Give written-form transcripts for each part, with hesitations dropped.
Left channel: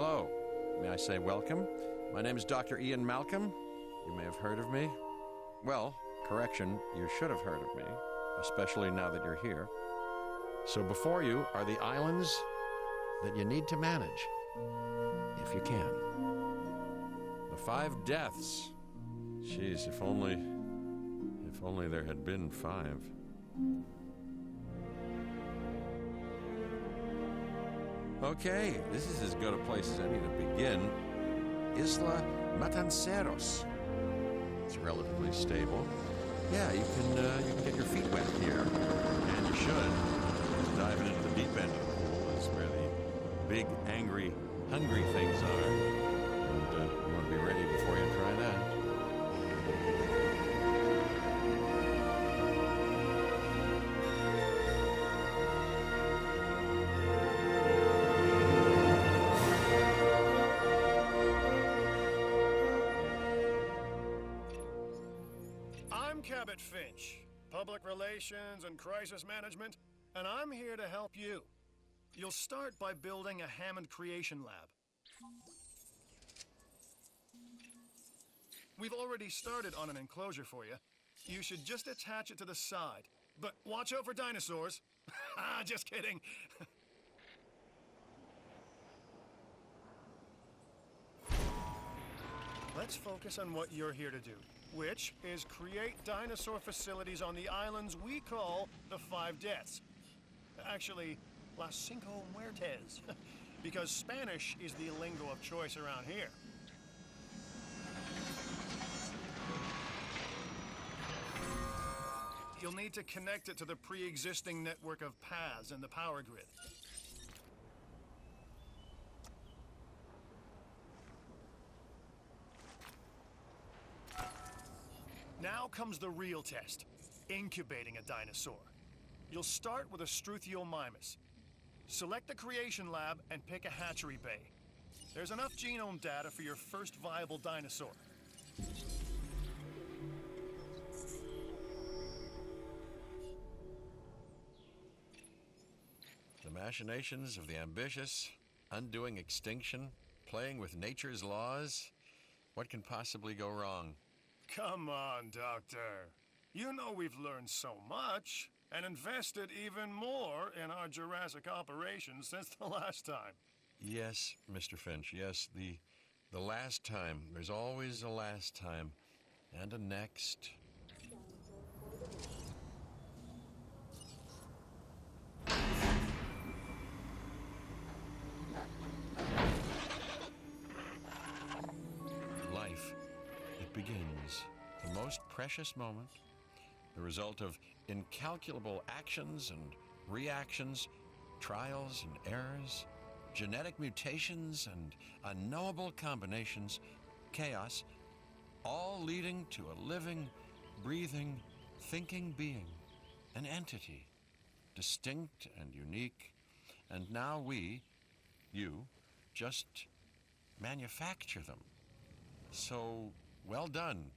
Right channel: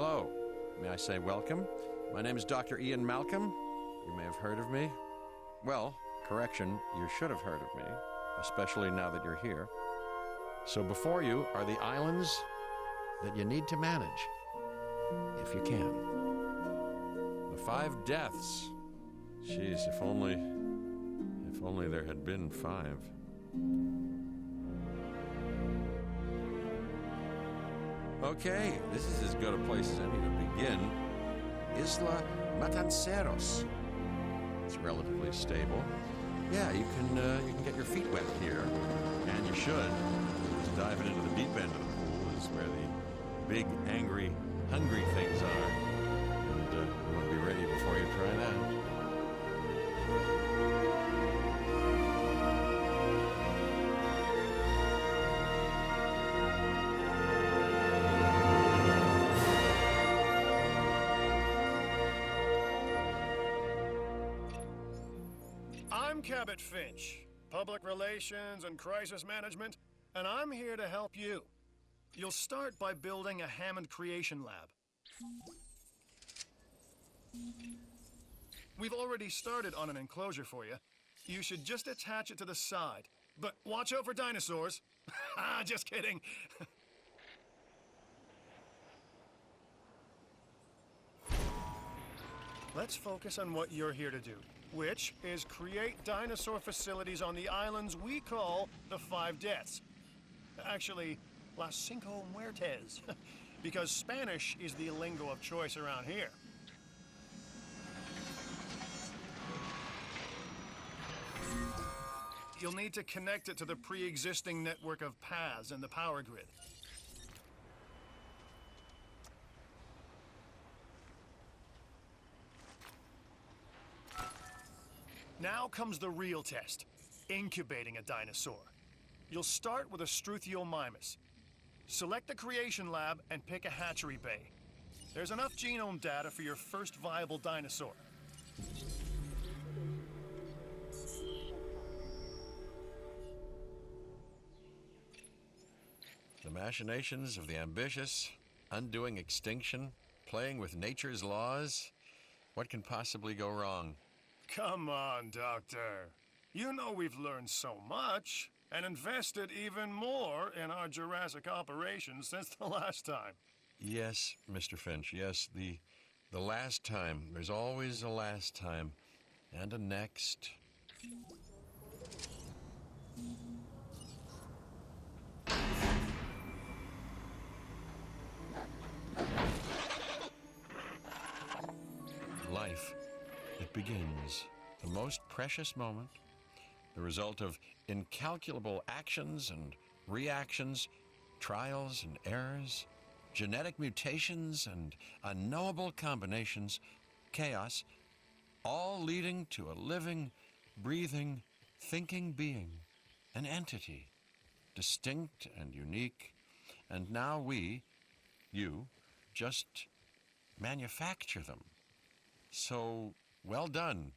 Hello. May I say welcome? My name is Dr. Ian Malcolm. You may have heard of me. Well, correction, you should have heard of me, especially now that you're here. So before you are the islands that you need to manage, if you can. The 5 deaths. Jeez, if only there had been 5. Okay, this is as good a place as any to begin. Isla Matanceros. It's relatively stable. Yeah, you can get your feet wet here, and you should. Just diving into the deep end of the pool is where the big, angry, hungry things are, and you want to be ready before you try that. I'm Cabot Finch, Public Relations and Crisis Management, and I'm here to help you. You'll start by building a Hammond Creation Lab. We've already started on an enclosure for you. You should just attach it to the side. But watch out for dinosaurs. Just kidding. Let's focus on what you're here to do, which is create dinosaur facilities on the islands we call the 5 Deaths. Actually, Las Cinco Muertes, because Spanish is the lingo of choice around here. You'll need to connect it to the pre-existing network of paths in the power grid. Now comes the real test, incubating a dinosaur. You'll start with a Struthiomimus. Select the creation lab and pick a hatchery bay. There's enough genome data for your first viable dinosaur. The machinations of the ambitious, undoing extinction, playing with nature's laws. What can possibly go wrong? Come on, Doctor. You know we've learned so much and invested even more in our Jurassic operations since the last time. Yes, Mr. Finch, yes, the last time. There's always a last time. And a next. Life. It begins. The most precious moment. The result of incalculable actions and reactions, trials and errors, genetic mutations and unknowable combinations, chaos, all leading to a living, breathing, thinking being, an entity, distinct and unique, and now we, you, just manufacture them. So, well done,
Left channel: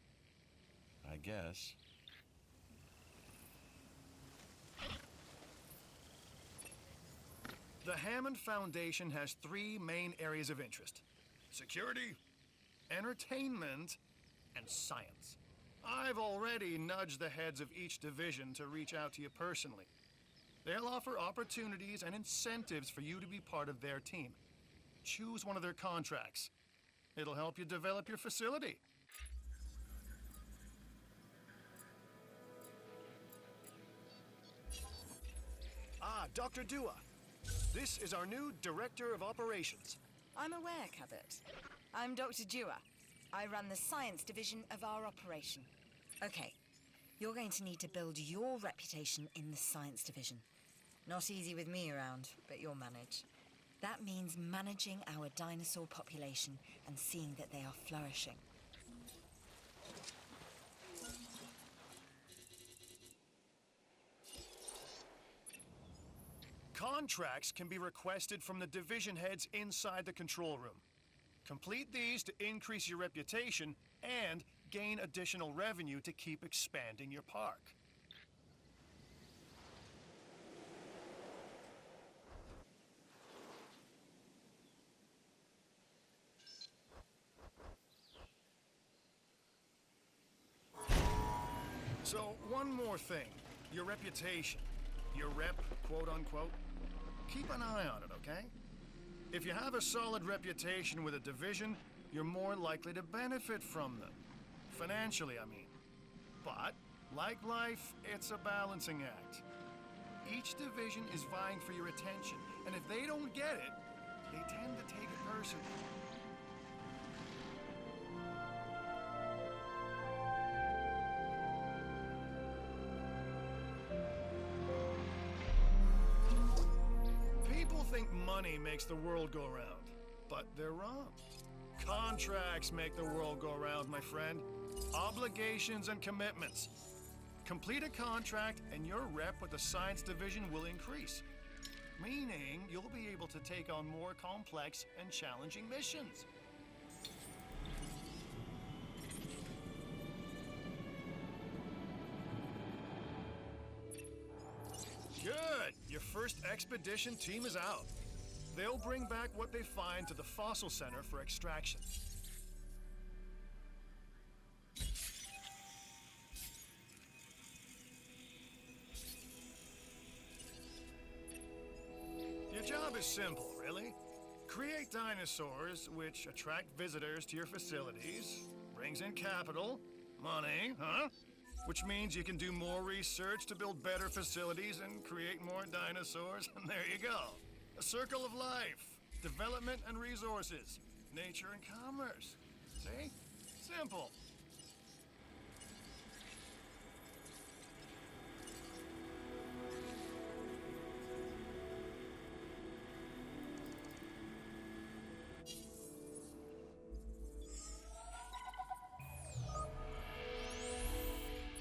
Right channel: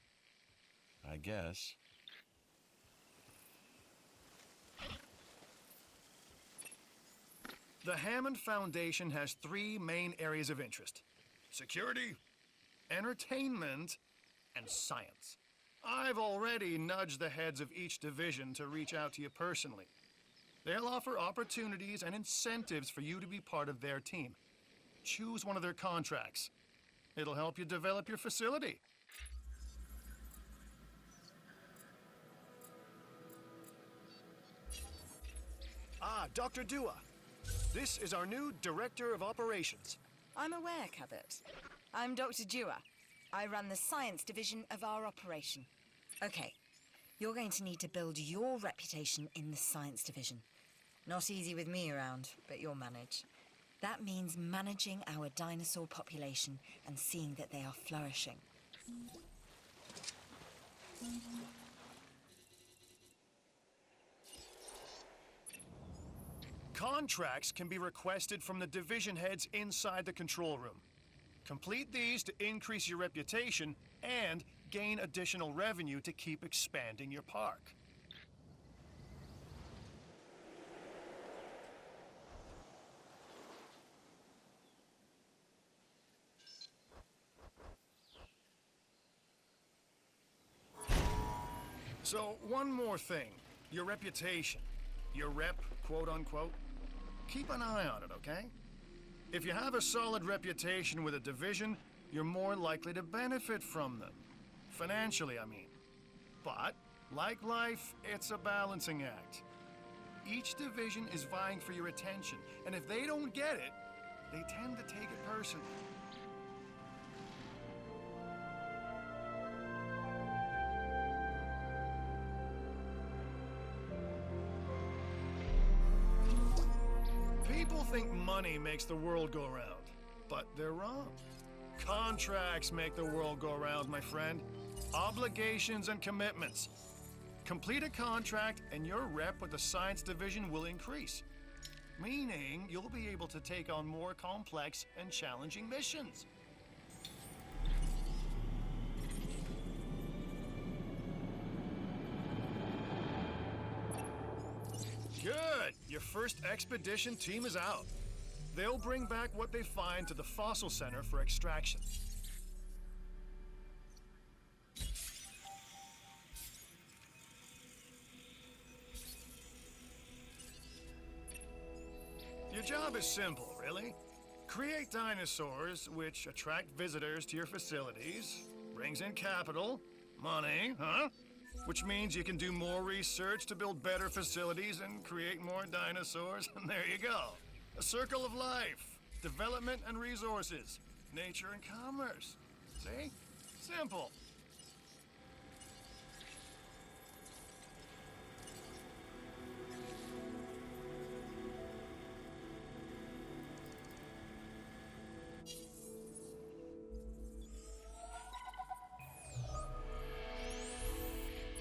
I guess. The Hammond Foundation has 3 main areas of interest: security, entertainment, and science. I've already nudged the heads of each division to reach out to you personally. They'll offer opportunities and incentives for you to be part of their team. Choose one of their contracts. It'll help you develop your facility. Dr. Dua. This is our new Director of Operations. I'm aware, Cabot. I'm Dr. Dua. I run the science division of our operation. Okay, you're going to need to build your reputation in the science division. Not easy with me around, but you'll manage. That means managing our dinosaur population and seeing that they are flourishing. Contracts can be requested from the division heads inside the control room. Complete these to increase your reputation and gain additional revenue to keep expanding your park. So, one more thing. Your reputation. Your rep, quote unquote. Keep an eye on it, okay? If you have a solid reputation with a division, you're more likely to benefit from them. Financially, I mean. But, like life, it's a balancing act. Each division is vying for your attention, and if they don't get it, they tend to take it personally. People think money makes the world go round, but they're wrong. Contracts make the world go round, my friend. Obligations and commitments. Complete a contract and your rep with the science division will increase, meaning you'll be able to take on more complex and challenging missions. Good! Your first expedition team is out. They'll bring back what they find to the fossil center for extraction. Your job is simple, really. Create dinosaurs which attract visitors to your facilities, brings in capital, money, huh? Which means you can do more research to build better facilities and create more dinosaurs, and there you go. A circle of life, development and resources, nature and commerce. See? Simple.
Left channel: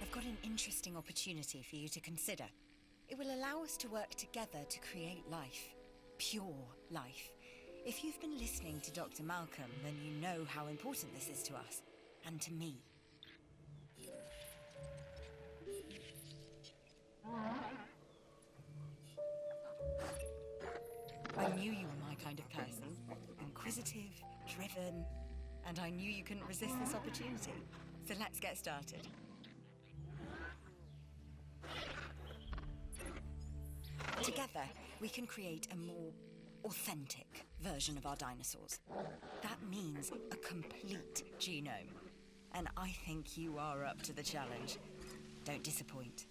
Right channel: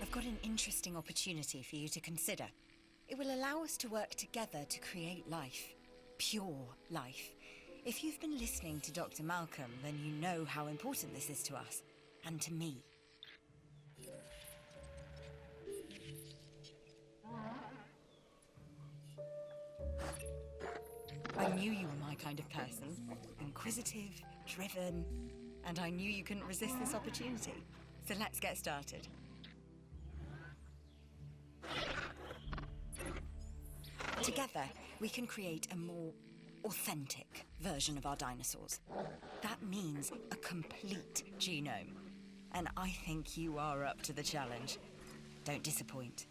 I've got an interesting opportunity for you to consider. It will allow us to work together to create life. Pure life. If you've been listening to Dr. Malcolm, then you know how important this is to us, and to me. I knew you were my kind of person. Inquisitive, driven, and I knew you couldn't resist this opportunity. So let's get started. Together, we can create a more authentic version of our dinosaurs. That means a complete genome. And I think you are up to the challenge. Don't disappoint.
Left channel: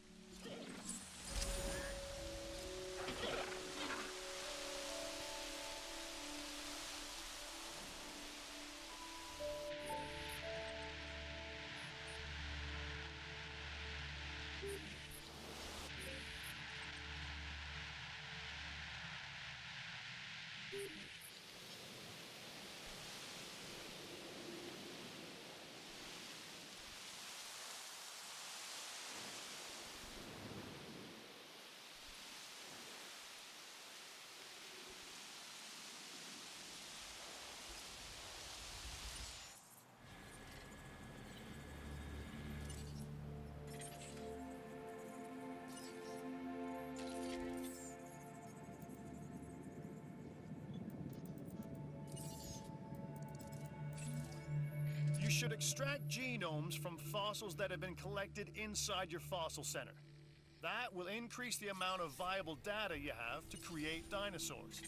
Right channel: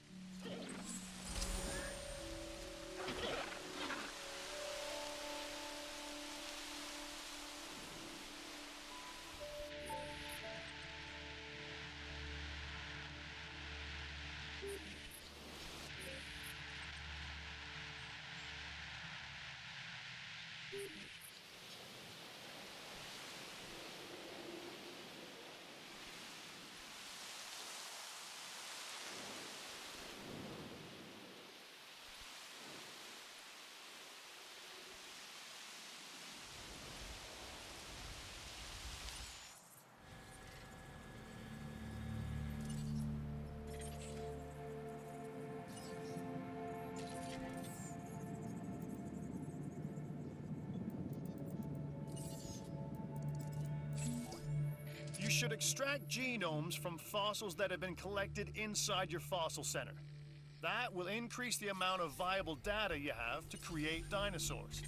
You should extract genomes from fossils that have been collected inside your fossil center. That will increase the amount of viable data you have to create dinosaurs.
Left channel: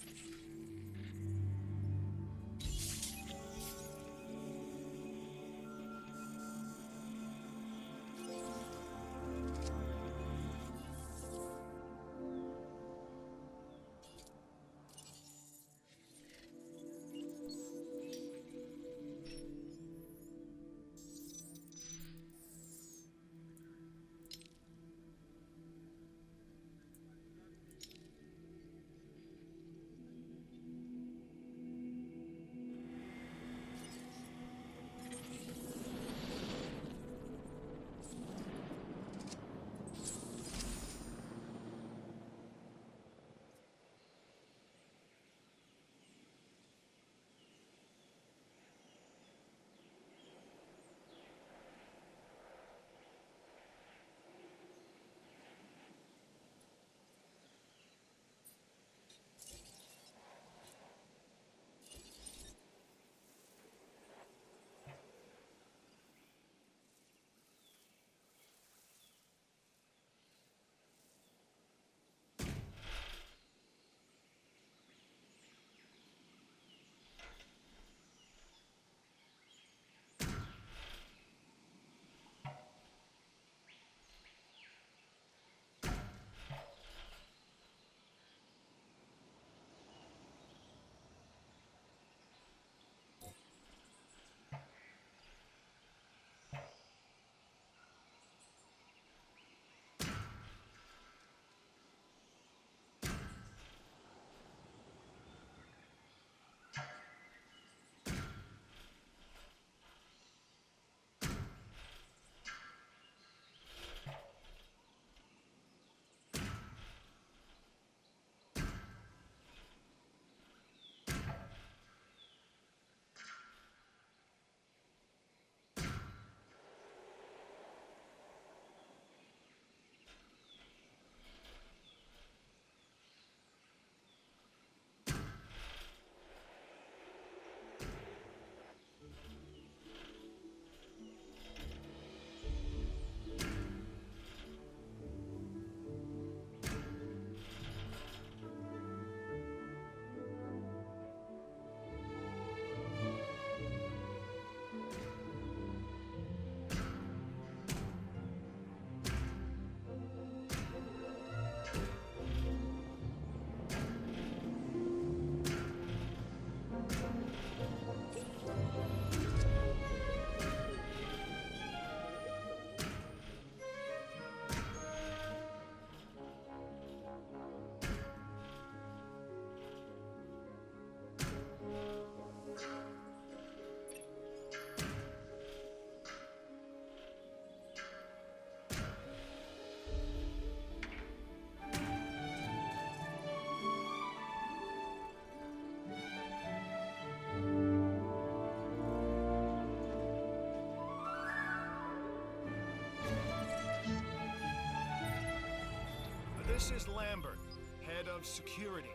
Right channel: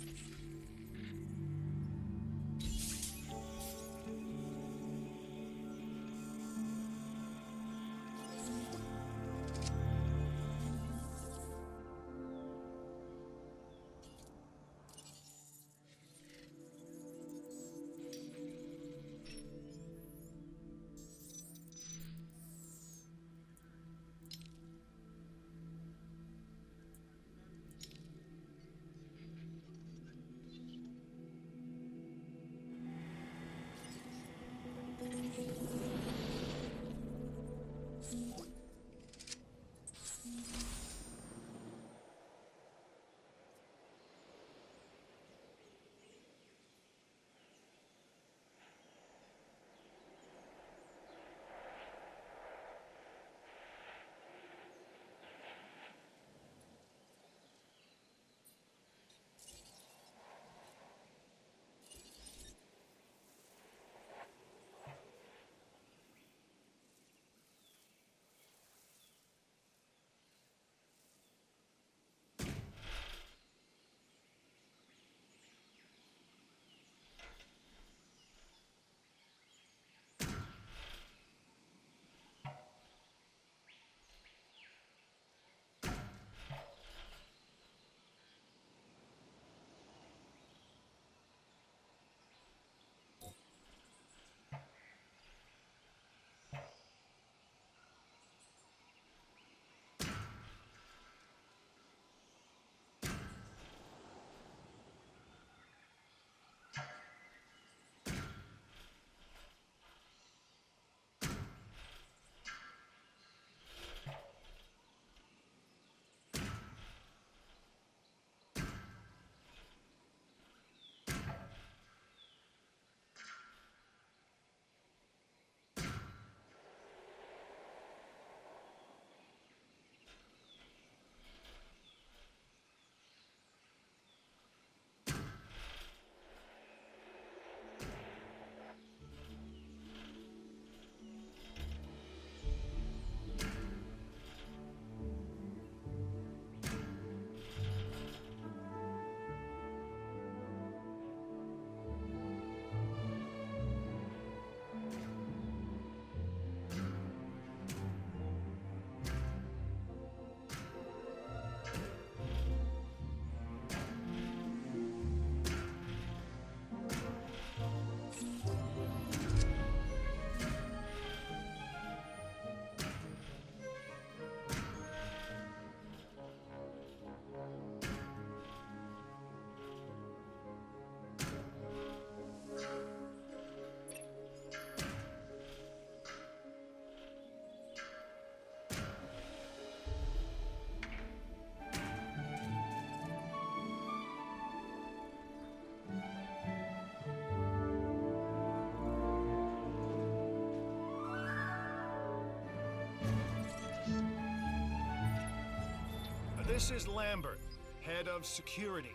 This is Lambert, head of security.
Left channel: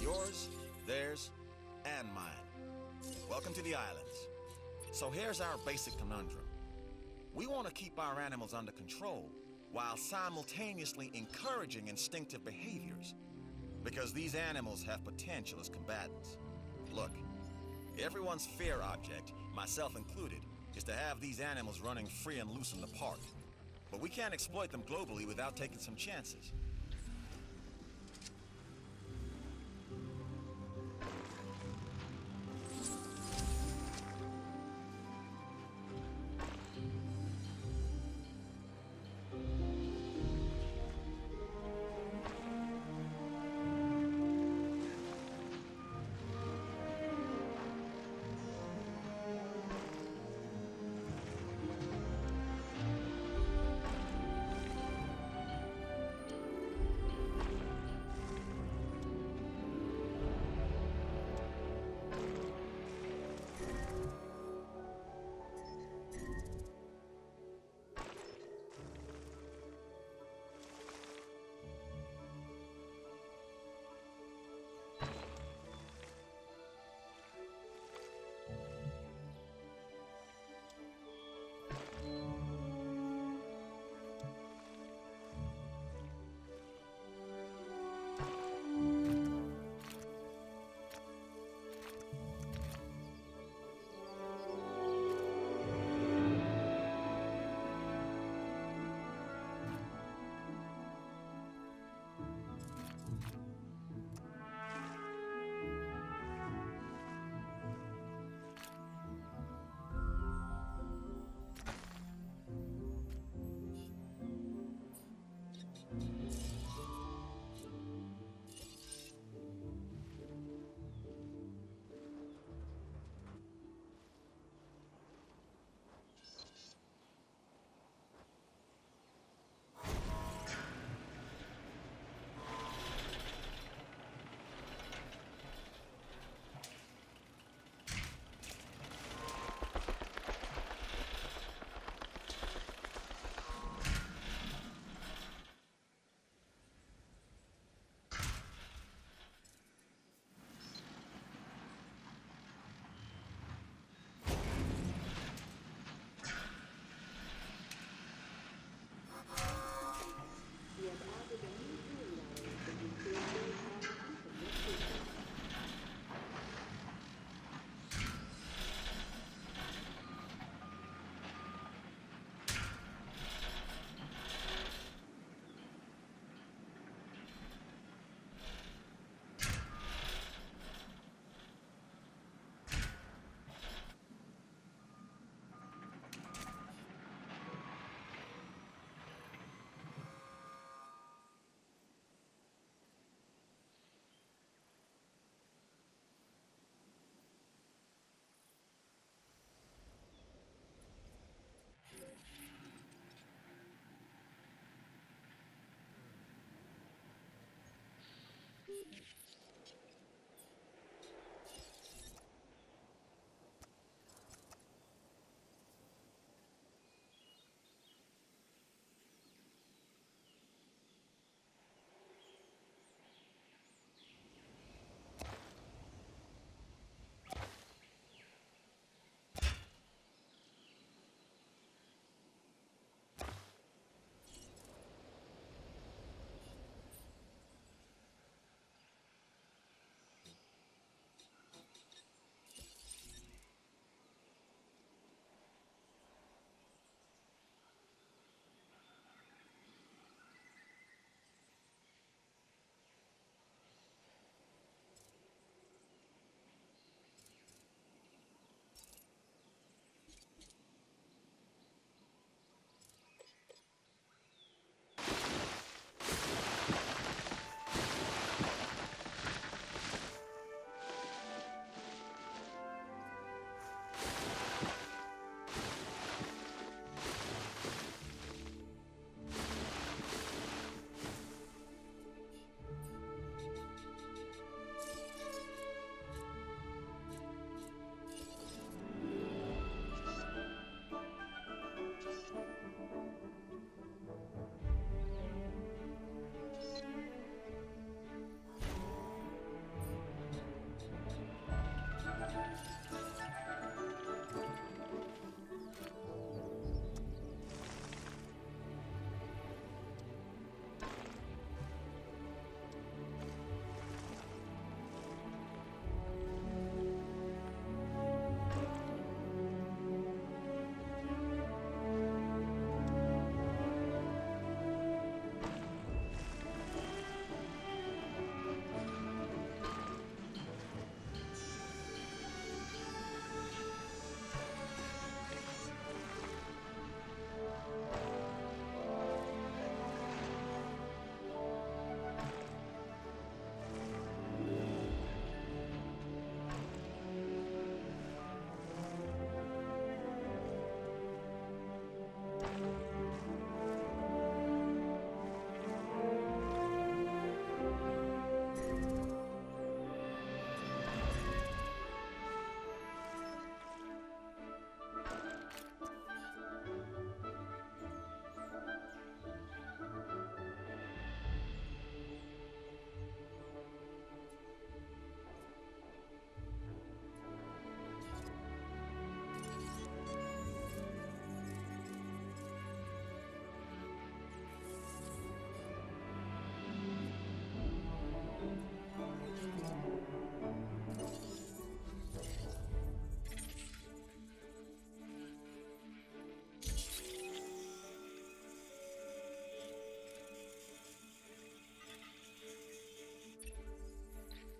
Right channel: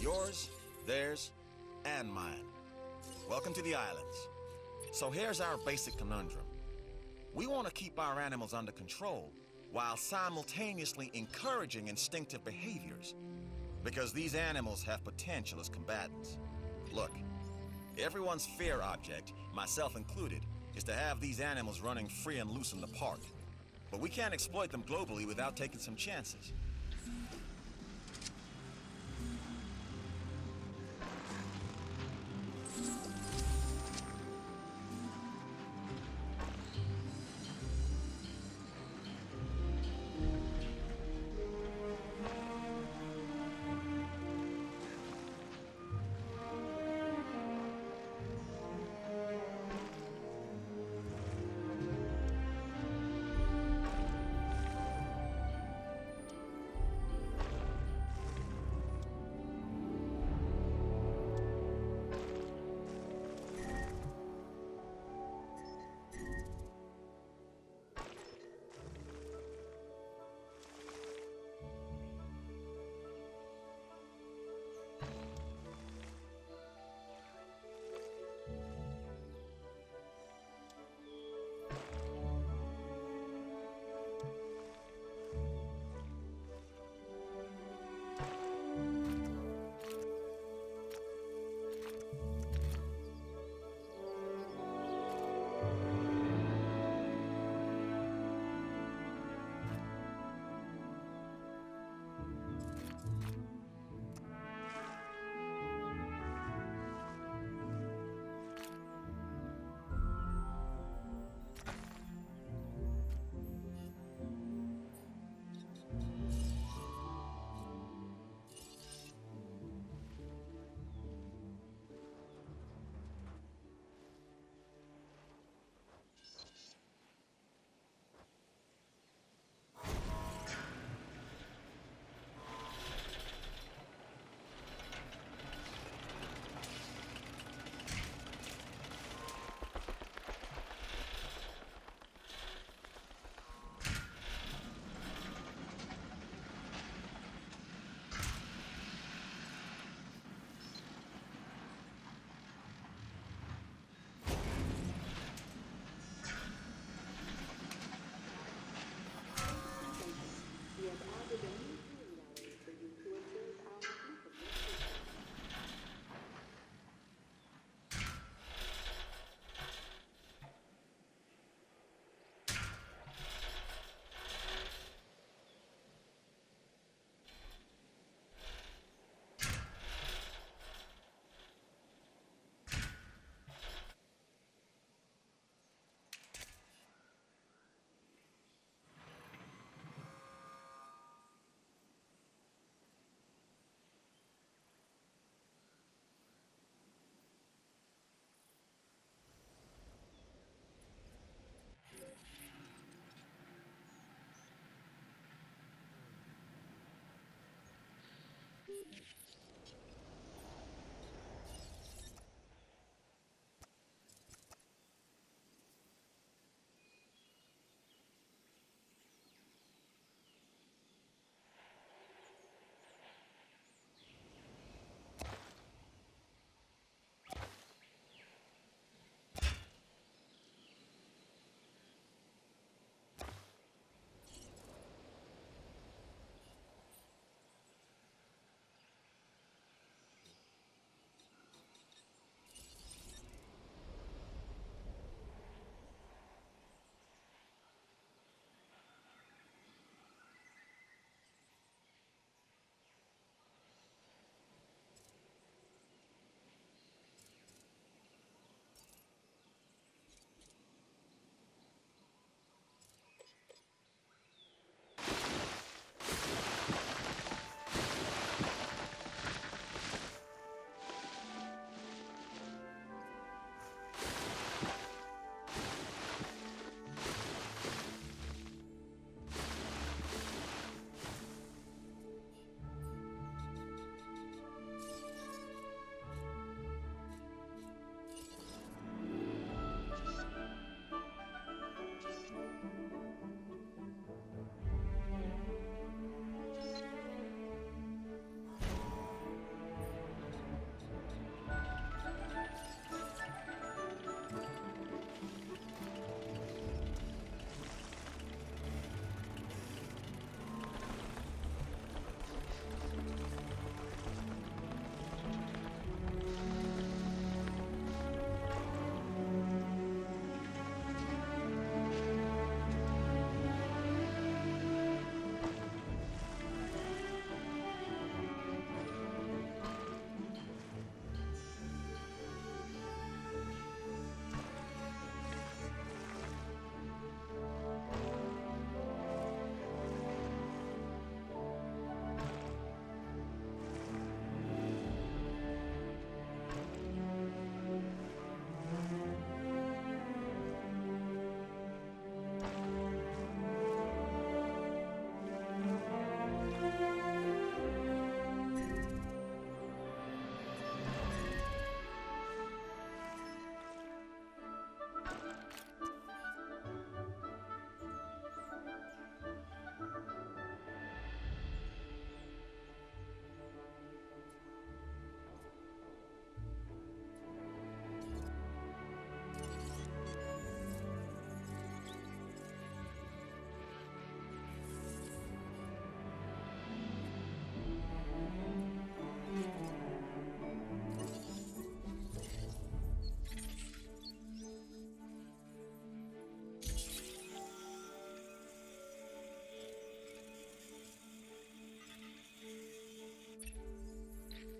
Yours, theirs, and mine. Welcome to the islands. So here's our basic conundrum. We want to keep our animals under control while simultaneously encouraging instinctive behaviors. Because these animals have potential as combatants. Look, everyone's fear object, myself included, is to have these animals running free and loose in the park. But we can't exploit them globally without taking some chances.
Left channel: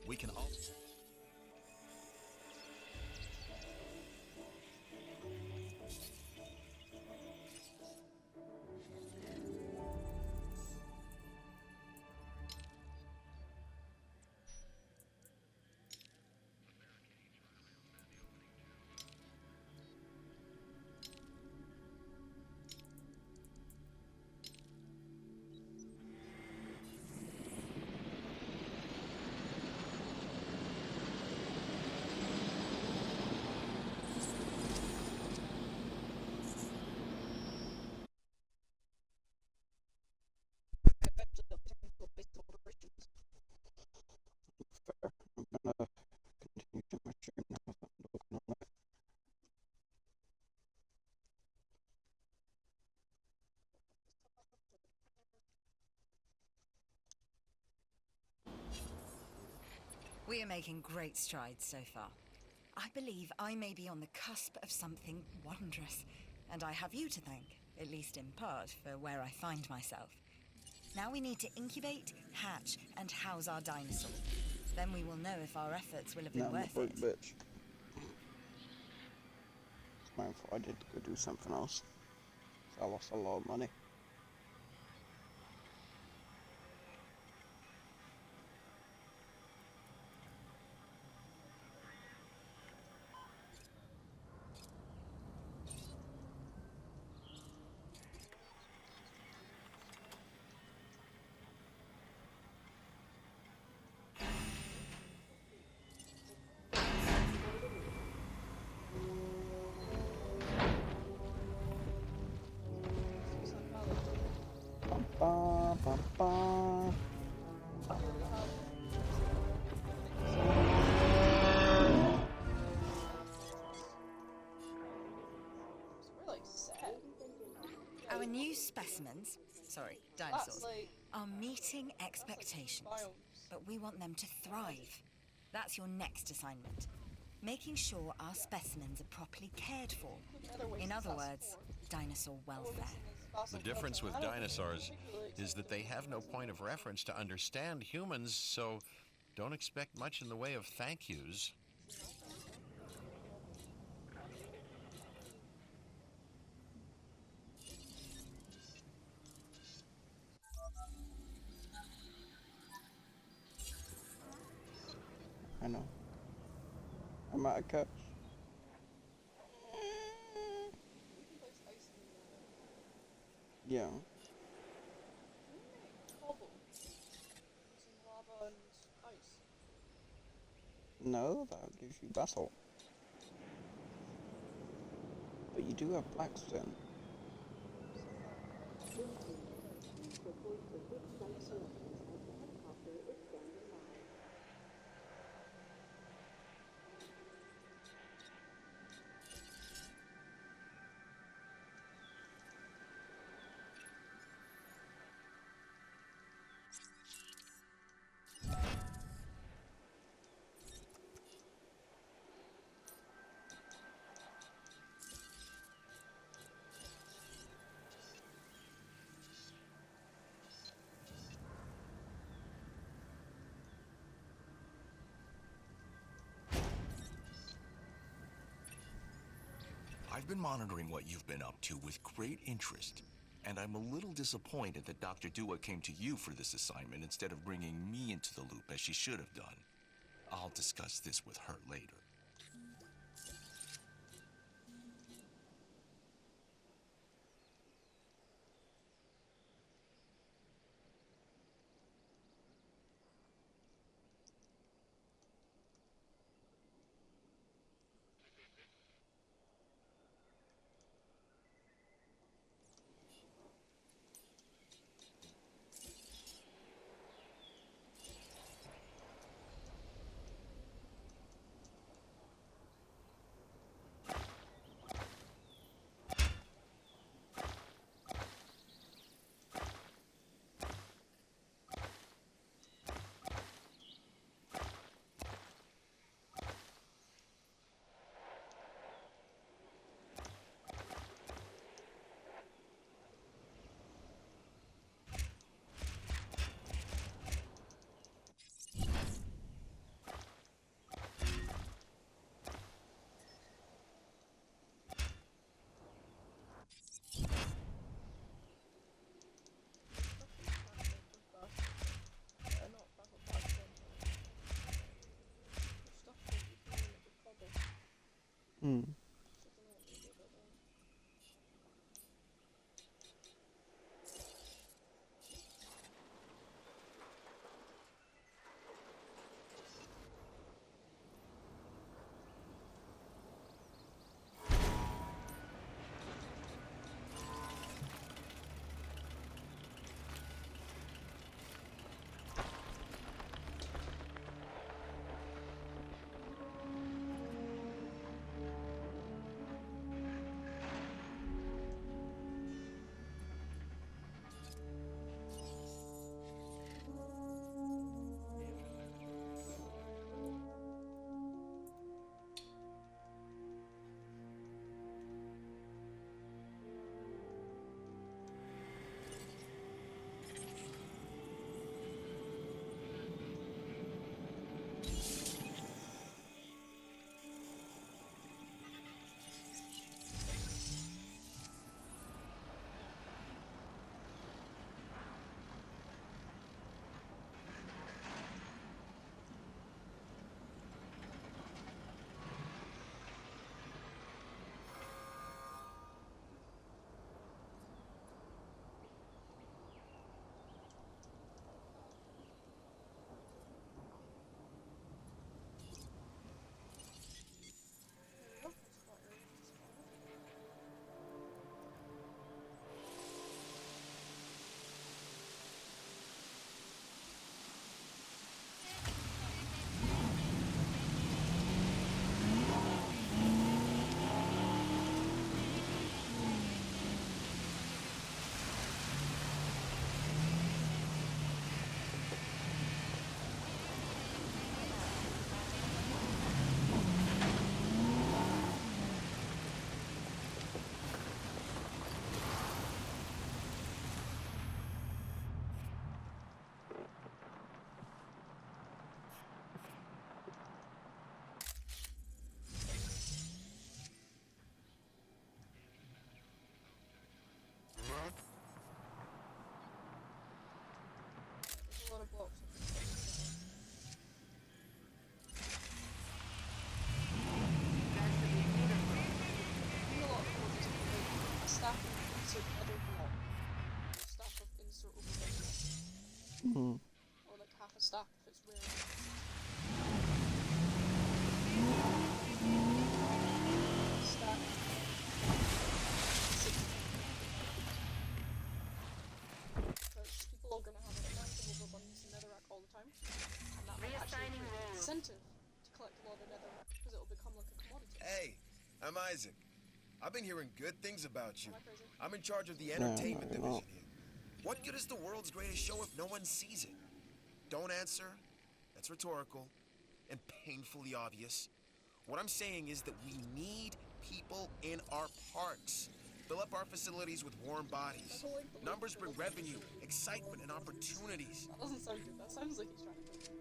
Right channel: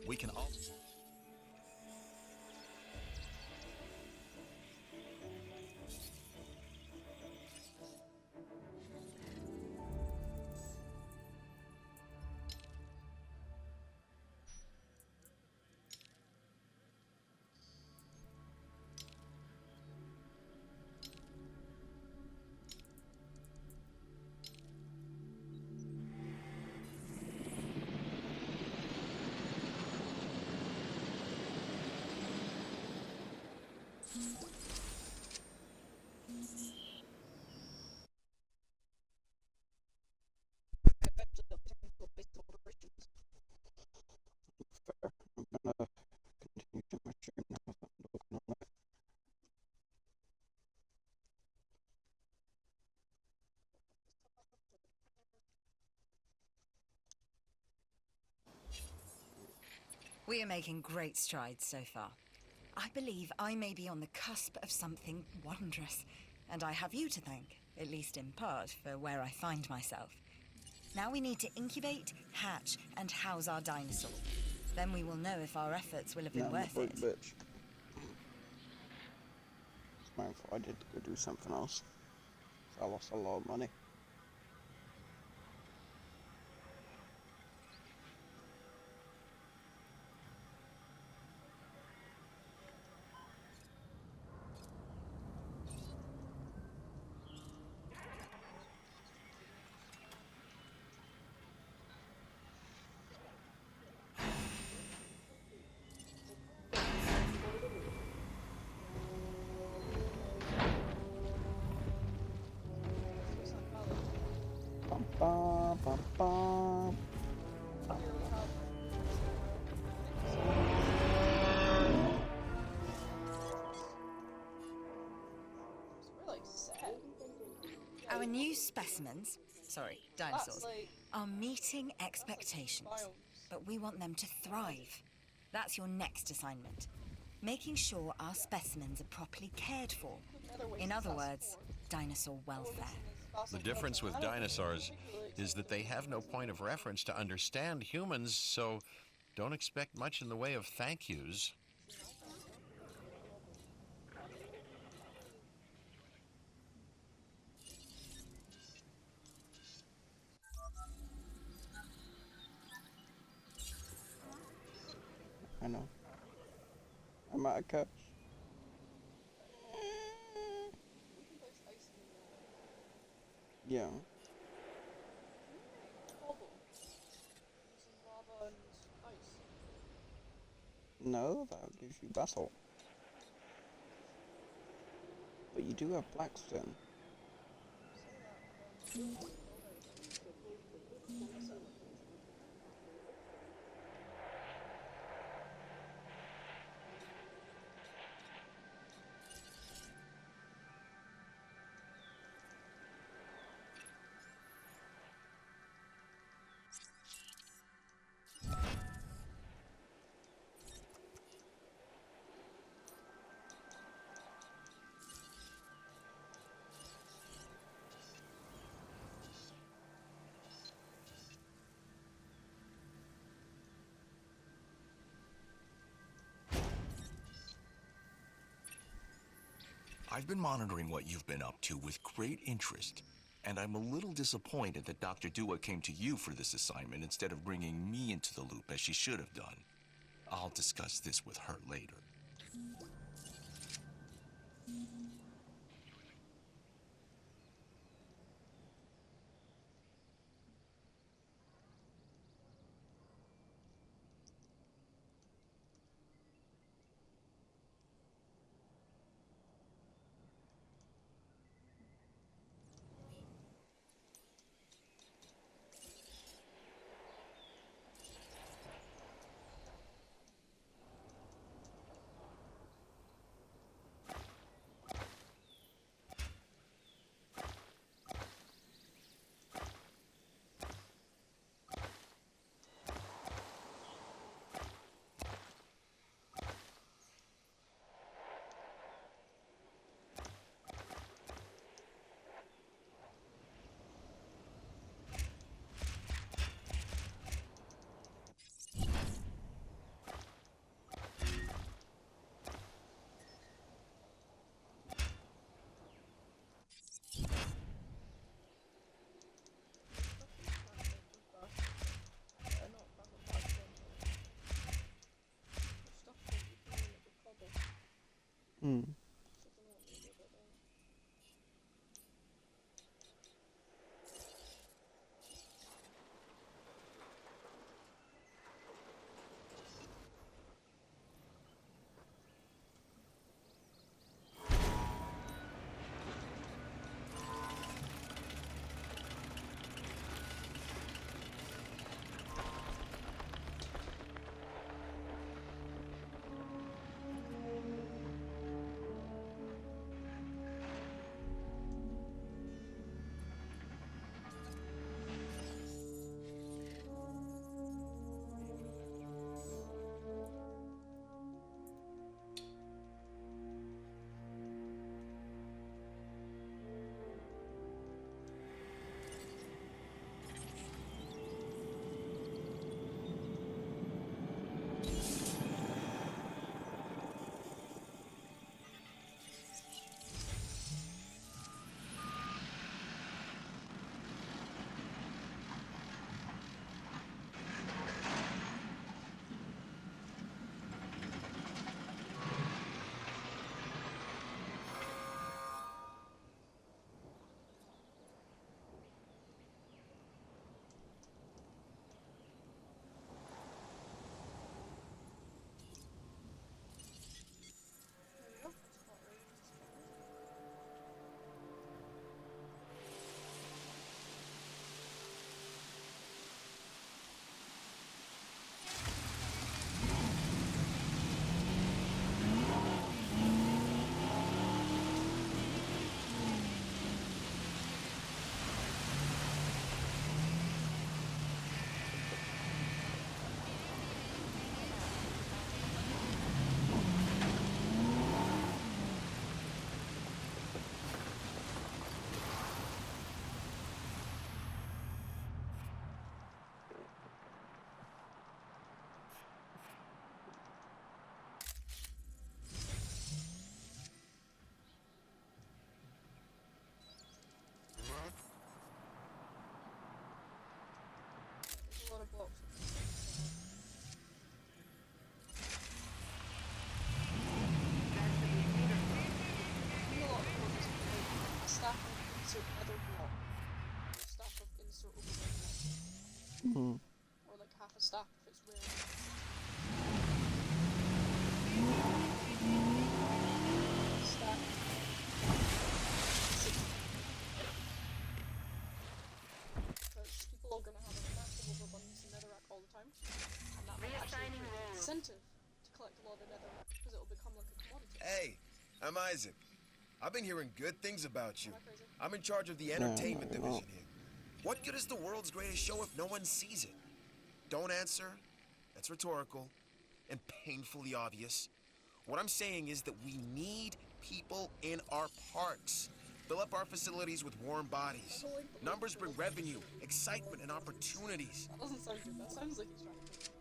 We can all. We are making great strides so far. I believe I may be on the cusp of something wondrous, and I have you to thank, at least in part, for where I find myself. Now we need to incubate, hatch, and house our dinosaur. Then we will know if our efforts will have been worth it. Bitch. It's my fault. I did go do something else. So I lost a lot of money. Bum, bum, bum. We're like sad. Our new specimens, dinosaurs, like are meeting expectations. But we want them to thrive. That's your next assignment. Making sure our specimens are properly cared for. In other words, dinosaur welfare. The difference with dinosaurs is that they have no point of reference to understand humans, so don't expect much in the way of thank yous. I know. I'm at a catch. Yeah. No, that gives you basalt. But you do have blackstone. I've been monitoring what you've been up to with great interest, and I'm a little disappointed that Dr. Dua came to you for this assignment instead of bringing me into the loop as she should have done. I'll discuss this with her later. Hmm. So I don't know what to do about that. There we go. There's a flat area to spawn in. There's a lot of blocks up there. In a lot of courses, like a stack of insert nether block, or a stack of insert overhead block, Hmm. or like half a stack if it's rare. Stack. 16. Because people are going to have a massive overabundance of netherrack all the time, and that might actually create an incentive to collect a lot of netherrack, because it'll become like a commodity. Hey, I'm Isaac. I've been hearing good things about you. Am I crazy? I'm in charge of the Yeah, entertainment no, you're not. division here. What good is the world's greatest show if no one sees it? Don't answer. That's rhetorical and painfully obvious. What I'm saying is that we need people in our parks. Fill up our facilities with warm bodies. I don't like the way Numbers you bring fill up revenue, facilities with excitement, and warm bodies. opportunities. That doesn't sound good. That sounds like he's trying to kill me.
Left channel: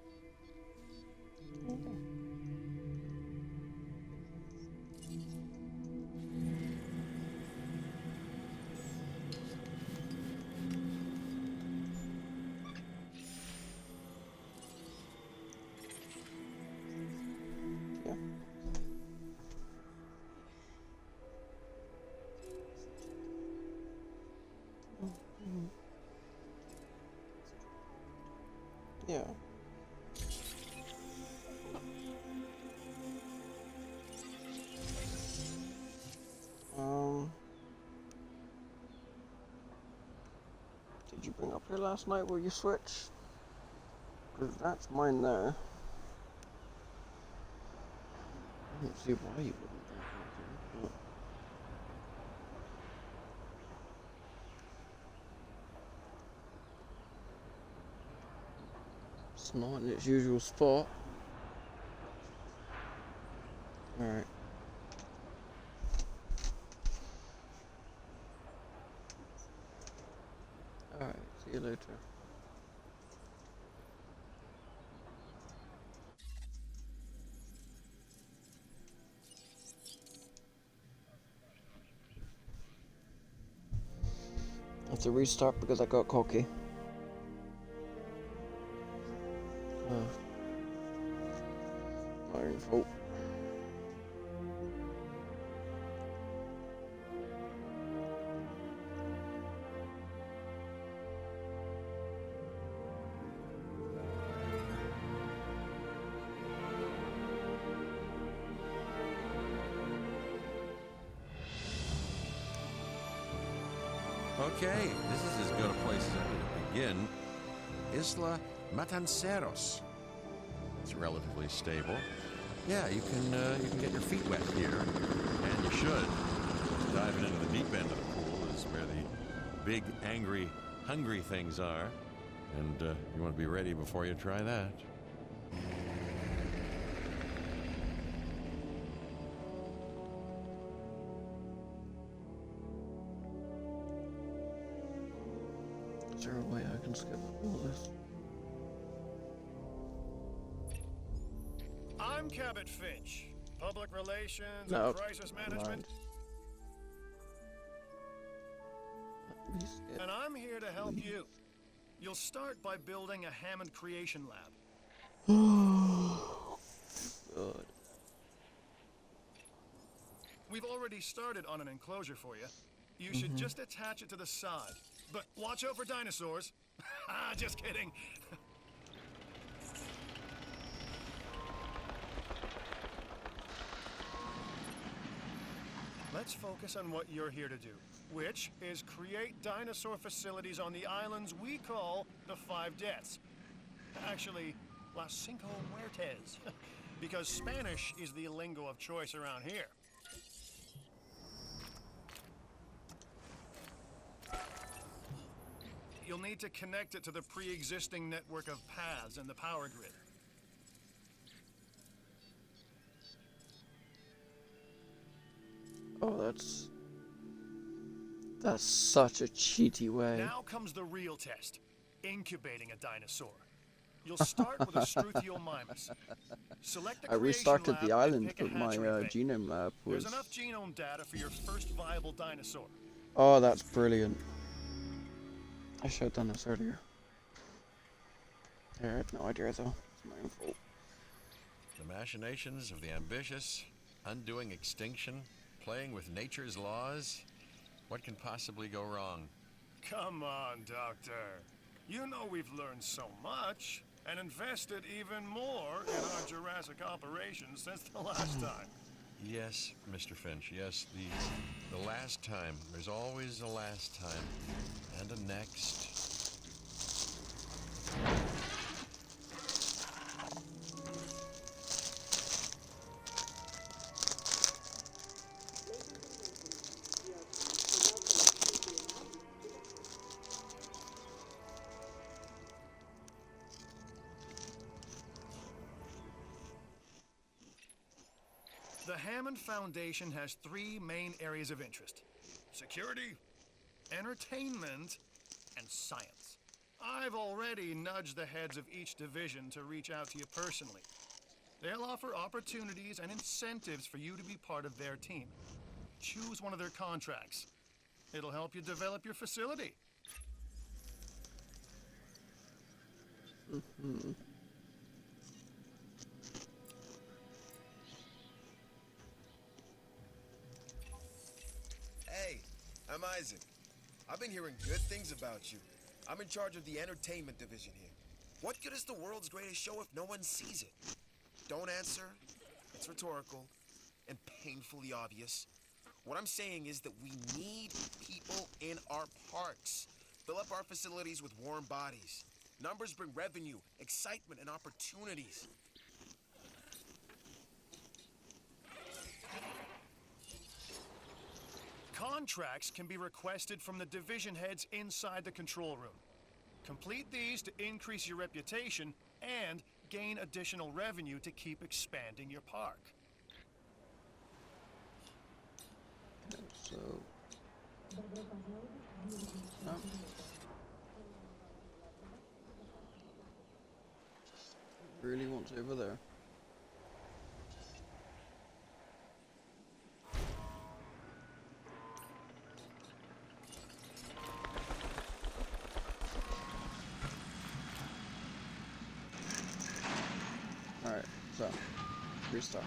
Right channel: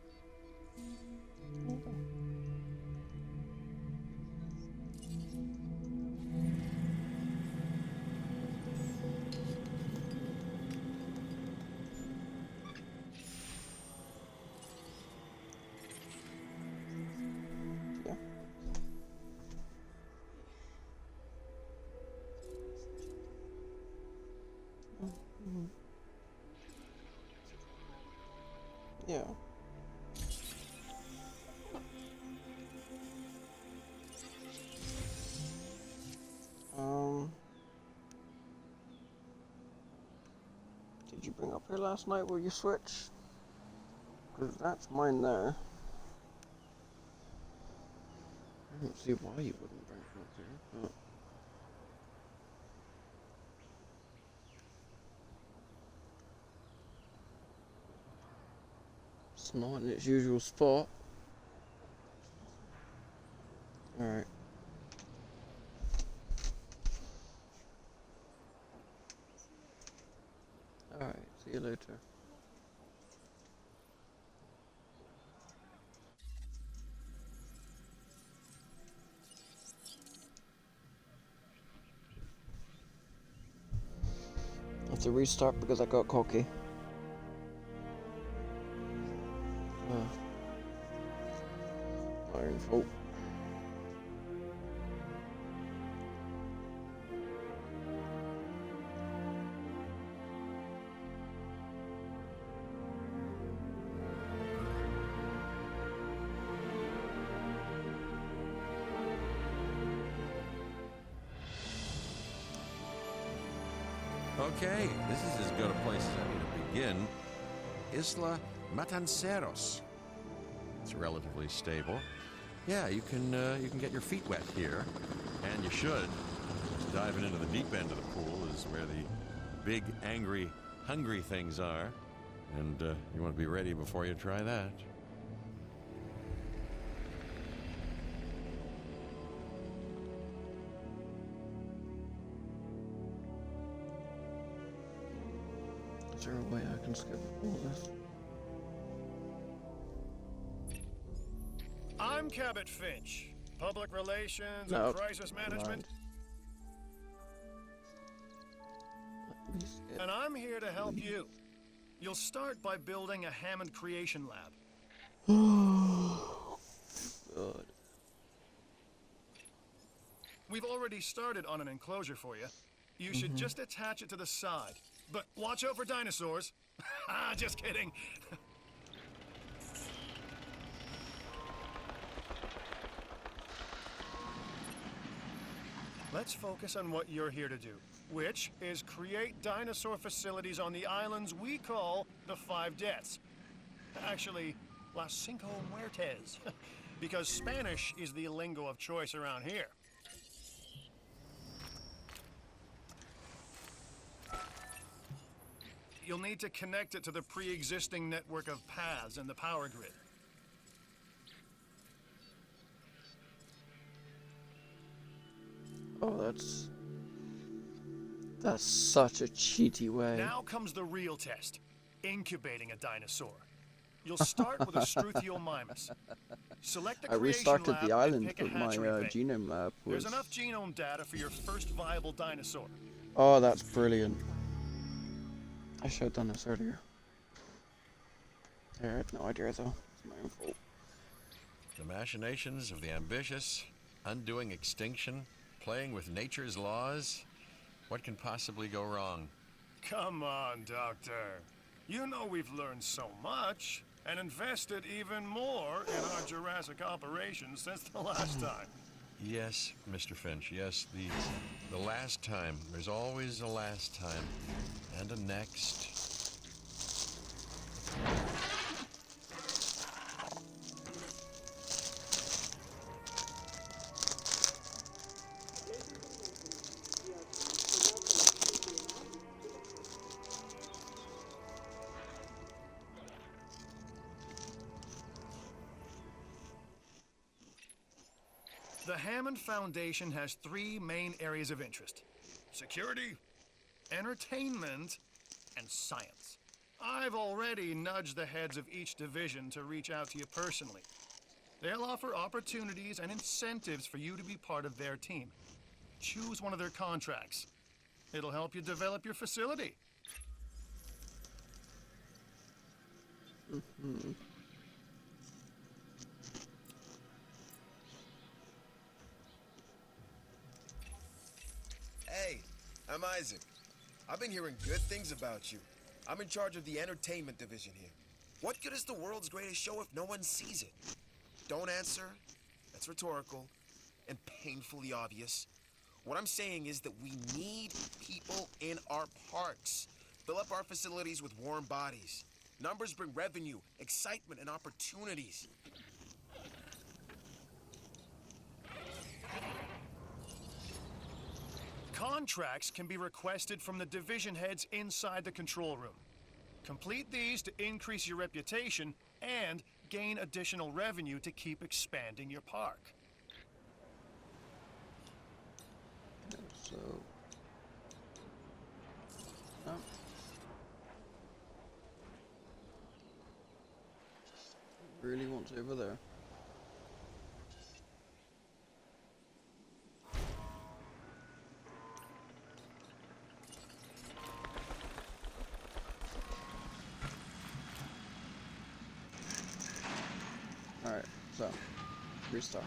Yeah. Mhm. Yeah. Did you bring up here last night where you switched? Because that's mine there. I don't see why you wouldn't bring it up here, but... It's not in its usual spot. Alright. Alright, see you later. I have to restart because I got cocky. My own fault. Okay, this is as good a place as any to begin. Isla Matanceros. It's relatively stable. Yeah, you can get your feet wet here, and you should. Diving into the deep end of the pool is where the big, angry, hungry things are, and you want to be ready before you try that. Is there a way I can skip all this? I'm Cabot Finch, Public Relations No, and Crisis Management, Let me skip. and I'm here to help you. You'll start by building a Hammond Creation Lab. Good. We've already started on an enclosure for you. You should just attach it to the side. But watch out for dinosaurs. Just kidding. Let's focus on what you're here to do, which is create dinosaur facilities on the islands we call the Five Deaths. Actually, Las Cinco Muertes, because Spanish is the lingo of choice around here. You'll need to connect it to the pre-existing network of paths and the power grid. Oh, that's such a cheaty way. Now comes the real test, incubating a dinosaur. You'll start with a Struthiomimus. Select the I creation restarted lab the and island, pick a but my hatchery bay. genome lab was... There's enough genome data for your first viable dinosaur. Oh, that's brilliant. I should have done this earlier. I had no idea though. It's my own fault. The machinations of the ambitious, undoing extinction, playing with nature's laws. What can possibly go wrong? Come on, Doctor. You know we've learned so much and invested even more in our Jurassic operations since the last time. Yes, Mr. Finch, yes, the last time. There's always a last time. And a next. The Hammond Foundation has three main areas of interest: security, entertainment, and science. I've already nudged the heads of each division to reach out to you personally. They'll offer opportunities and incentives for you to be part of their team. Choose one of their contracts. It'll help you develop your facility. Hey, I'm Isaac. I've been hearing good things about you. I'm in charge of the entertainment division here. What good is the world's greatest show if no one sees it? Don't answer. That's rhetorical and painfully obvious. What I'm saying is that we need people in our parks. Fill up our facilities with warm bodies. Numbers bring revenue, excitement, and opportunities. Contracts can be requested from the division heads inside the control room. Complete these to increase your reputation and gain additional revenue to keep expanding your park. So... No. Really wants it over there. Alright, so restart.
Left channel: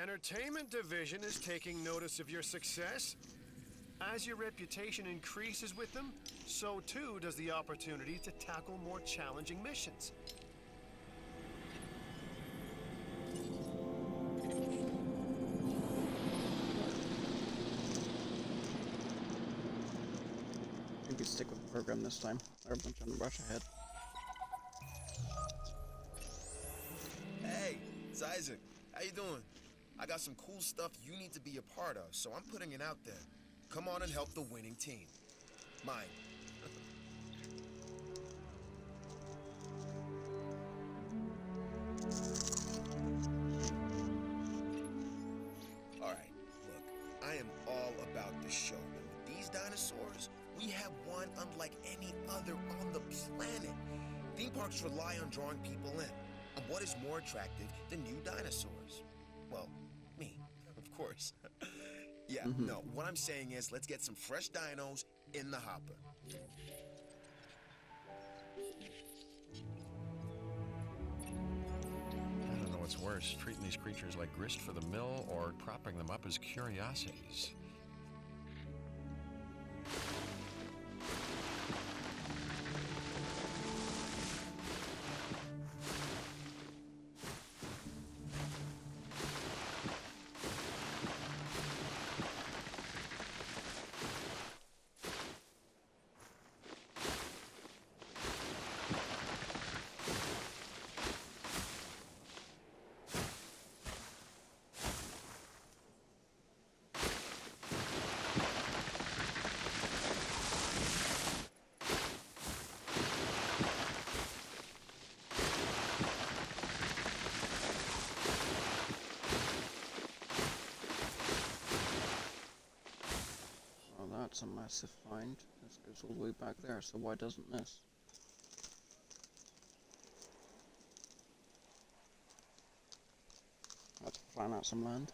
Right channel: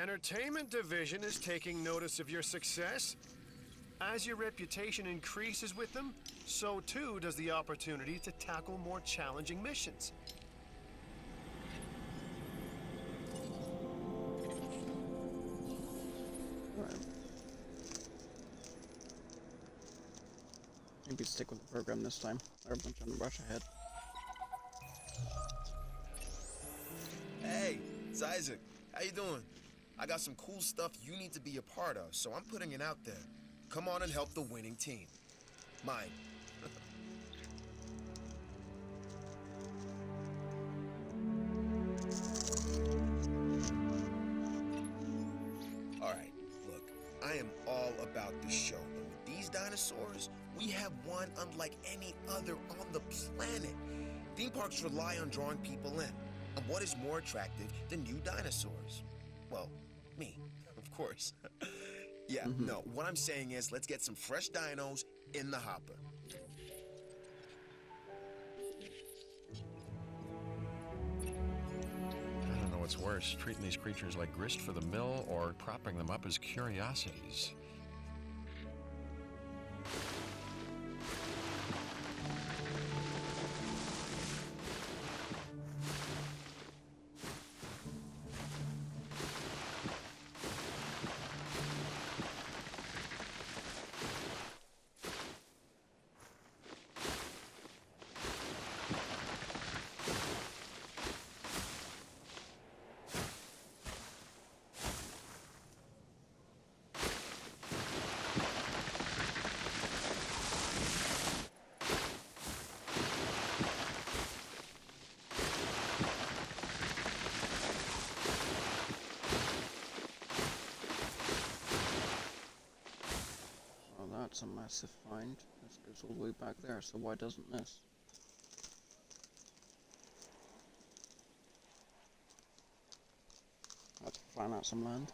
entertainment division is taking notice of your success. As your reputation increases with them, so too does the opportunity to tackle more challenging missions. Maybe stick with the program this time. Everyone's trying to rush ahead. Hey, it's Isaac. How you doing? I got some cool stuff you need to be a part of, so I'm putting it out there. Come on and help the winning team. Mine. Alright, look, I am all about the show. And with these dinosaurs, we have one unlike any other on the planet. Theme parks rely on drawing people in. And what is more attractive than new dinosaurs? Well, me, of course. Yeah, no, what I'm saying is let's get some fresh dinos in the hopper. I don't know what's worse, treating these creatures like grist for the mill or propping them up as curiosities. That's a massive find. This goes all the way back there, so why doesn't this? Let's plan out some land.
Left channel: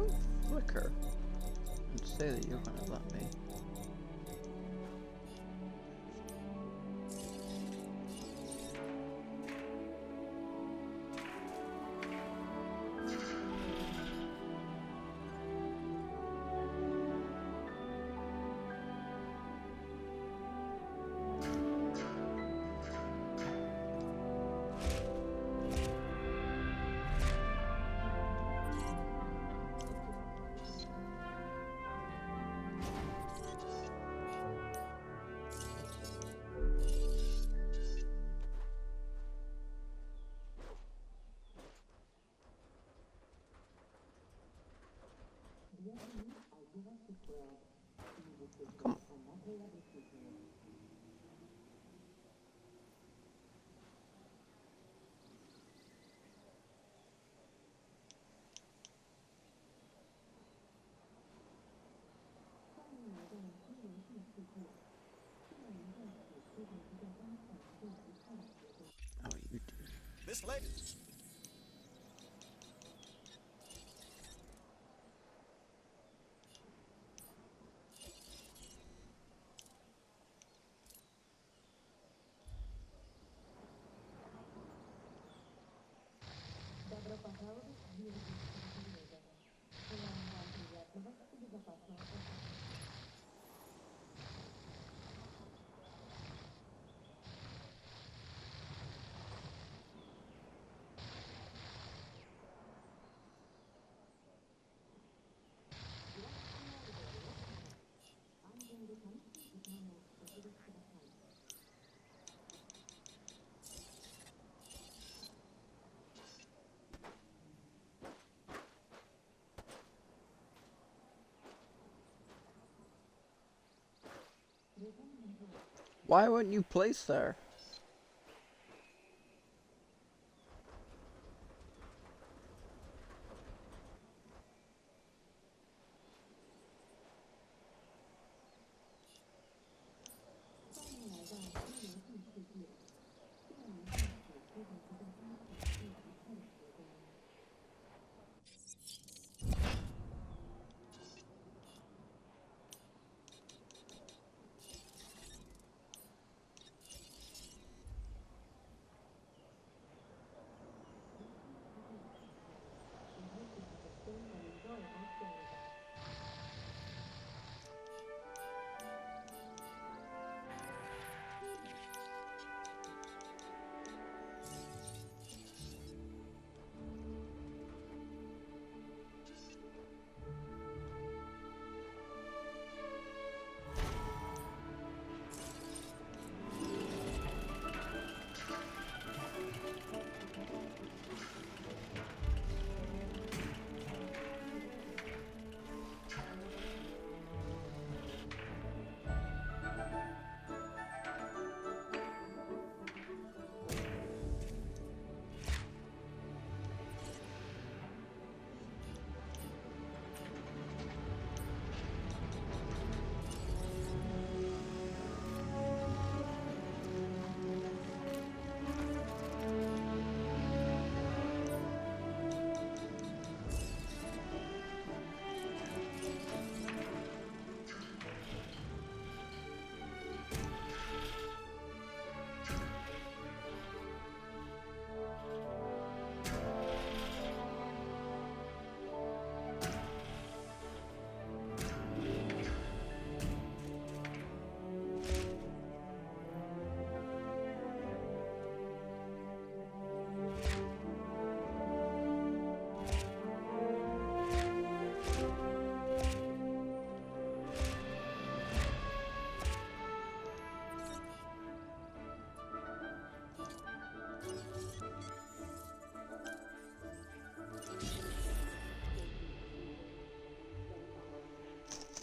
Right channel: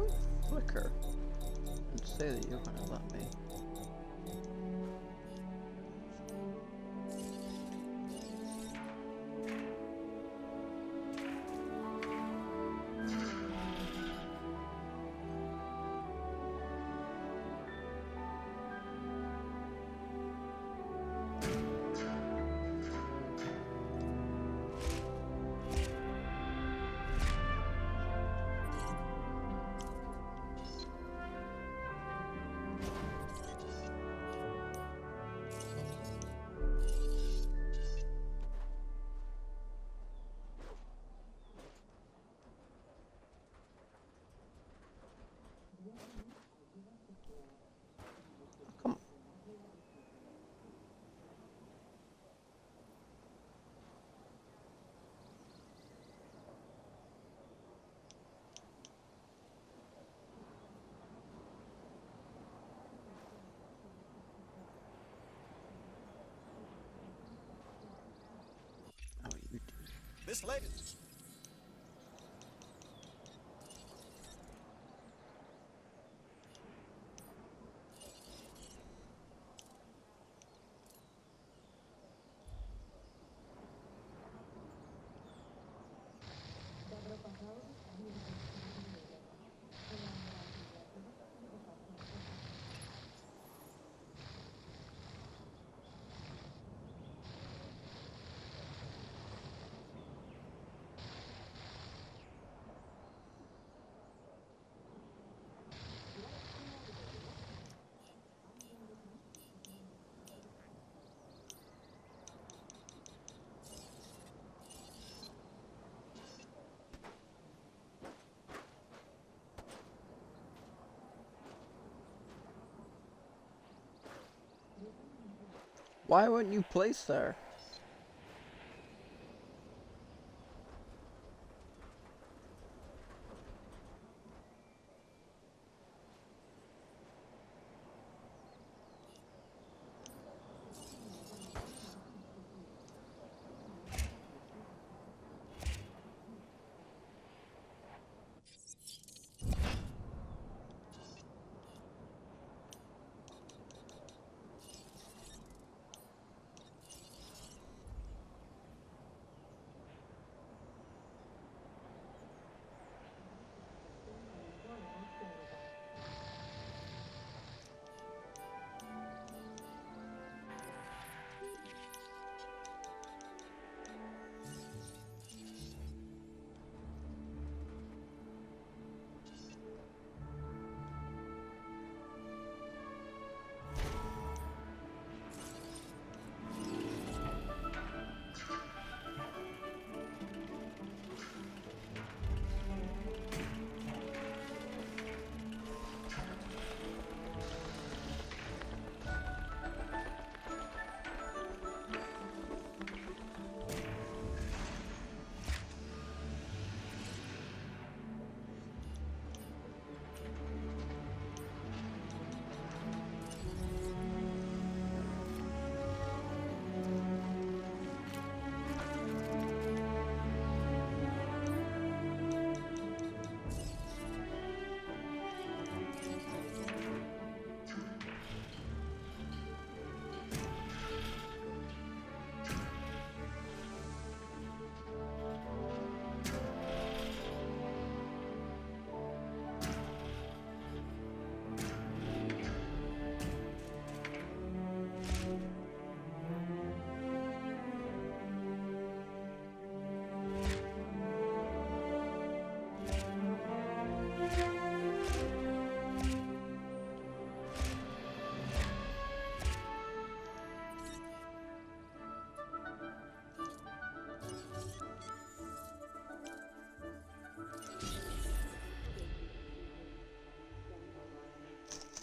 Don't flicker and say that you're gonna let me. Come on. Oh, you do. This lady. Why weren't you placed there?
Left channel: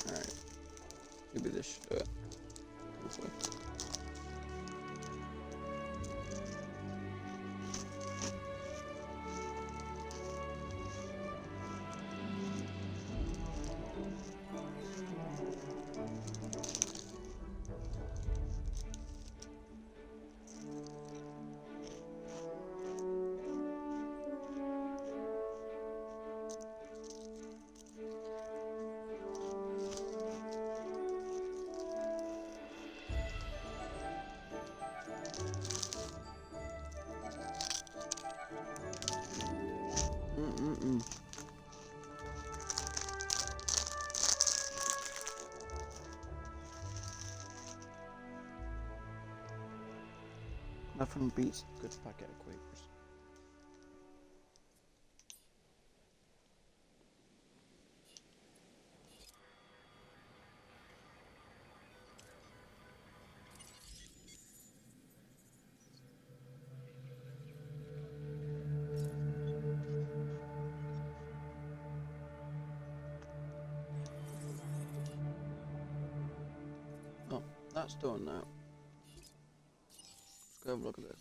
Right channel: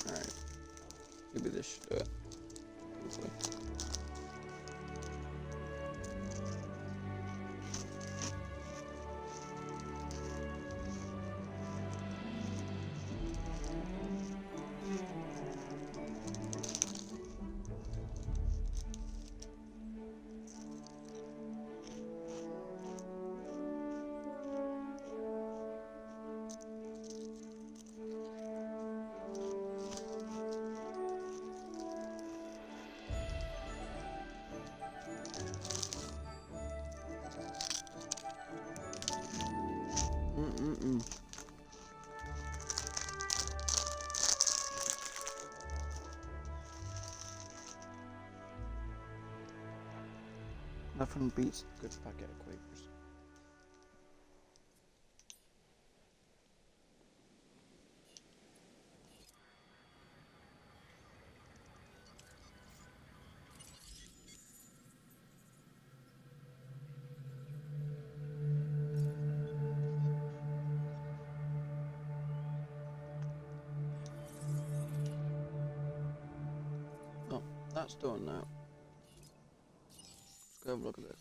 Alright. Maybe this should do it. This way. Nothing beats a good packet of Quakers. Oh, that's done now. Let's go have a look at this.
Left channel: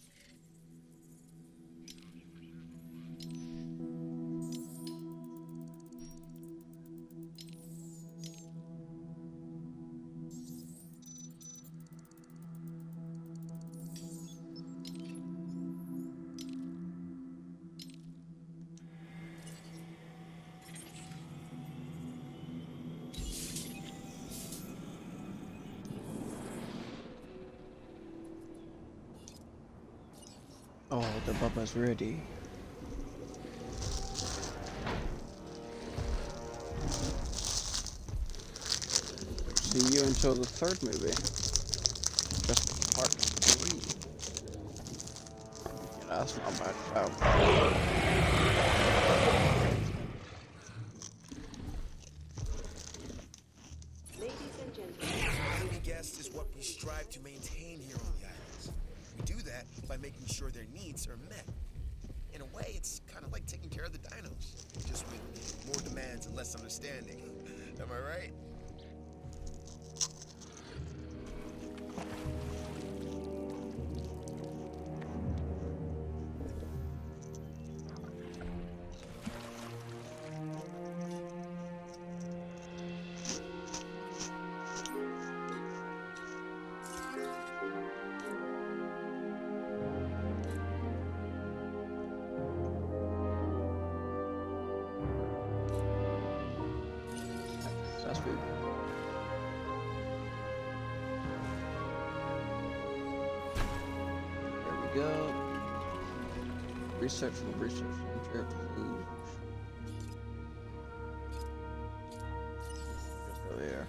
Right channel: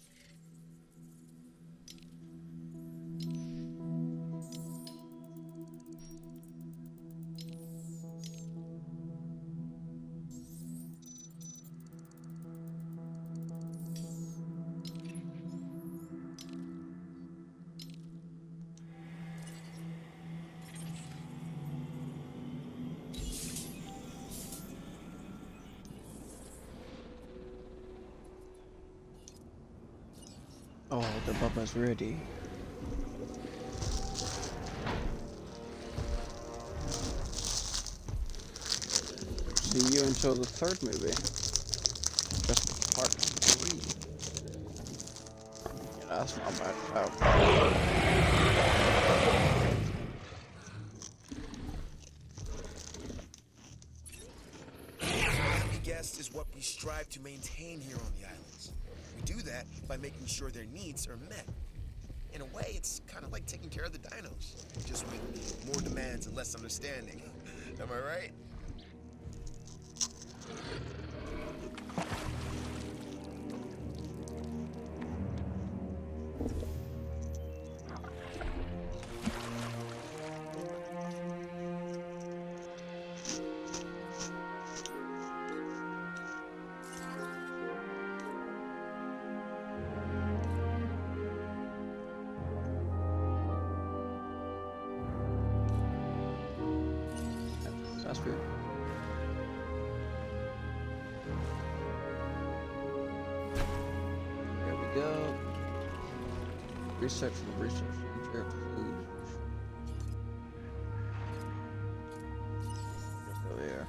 Oh, the bubba's ready. See you until the third movie. Just part 3. Yeah, that's not bad. Oh. Happy guest is what we strive to maintain here on the islands. We do that by making sure their needs are met. In a way, it's kind of like taking care of the dinos, just with more demands and less understanding. Am I right? That's food. There we go. Research and research and clues. Just go there.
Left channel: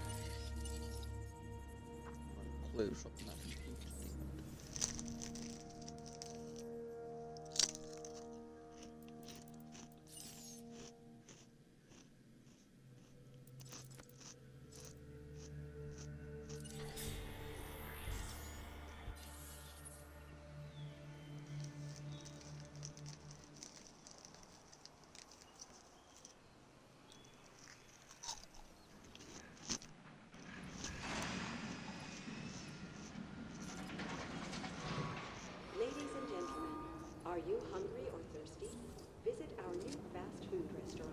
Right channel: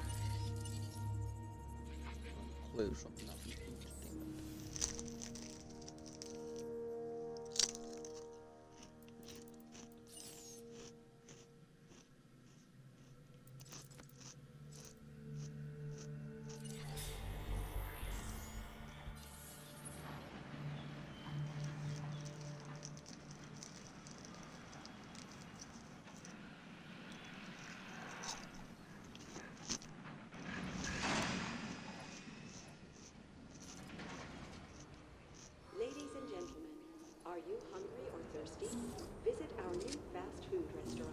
Clues from nothing. Ladies and gentlemen, are you hungry or thirsty? Visit our new fast food restaurant.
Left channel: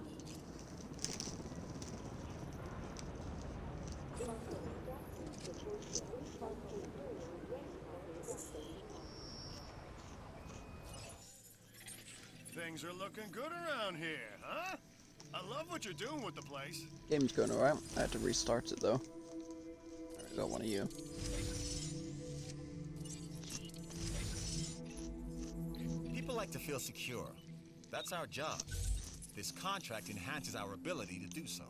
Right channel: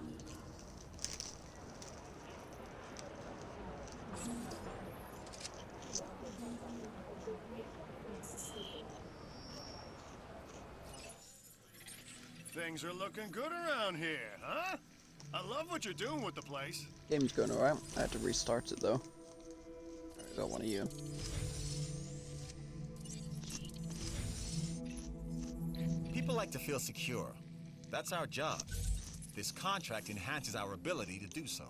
Things are looking good around here, huh? I love what you're doing with the place. Game's going alright. I had to restart it though. I got one of you. People like to feel secure. That's our job. This contract enhances our ability to do so.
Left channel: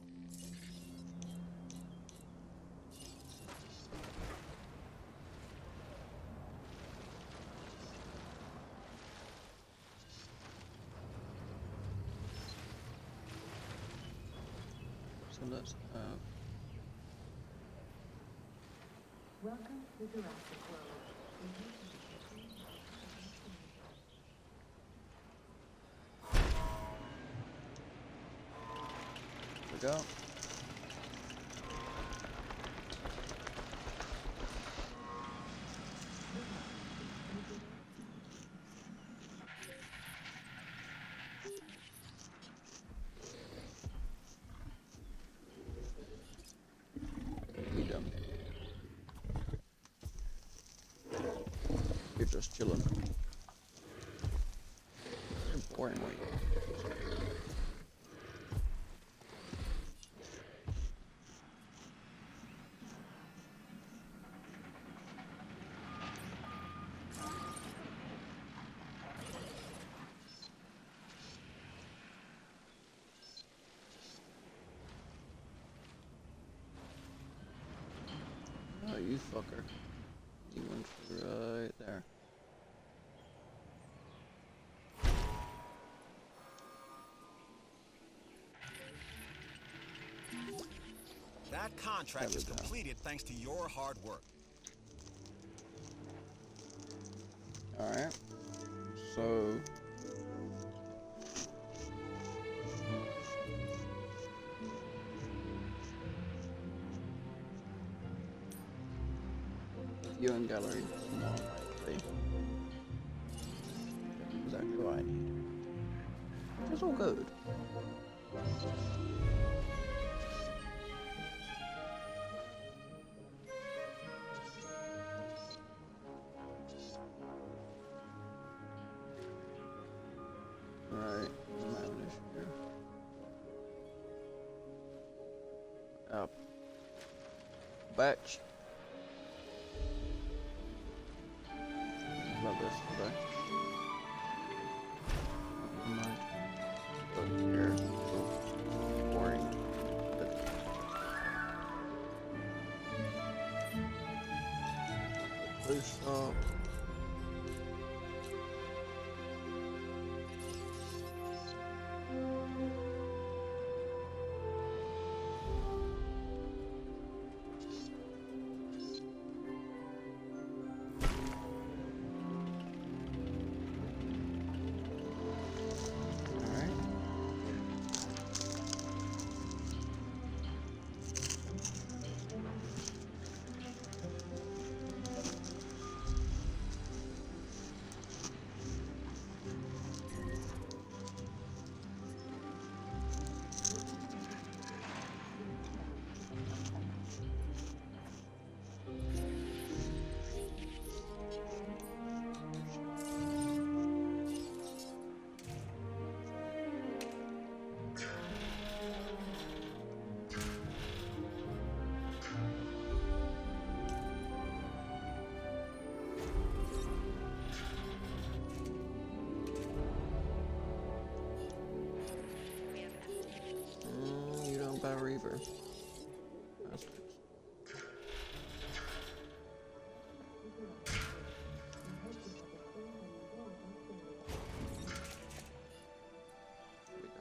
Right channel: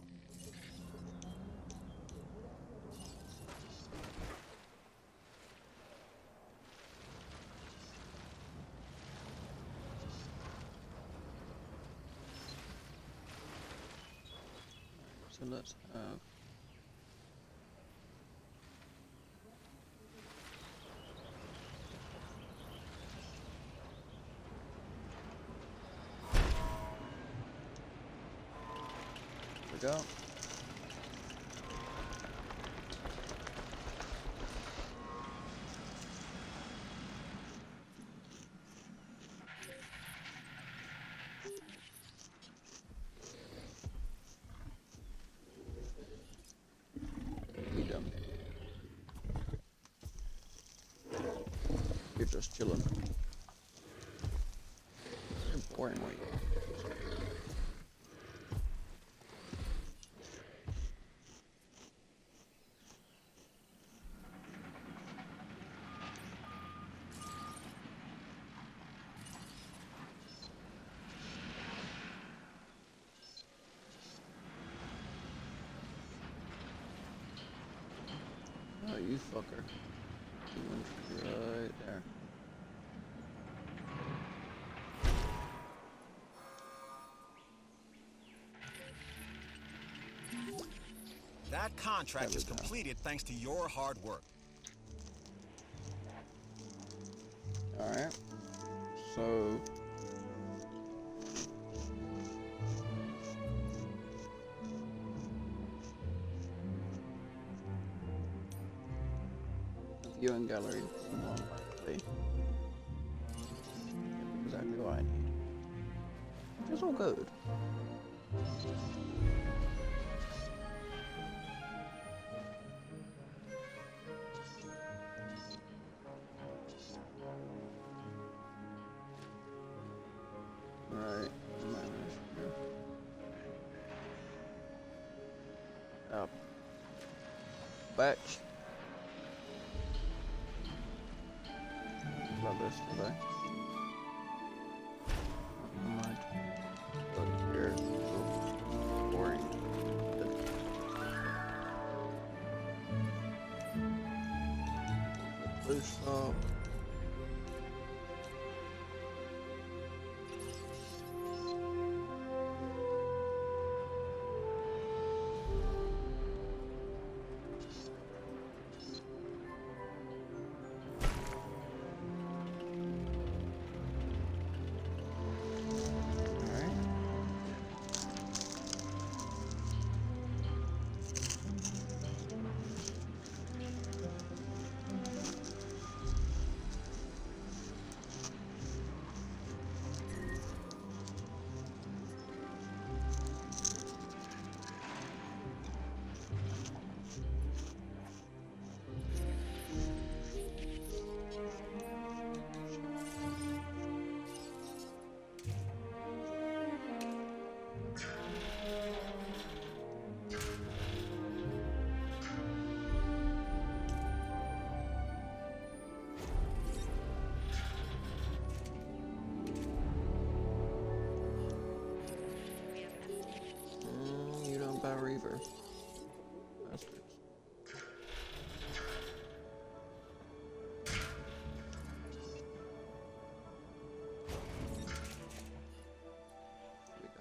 So let's Welcome to Jurassic World. there we go. We done. You're just chilling. You're boring, wait. Oh, you fucker. You went right there. That contract There is we go. completed thanks to your hard work. Alright. So... viewing gallery, more likely. That's exactly what I need. It's all good. Right, I might have an issue here. Up. Batch. Love this today. Never mind. Go here. Ooh, boring. Blue stop. You don't buy Reaver. Bastards. Here we go.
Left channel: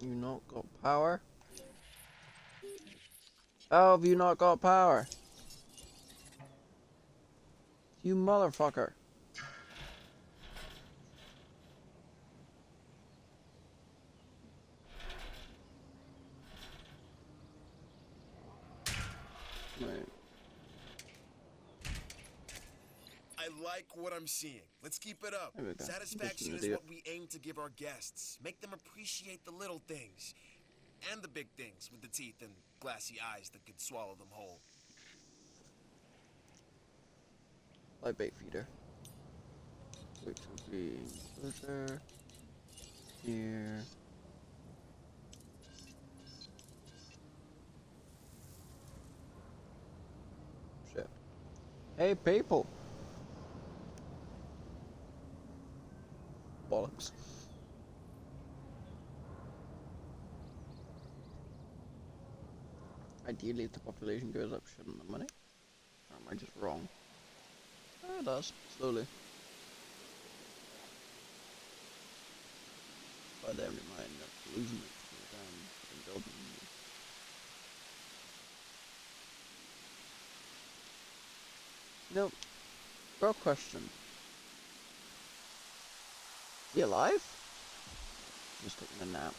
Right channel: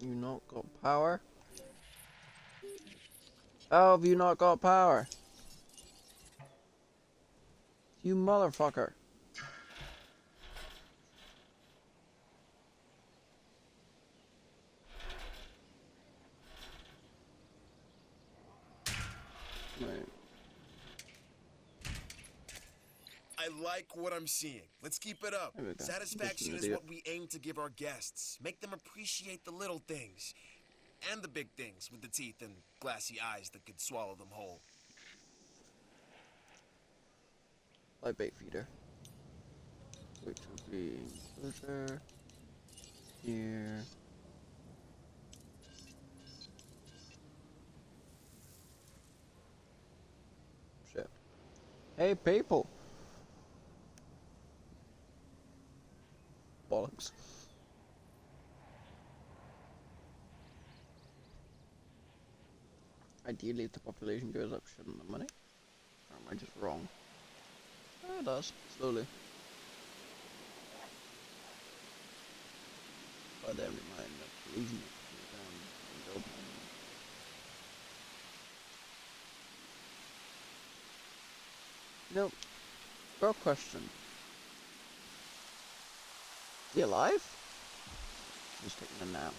You not got power? How have you not got power? You motherfucker. Right. I like what I'm seeing. Let's keep it up. There we go. Satisfaction Just is an what we aim to give our guests. Make them appreciate the little things. And the big things with the teeth and glassy eyes that could swallow them whole. Light bait feeder. Which will be enclosure. Here. Shit. Hey people! Bollocks. Ideally, if the population goes up, shouldn't the money? Or am I just wrong? Oh, it does, slowly. But then we might end up losing it to go down and building it. You know, real question. Is he alive? Just taking a nap.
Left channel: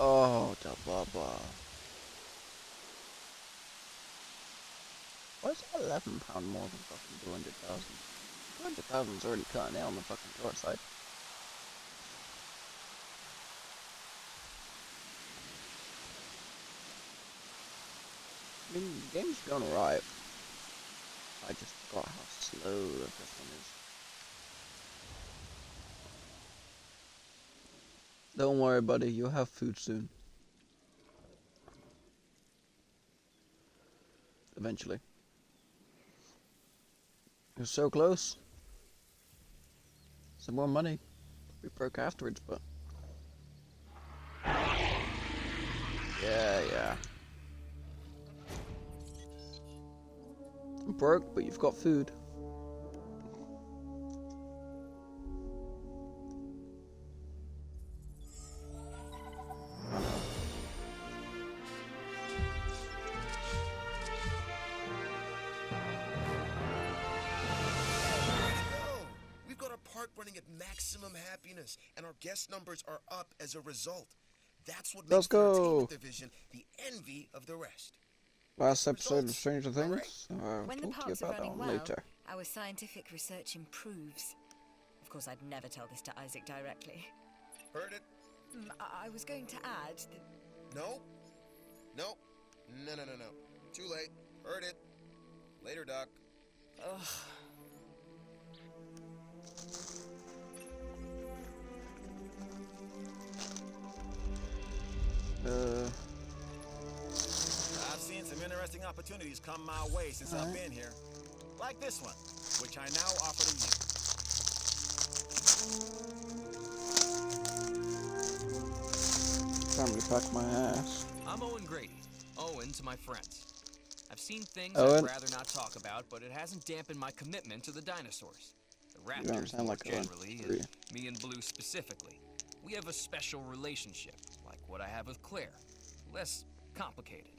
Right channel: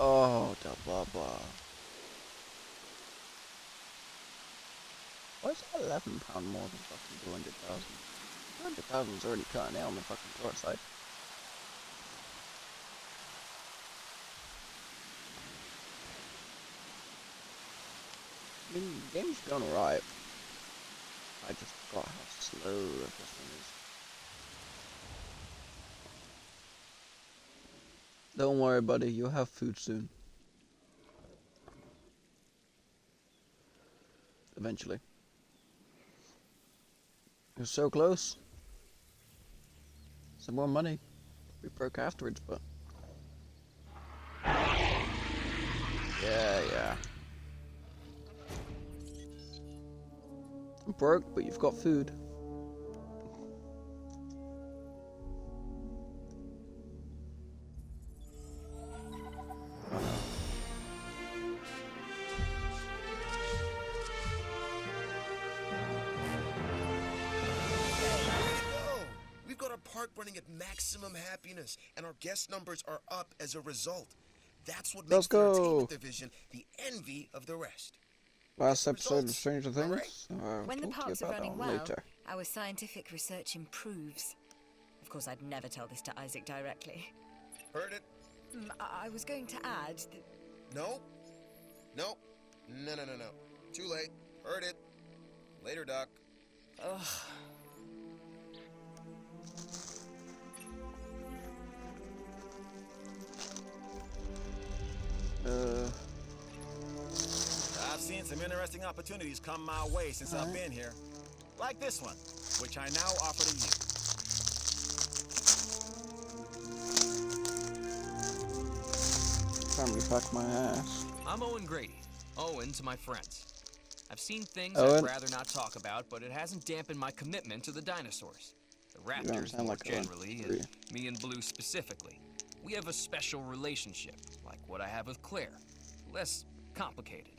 Oh, da blah blah. Why is £11 more than fucking 200,000? 200,000 is already cutting out on the fucking short side. I mean, the game's going alright. I just forgot how slow this one is. Don't worry, buddy. You'll have food soon. Eventually. You're so close. Some more money. We broke afterwards, but... Yeah. I'm broke, but you've got food. Oh no. We've got our park running at maximum happiness, and our guest numbers are up as a result. That's what makes the entertainment division the envy of the rest. Last episode of Stranger Things. When the Talk to you parks are about running that well, later. our scientific research improves. Of course, I'd never tell this to Isaac directly. Heard it? I was going to add that... No. Too late. Heard it. Later, Doc. Ugh. I've seen some interesting opportunities come my way since I've been here. Like this one, which I now offer to you. Family pack my ass. I'm Owen Grady. Owen to my friends. I've seen things Owen. I'd rather not talk about, but it hasn't dampened my commitment to the dinosaurs. The You don't raptors sound more like Owen. generally, and me and Blue specifically. We have a special relationship, like what I have with Claire. Less complicated.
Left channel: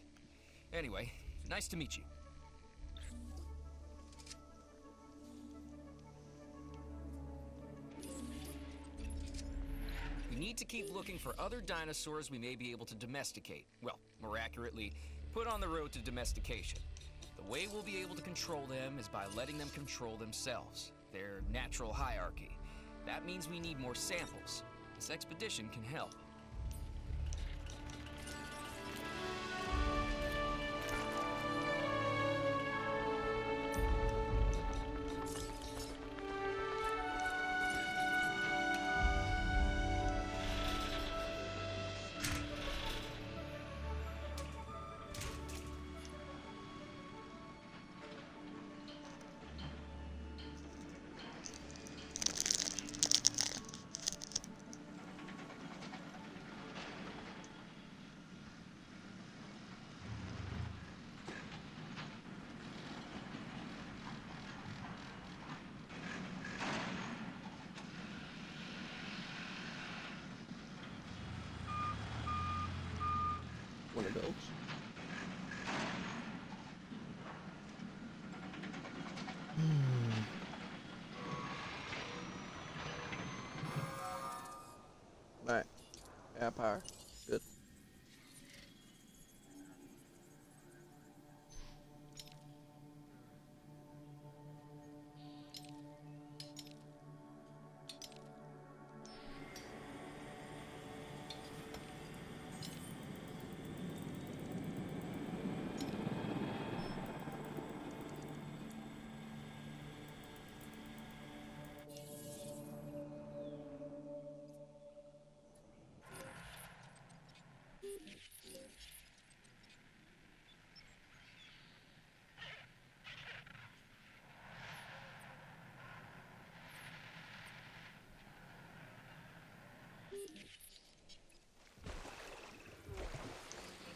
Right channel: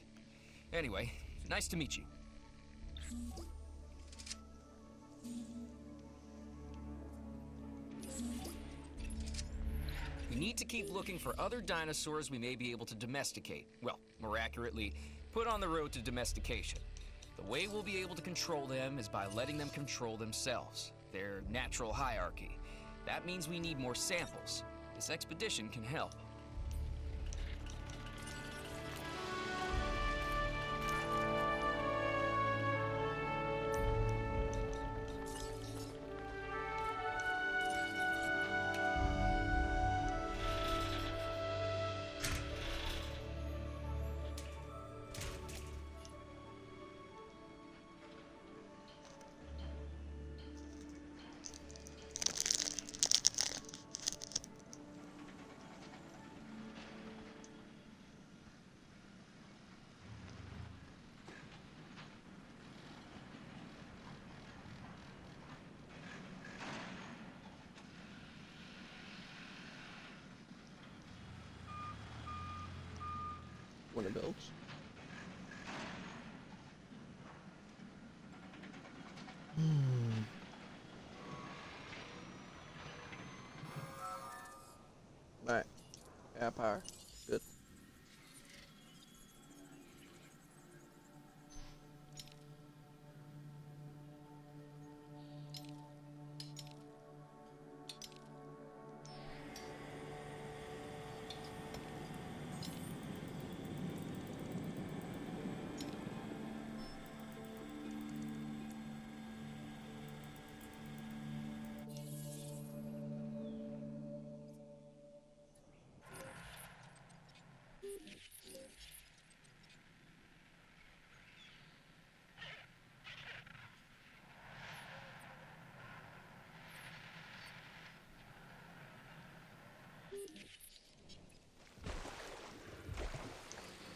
Anyway, nice to meet you. We need to keep looking for other dinosaurs we may be able to domesticate. Well, more accurately, put on the road to domestication. The way we'll be able to control them is by letting them control themselves, their natural hierarchy. That means we need more samples. This expedition can help. One of those. Right. Yeah, power. Good.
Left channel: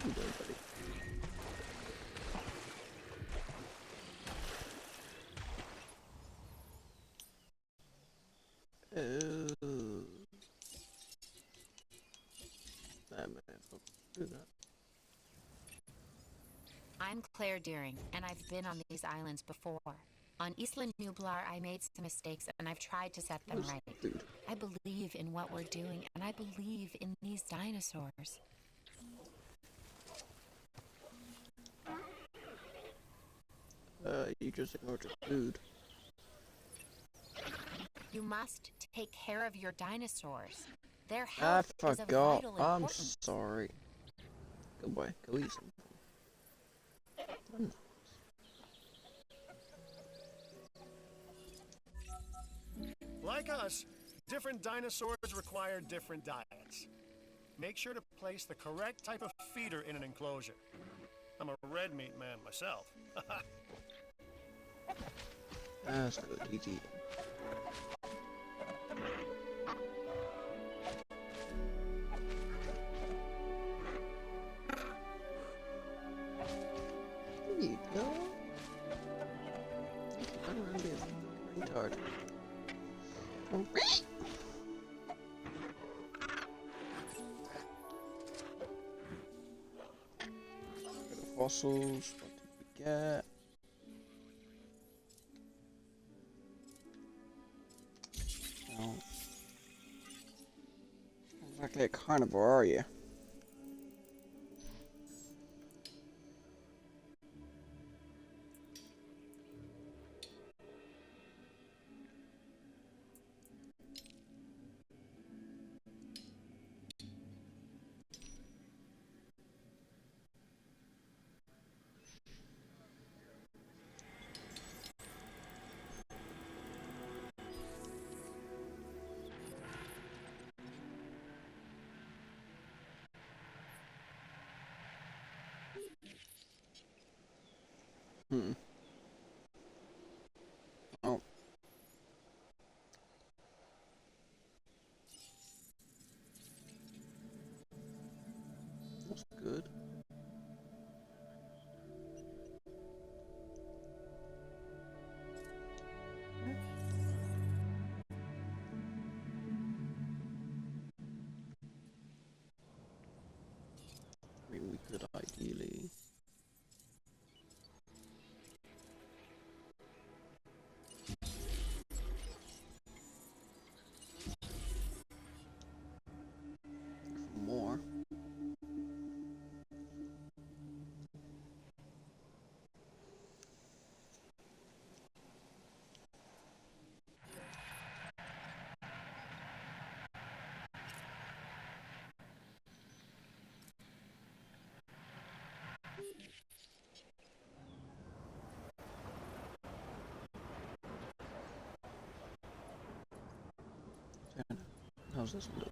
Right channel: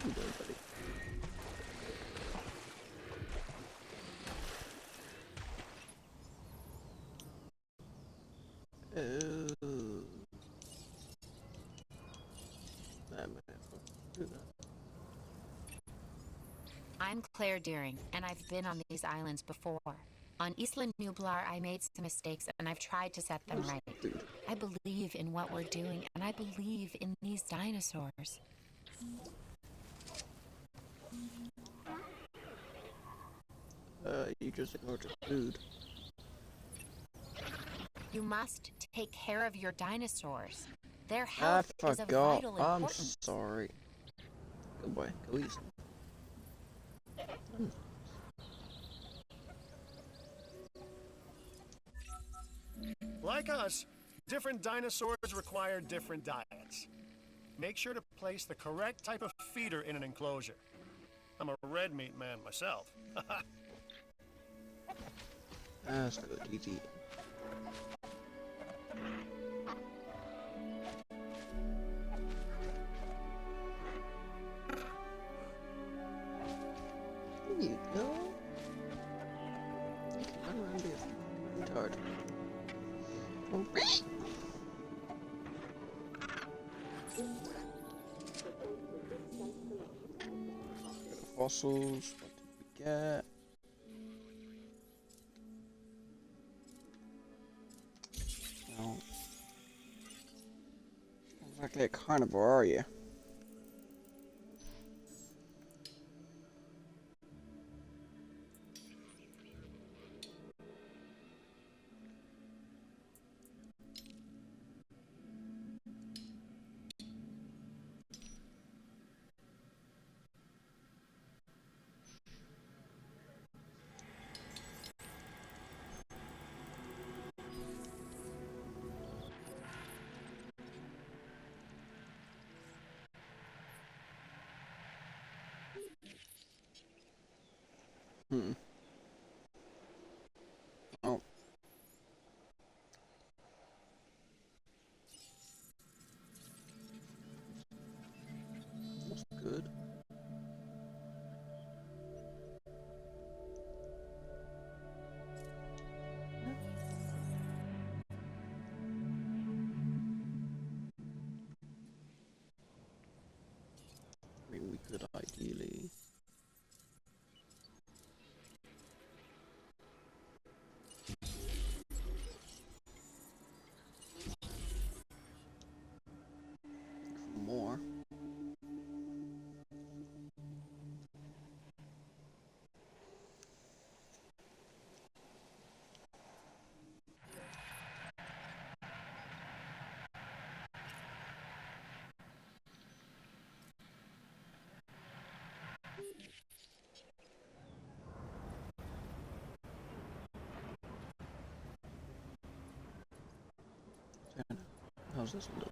You doing, buddy? Do that. I'm Claire Deering, and I've been on these islands before. On Isla Nublar, I made some mistakes, and I've tried to set them right. I believe in what we're doing, and I believe in these dinosaurs. You just ignored your food. You must take care of your dinosaurs. Their I health is of forgot. vital I'm importance. sorry. Go boy, go eat some. Like us, different dinosaurs require different diets. Make sure to place the correct type of feeder in an enclosure. I'm a red meat man myself. That's good, easy. There you go. You can run around being a retard. Fossils, what did we get? No. Not exactly a carnivore, are you? Hmm. Oh. That's good. I mean, we could ideally... more. How's this one doing?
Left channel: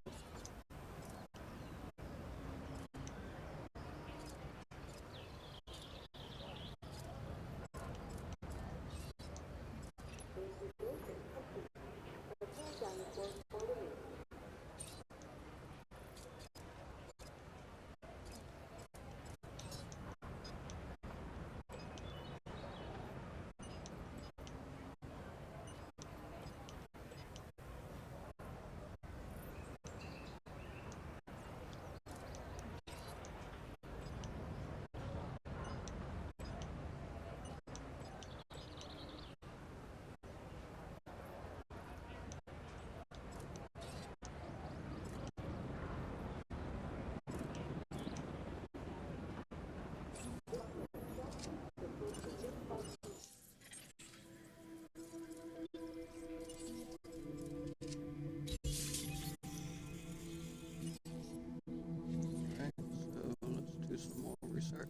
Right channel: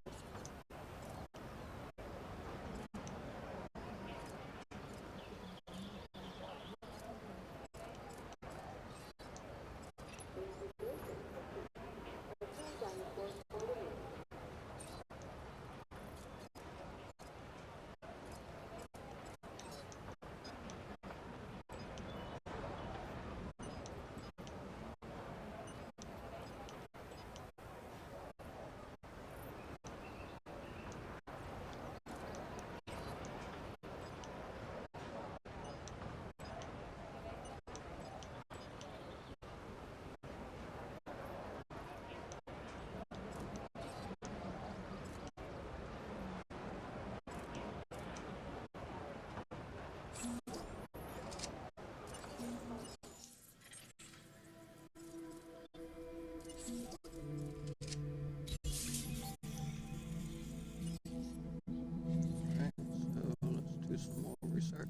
Alright, so let's do some more research.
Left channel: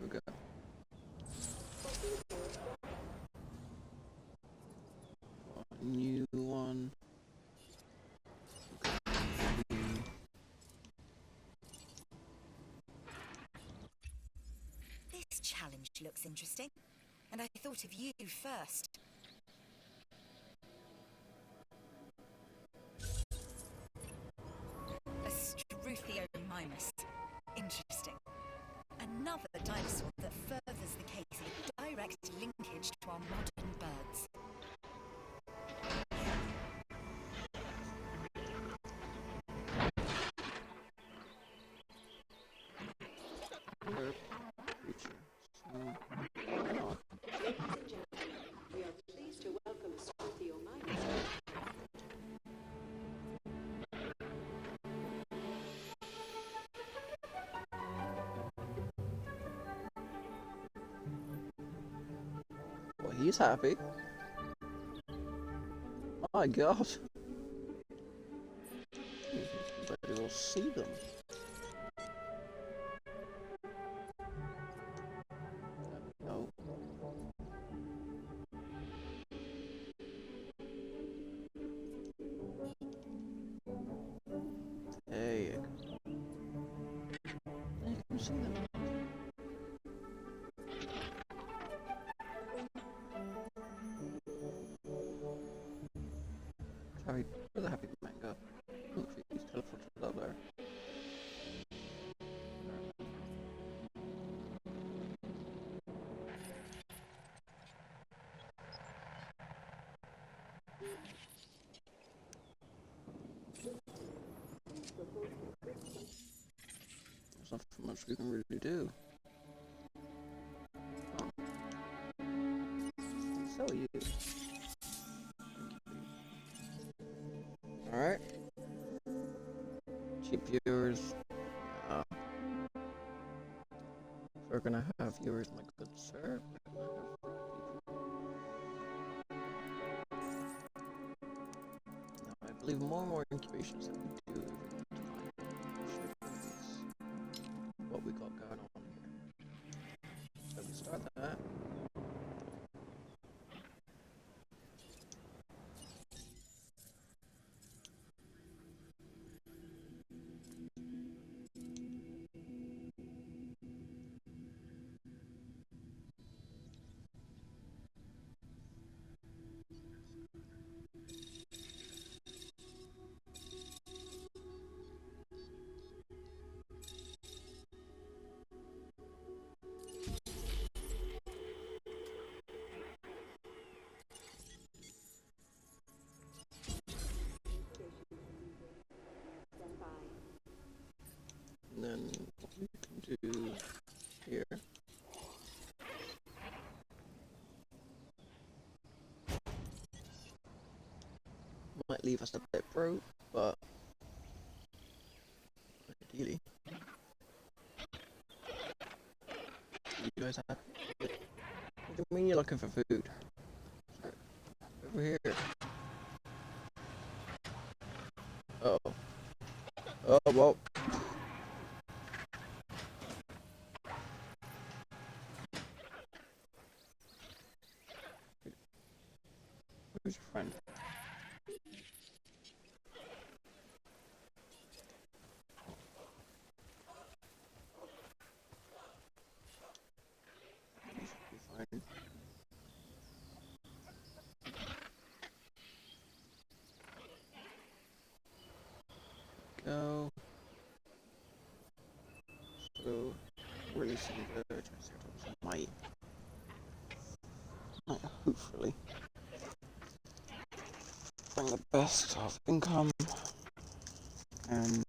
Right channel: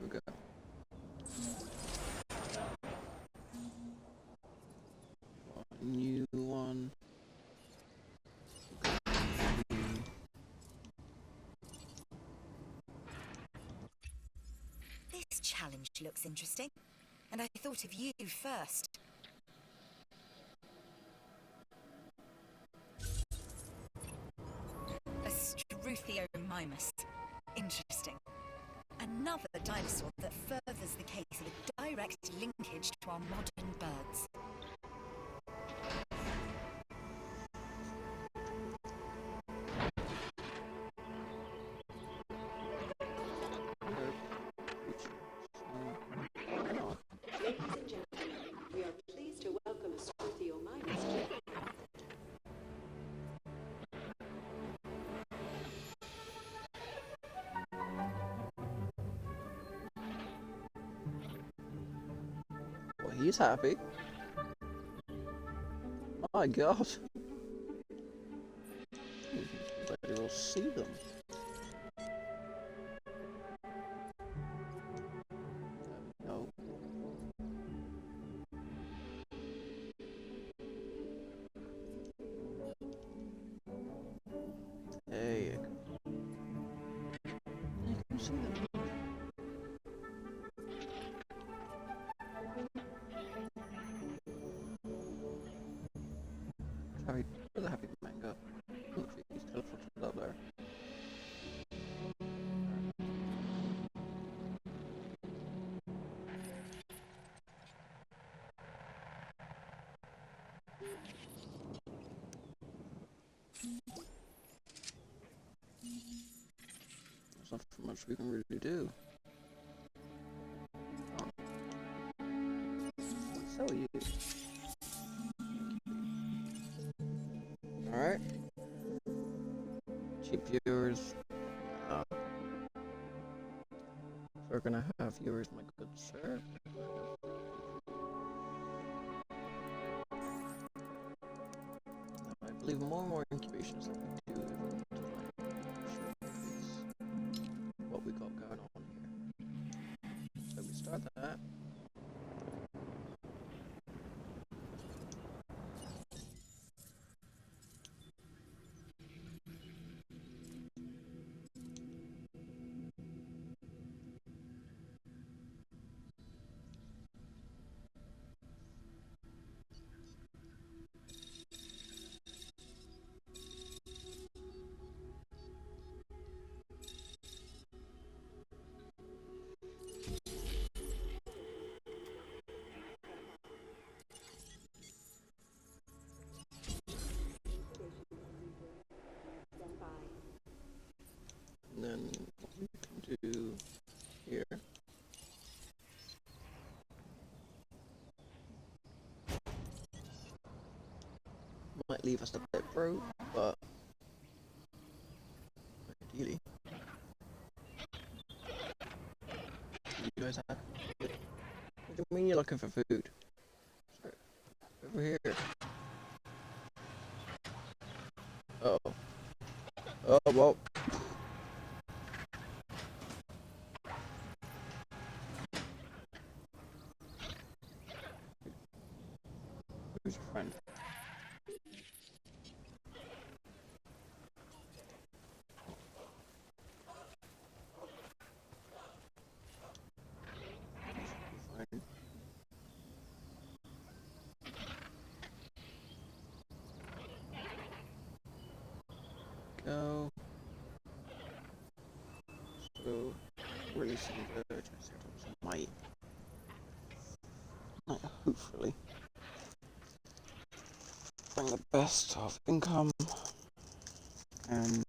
Here we go. A new one. This challenge looks interesting, and I thought of you first. A Struthiomimus. Interesting. Another dinosaur that furthers the case of a direct linkage to our modern birds. Ladies and gentlemen, we are pleased to welcome Struthiomimus to the craft. Well, he's happy. My God. But you'll see them. No. There you go. You can see them. Sorry, where's the happy man go? Oh, he's teleported up there. There's not much we can really do. Oh. So you. Alright. Cheap viewers. We're gonna have viewers, my good sir. Now, I believe more and more incubations that we do over time should increase what we got going on here. So we start that. And then what we can do here. Might leave us a bit broke, but ideally. You guys have. What do you mean you're looking for food? Over here. Oh. Oh, well. Who's your friend? Fine. Go. So, releasing the Triceratops might, hopefully, bring the best of income and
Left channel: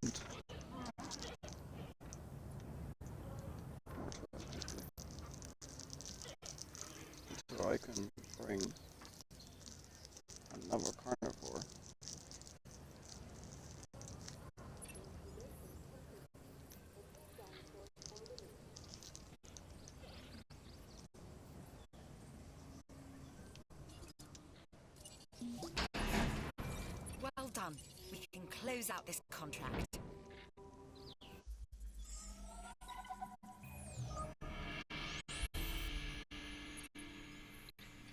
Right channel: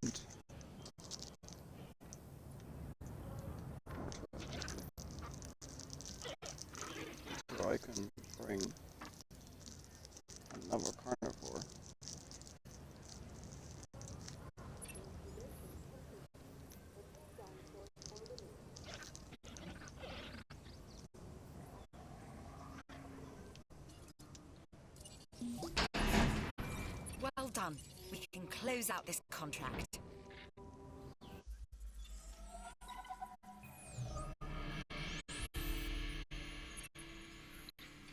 so I can bring another carnivore. Well done. We can close out this contract.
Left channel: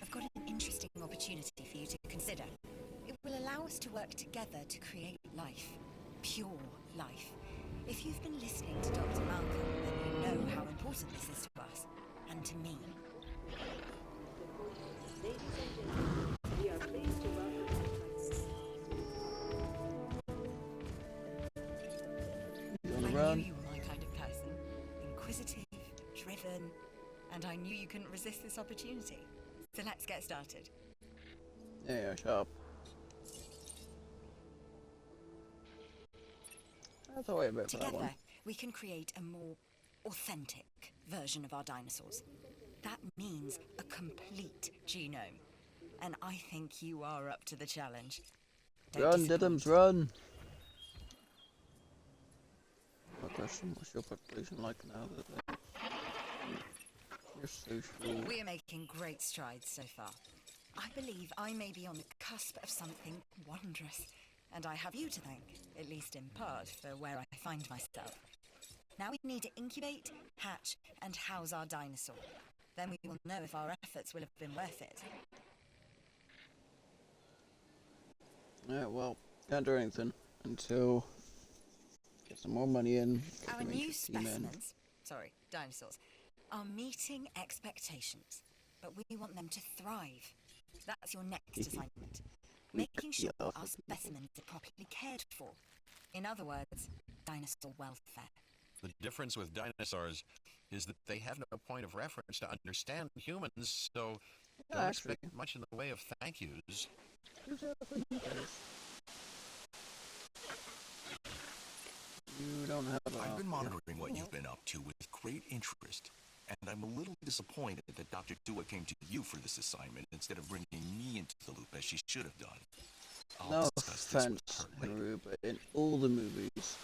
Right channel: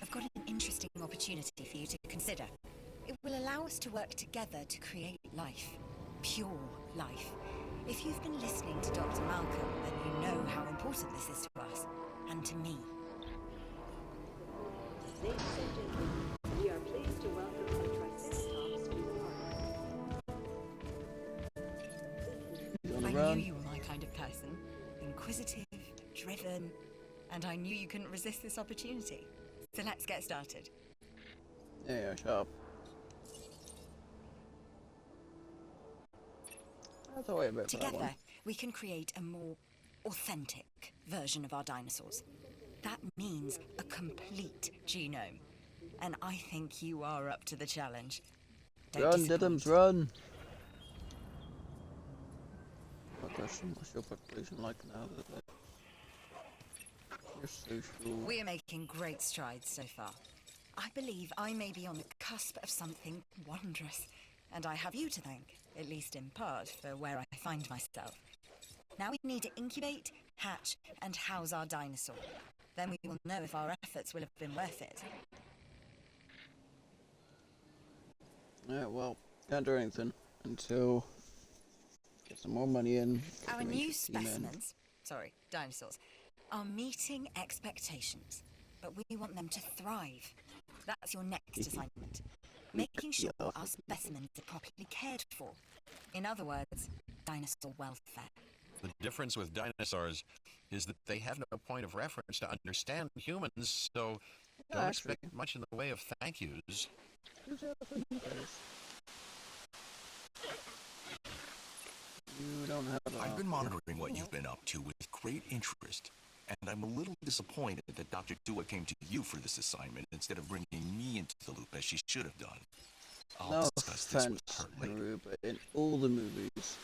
I've got an interesting opportunity for you to consider. It will allow us to work together to create life. Pure life. If you've been listening to Dr. Malcolm, then you know how important this is to us, and to me. Ladies and gentlemen, we are pleased to welcome the Triceratops to the park. knew you were my kind of person. Inquisitive, driven, and I knew you couldn't resist this opportunity. So let's get started. Yeah, shut up. That's a way a bit for that Together, one. we can create a more authentic version of our dinosaurs. That means a complete genome. And I think you are up to the challenge. Don't Run, disappoint. Diddums, run! My question, what's your population like now that you're social? We are making great strides so far. I believe I may be on the cusp of something wondrous. And I have you to thank, at least in part, for where I find myself. Now we need to incubate, hatch, and house our dinosaur. Then we will know if our efforts will have been worth it. Yeah, well, can't do anything until get some more money in. get Our the new Rangers team in. specimens, dinosaurs, are meeting expectations, but we want them to thrive. That's your next assignment. Making sure our specimens are properly cared for. In other words, dinosaur welfare. The difference with dinosaurs is that they have no point of reference to understand humans, so don't expect much in the way of thank yous. You don't have I've been monitoring what you've been up to with great interest, and I'm a little disappointed that Dr. Dua came to you for this assignment instead of bringing me into the loop as she should have done. I'll No discuss this with offense, her later. Haru, but in all the movies,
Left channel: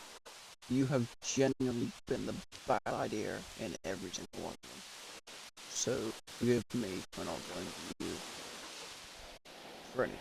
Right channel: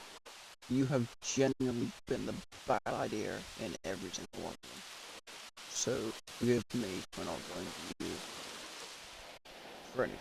you have genuinely been the bad idea in every single one of them. So, forgive me for not going to you for anything.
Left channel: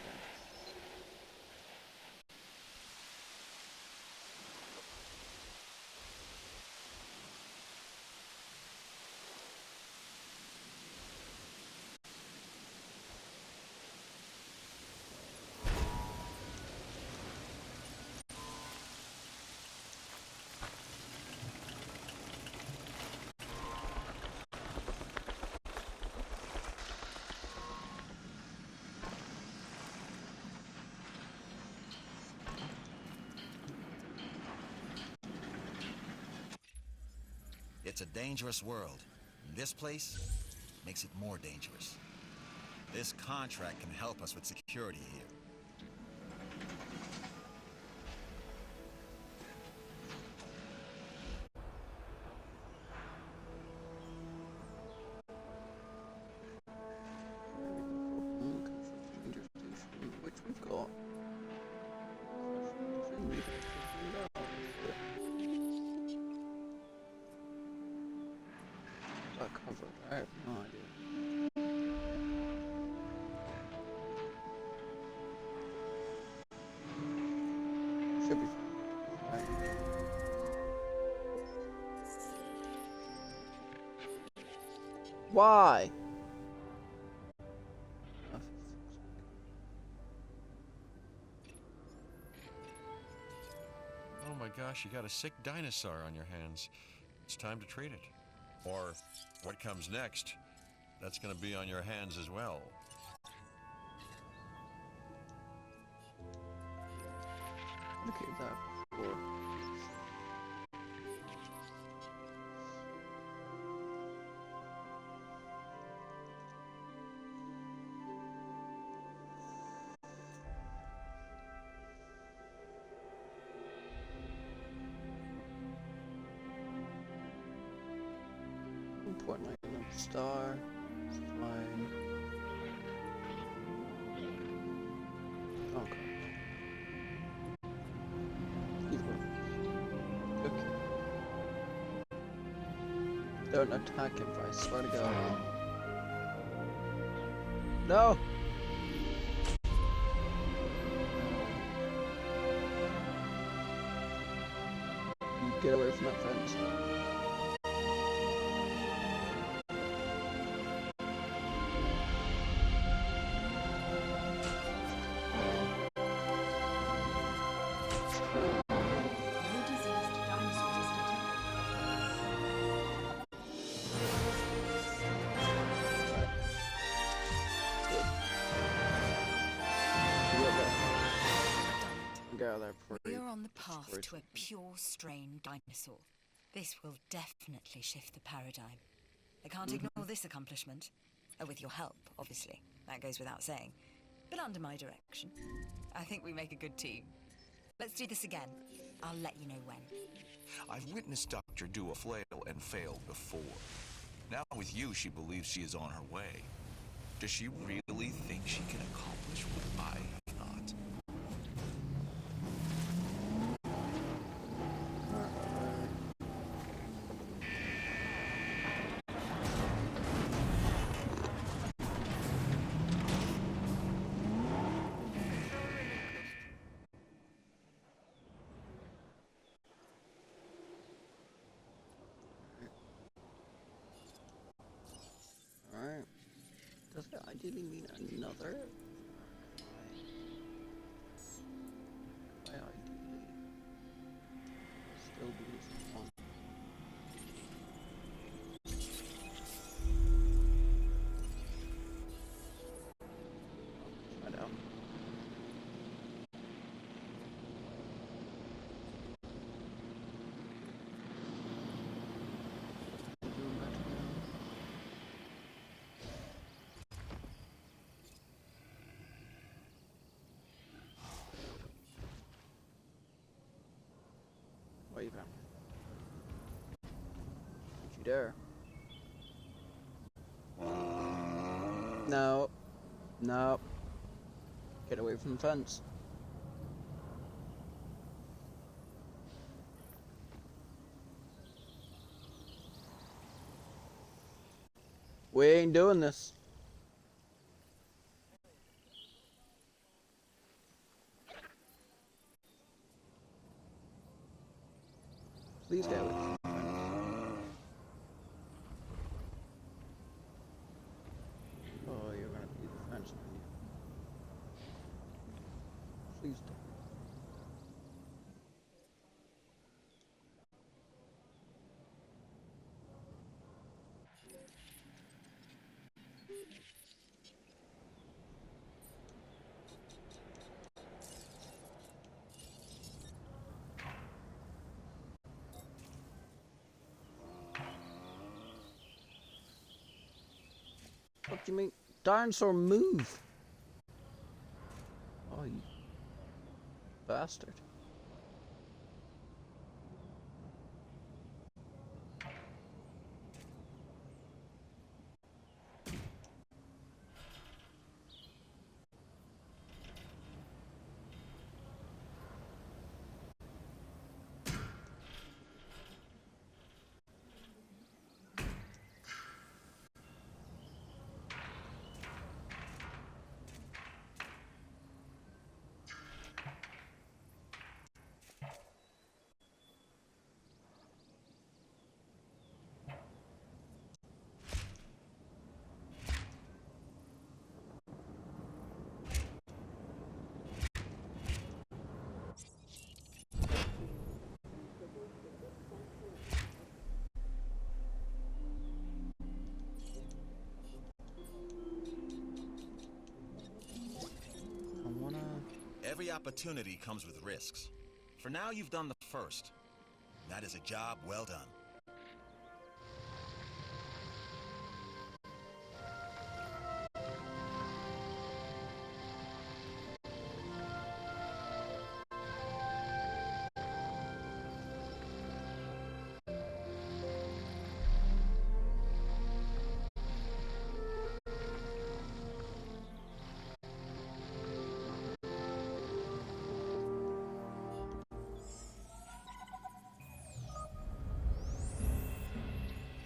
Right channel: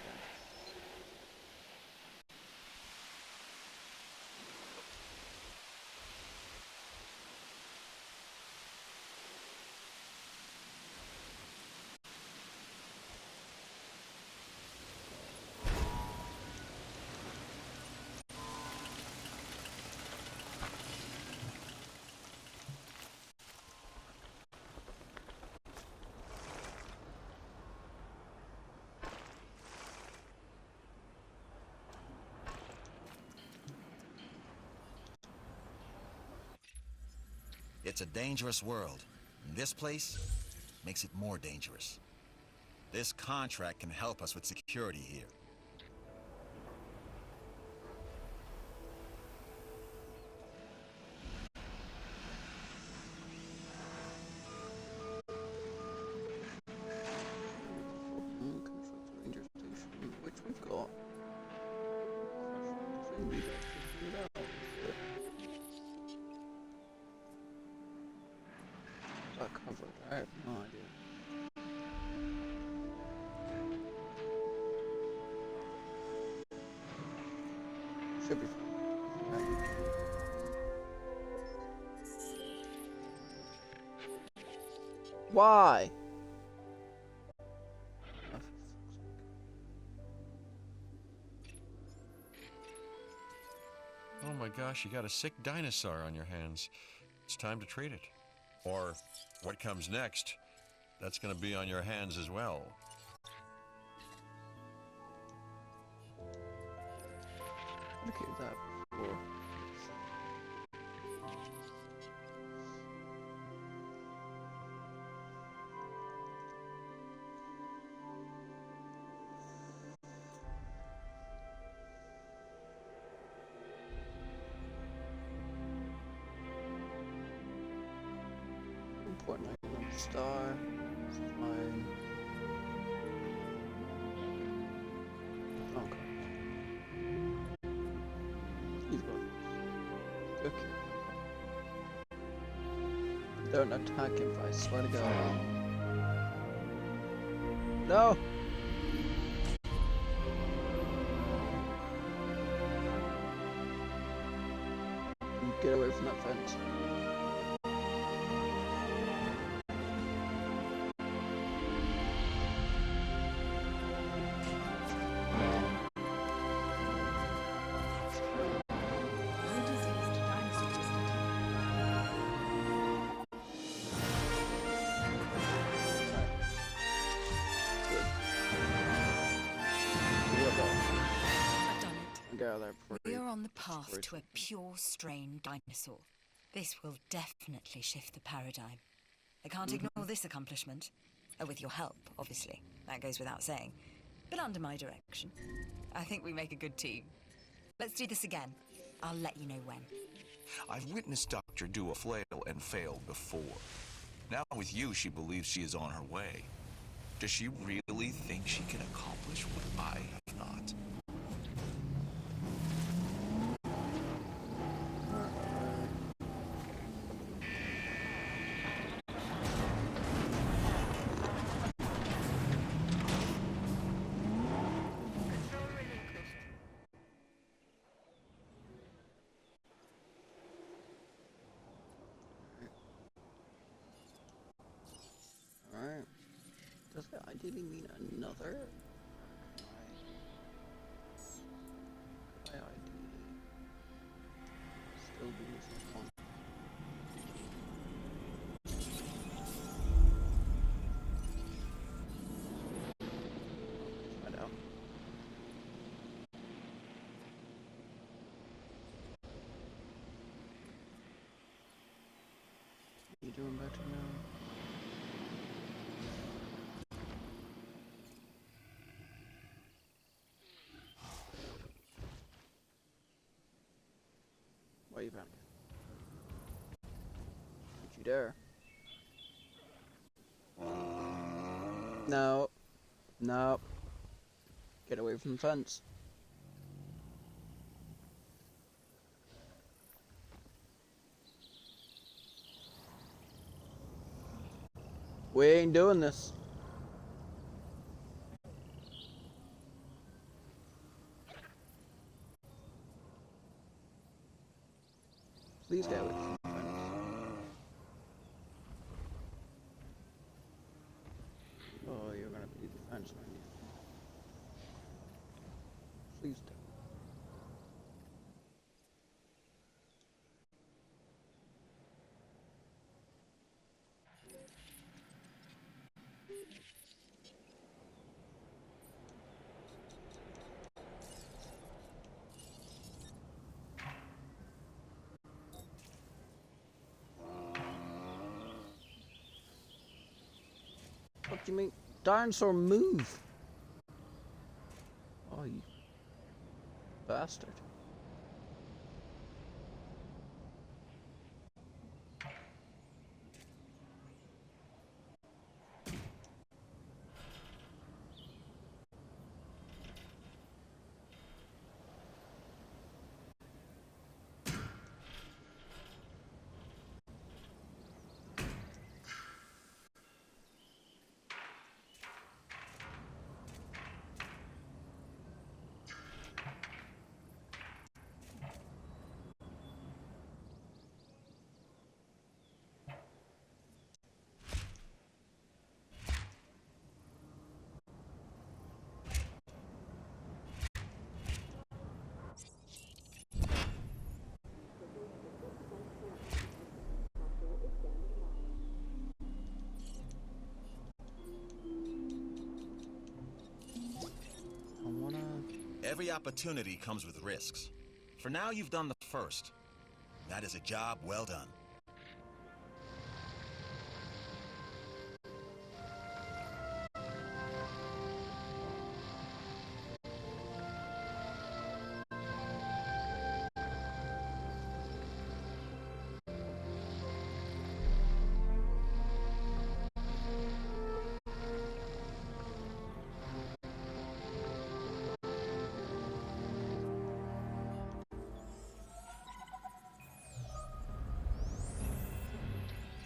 It's a dangerous world, and this place makes it more dangerous. This contract can help us with security here. Ranger Station, which we've got. Thing we got figured out. That covered, I have no idea. Should be fine. Right. Why? Oh, Oh my gosh, you got a sick dinosaur on your hands. It's time to treat it. Or what comes next, that's going to be on your hands as well. look at that before. Important like another star. It's fine. Okay. He's one. Okay. Don't attack him, I swear to God. No! You get away from that fence. they're pretty. We are on the path to a pure strain dinosaur. This will definitely shift the paradigm. I can't ignore this accomplishment. With your help, obviously. That goes without saying. But under my direction. I think we make a good team. Let's do this again. I'll let you know when. I've witnessed Dr. Dua flail and fail before. Now with you, she believes she is on her way. Does she really think she can accomplish what I have not? Alright. Does that ideally mean another? Or could I ideally still do this with one? Let's find out. You doing better now? Why are you panicking? Don't you dare. No. No. Get away from the fence. We ain't doing this. Please get away from the fence. Oh, you're gonna be the fence, aren't you? Please don't. What do you mean? Dinosaur move! Oh, you bastard. Every opportunity comes with risks. For now, you've done the first. That is a job well done.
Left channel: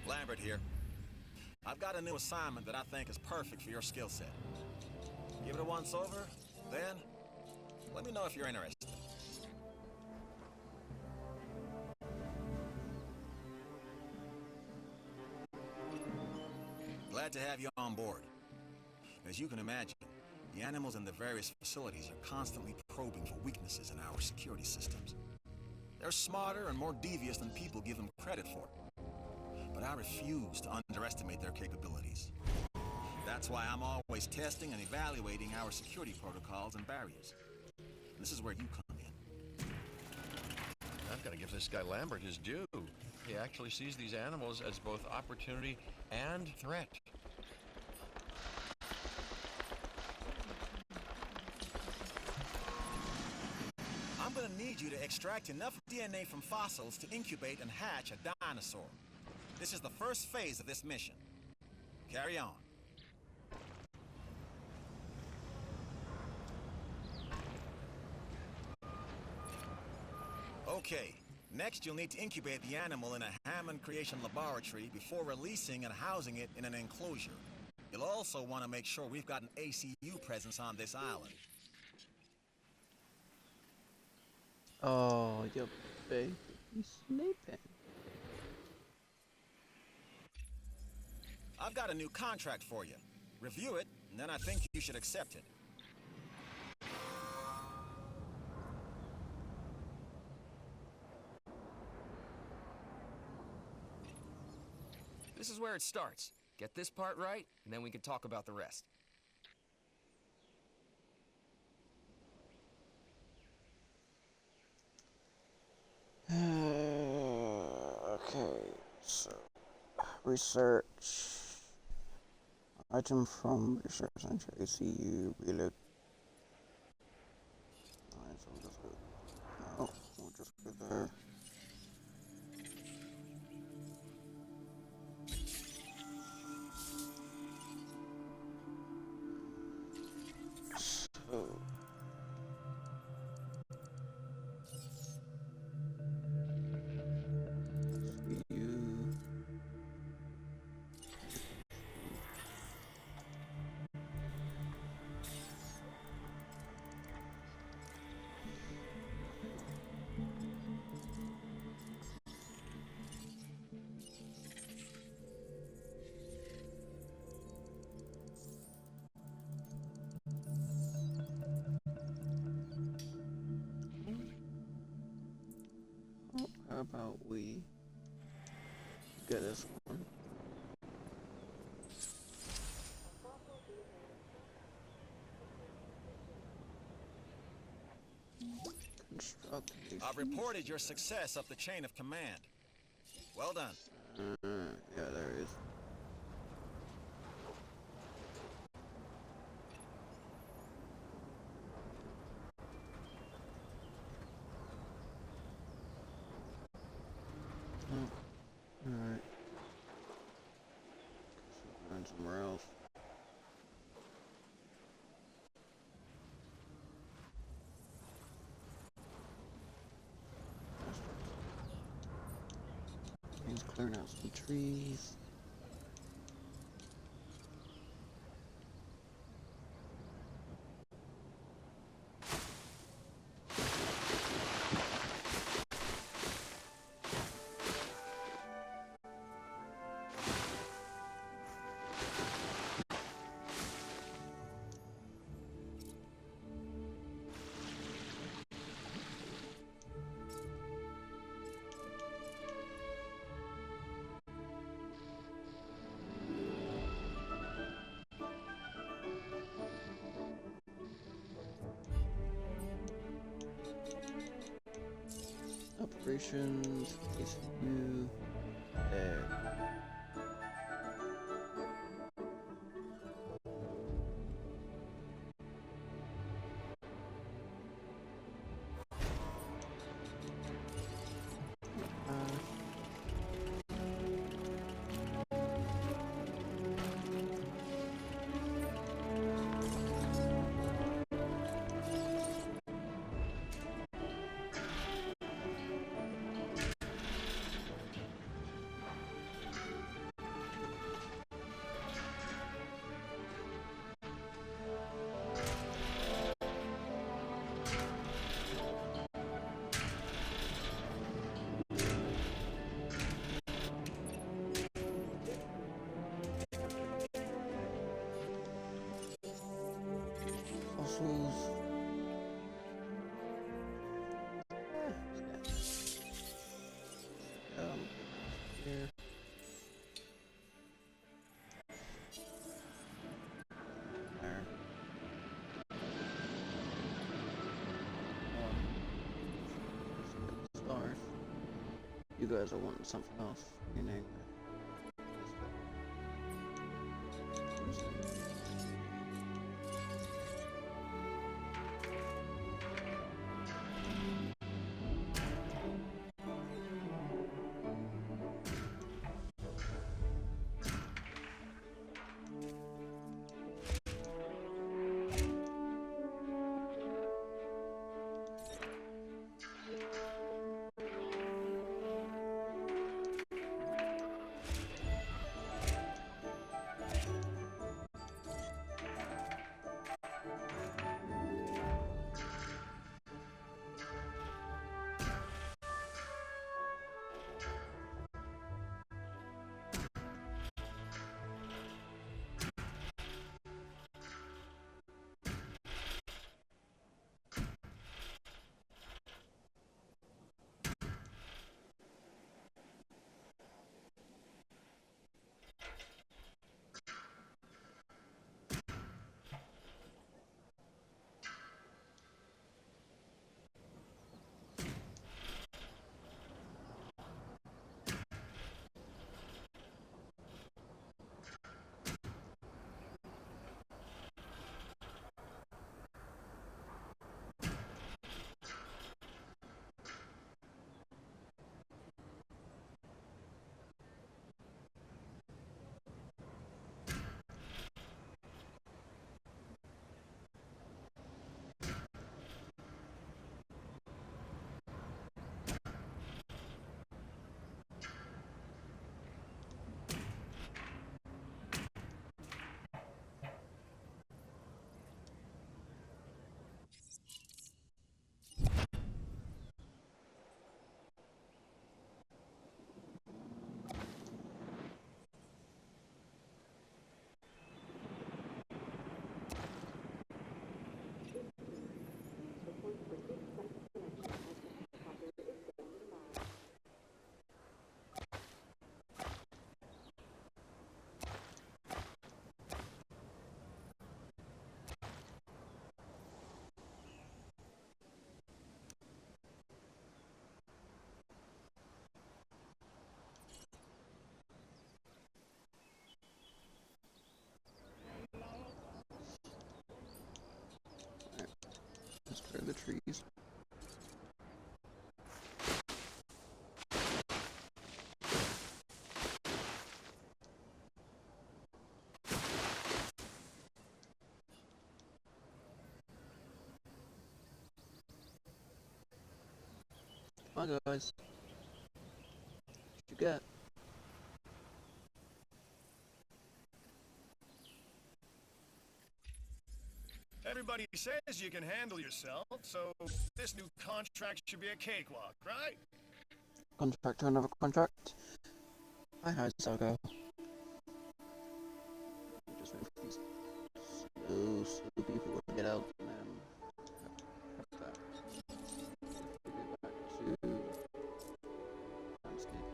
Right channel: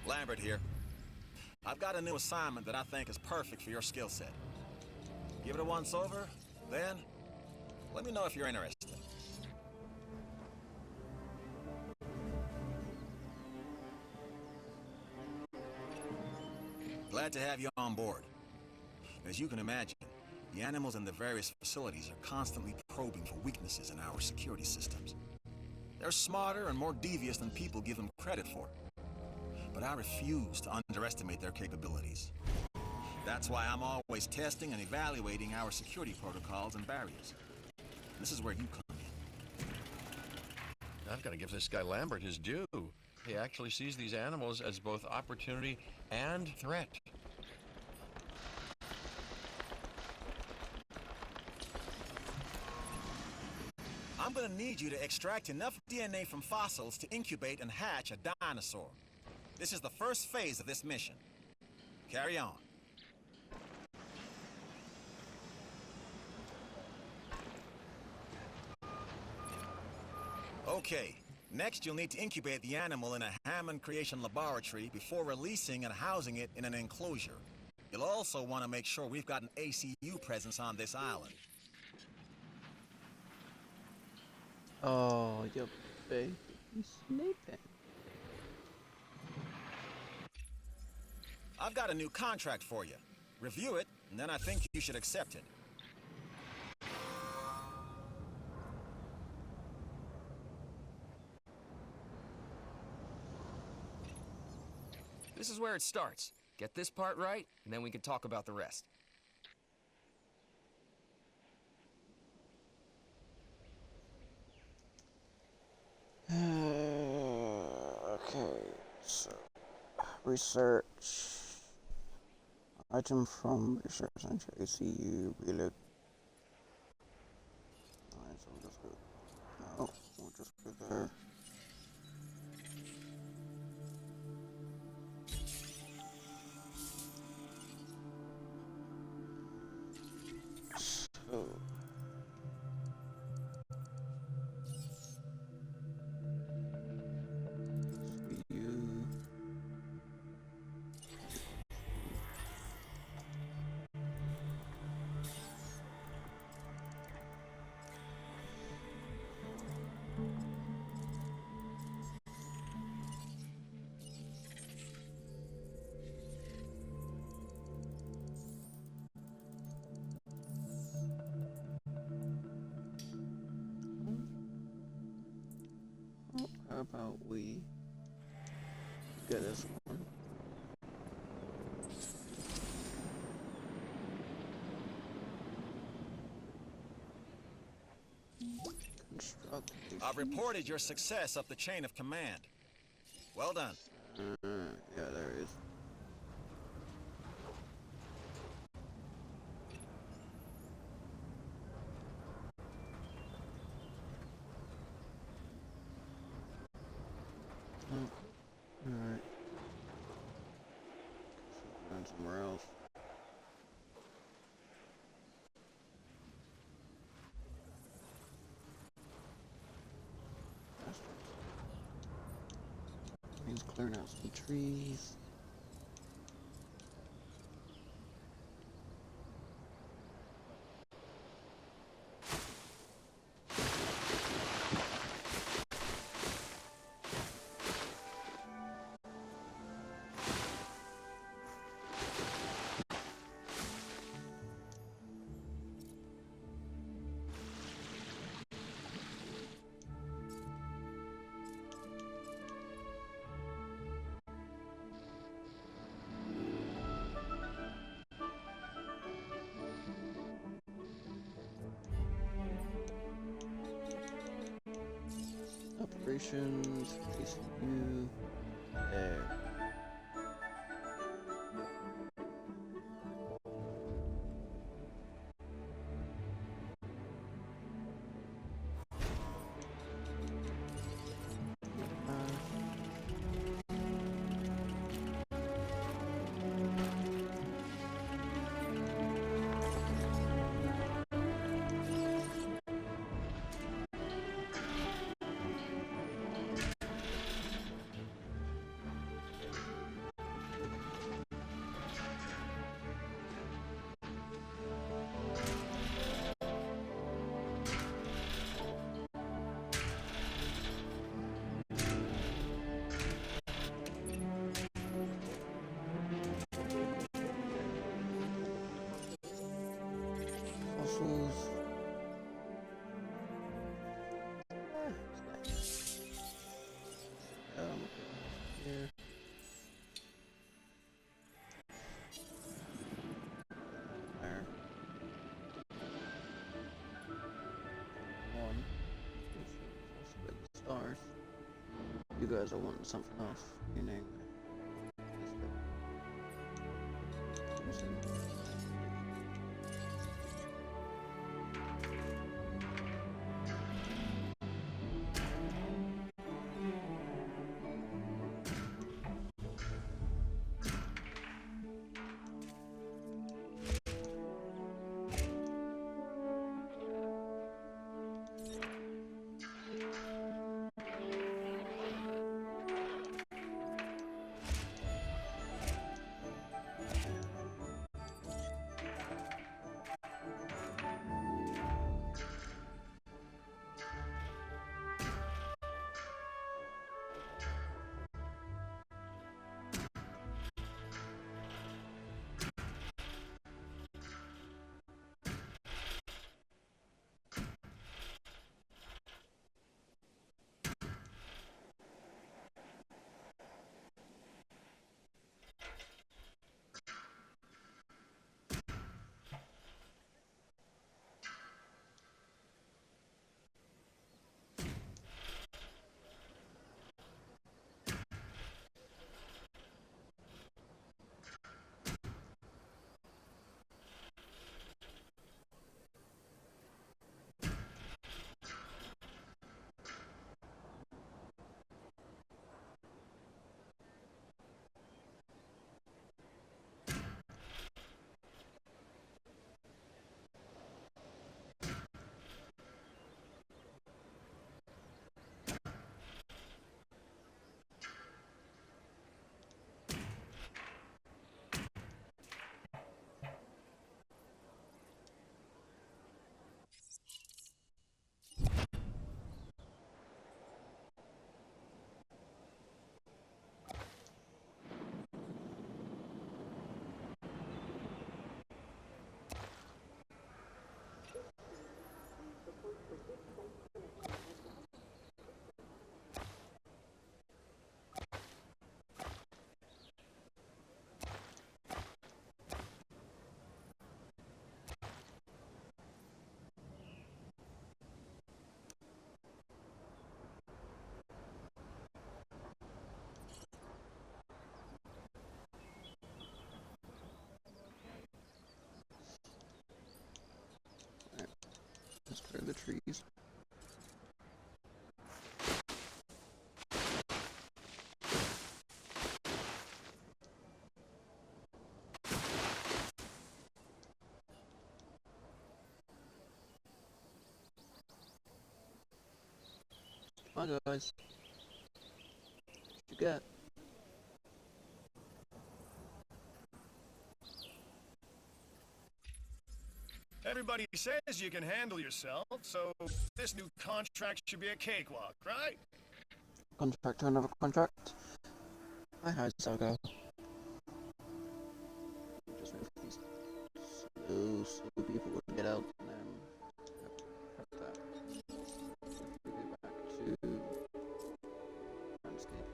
Lambert here. I've got a new assignment that I think is perfect for your skill set. Give it a once over, then let me know if you're interested. Glad to have you on board. As you can imagine, the animals in the various facilities are constantly probing for weaknesses in our security systems. They're smarter and more devious than people give them credit for. But I refuse to underestimate their capabilities. That's why I'm always testing and evaluating our security protocols and barriers. This is where you come in. I've got to give this guy Lambert his due. He actually sees these animals as both opportunity and threat. I'm gonna need you to extract enough DNA from fossils to incubate and hatch a dinosaur. This is the first phase of this mission. Carry on. Okay, next you'll need to incubate the animal in a Hammond Creation Laboratory before releasing and housing it in an enclosure. You'll also want to make sure we've got an ACU presence on this island. Oh, your baby, he's sleeping. I've got a new contract for you. Review it, and then I think you should accept it. This is where it starts. Get this part right, and then we can talk about the rest. Okay, so research item from research center ACU reload. Alright, so we'll just go. No, we'll just go there. So you how about we get this one? Construct a I've reported your success up the chain of command. Well done. yeah, there is. Alright. Going somewhere else. Means clearing out some trees. Operations, ACU, there. Fossils. Here. There. One. Let's get the stars. You guys are wanting something else, meaning this bit. Let's clear the trees. Come on, guys. What you got? Everybody says you can handle yourself, so this new contract should be a cakewalk, right? Contract to another contract. Hi, Saga. Just wait for these slow people to get out and then have that. We go back to landscape.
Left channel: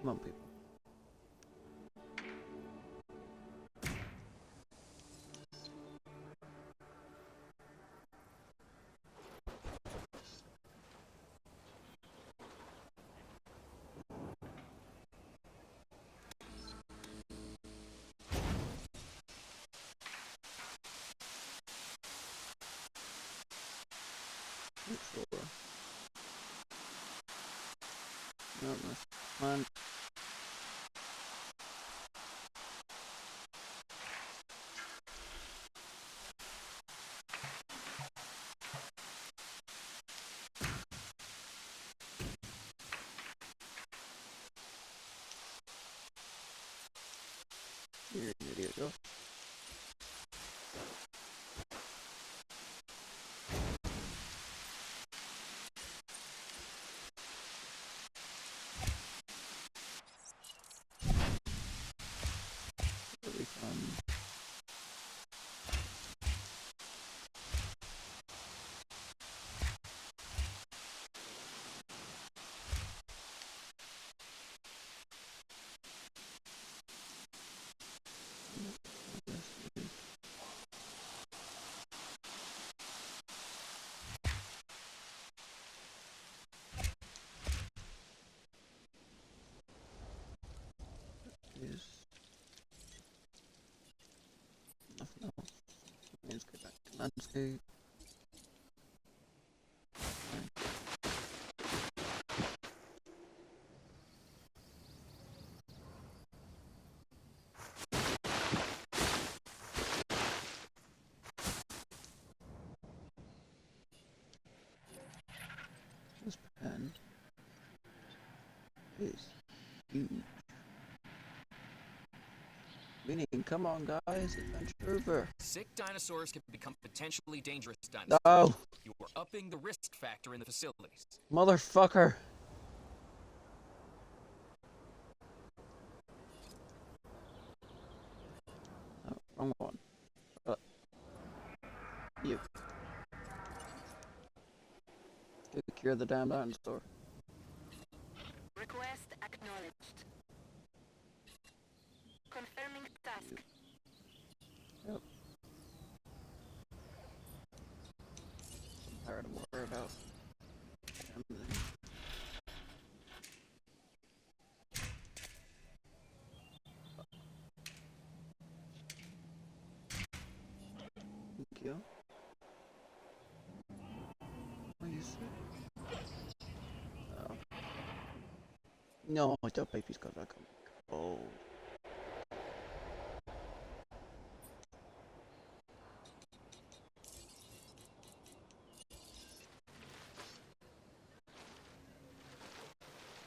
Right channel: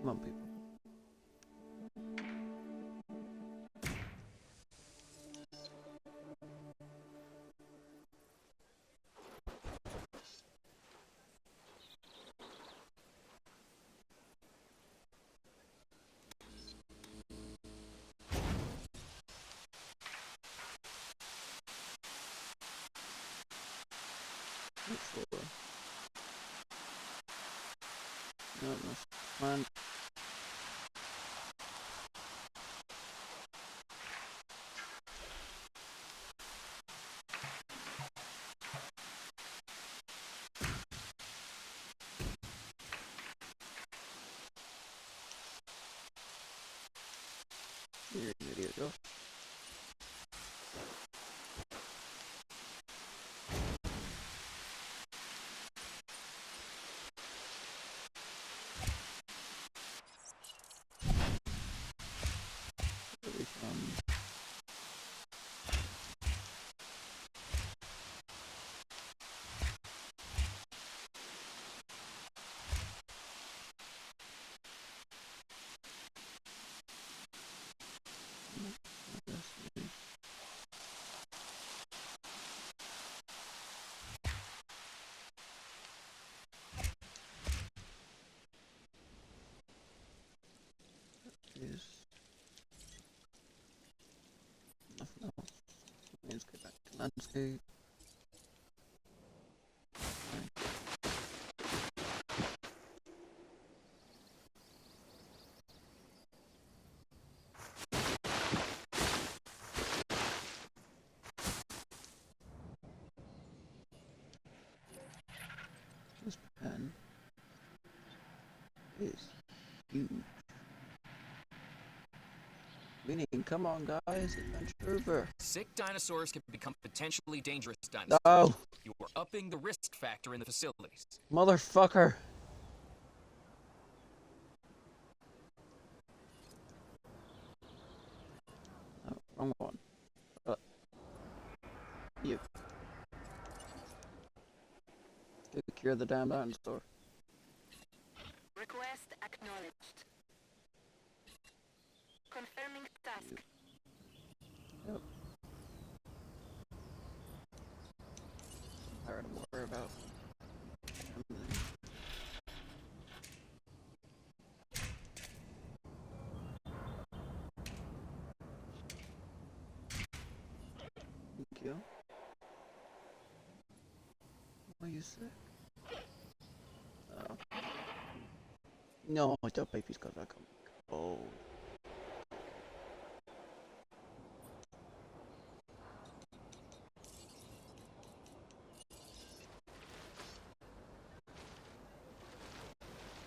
Come on, people. Flora. No, that's fine. You're an idiot, Josh. Where are we from? Is nothing else. Let's go back to landscape. This pen is huge. Meaning, come on guys, adventure over. Sick dinosaurs can become potentially dangerous dinosaurs. No! You are upping the risk factor in the facilities. Motherfucker! Oh, wrong one. You. Go cure the damn dinosaur. Request acknowledged. Confirming task. Yep. Tired of worry about everything. Thank you. What you say? Oh. No, the baby's got that come. Oh.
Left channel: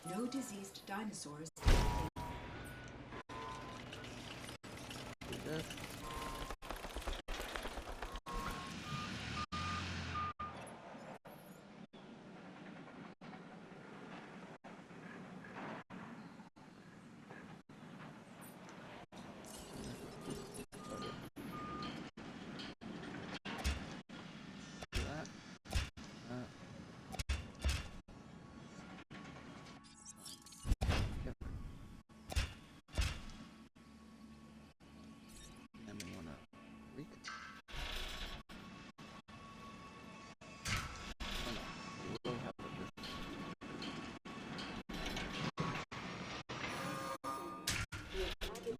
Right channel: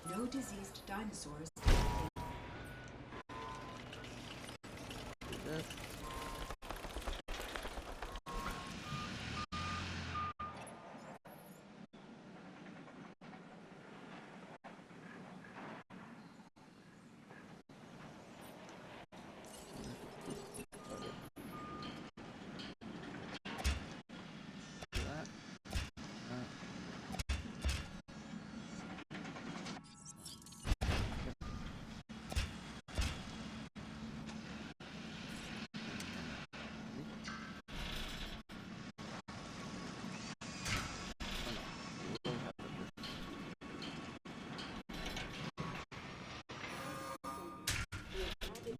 No diseased dinosaurs. Yes.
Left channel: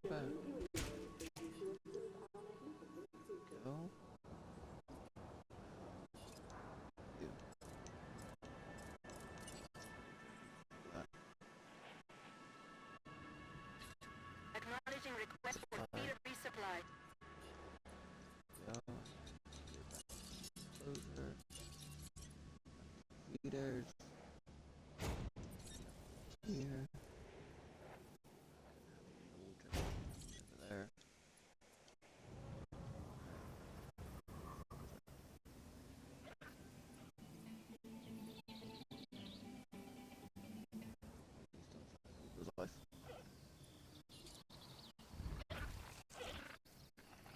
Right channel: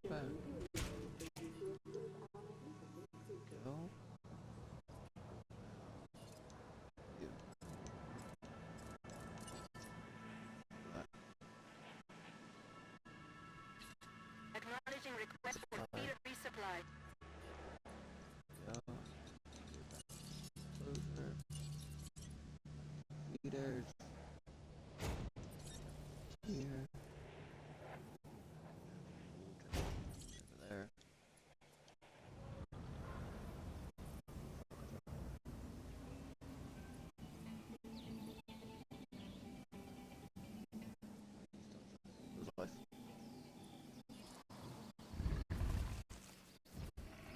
Go. You. Acknowledging request for feeder resupply. Go. Closer. Feeders. Here. Over there. Life.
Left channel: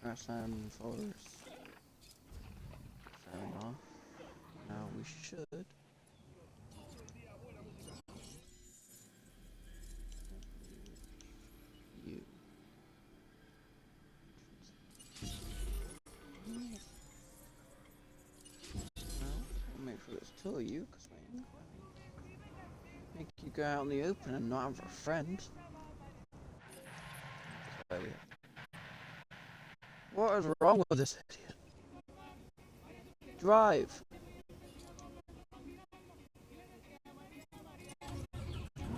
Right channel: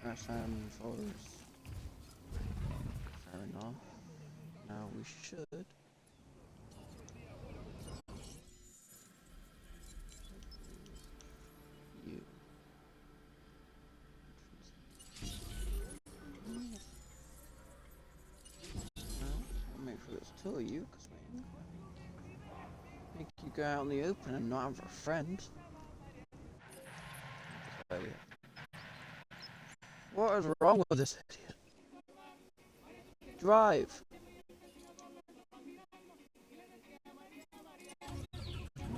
Grassland forest. Fair enough. Now we should. You. Well, I'll make sure there's two of you, because we make you go out in the open and not have a friend. What is wrong with this idiot? Drive!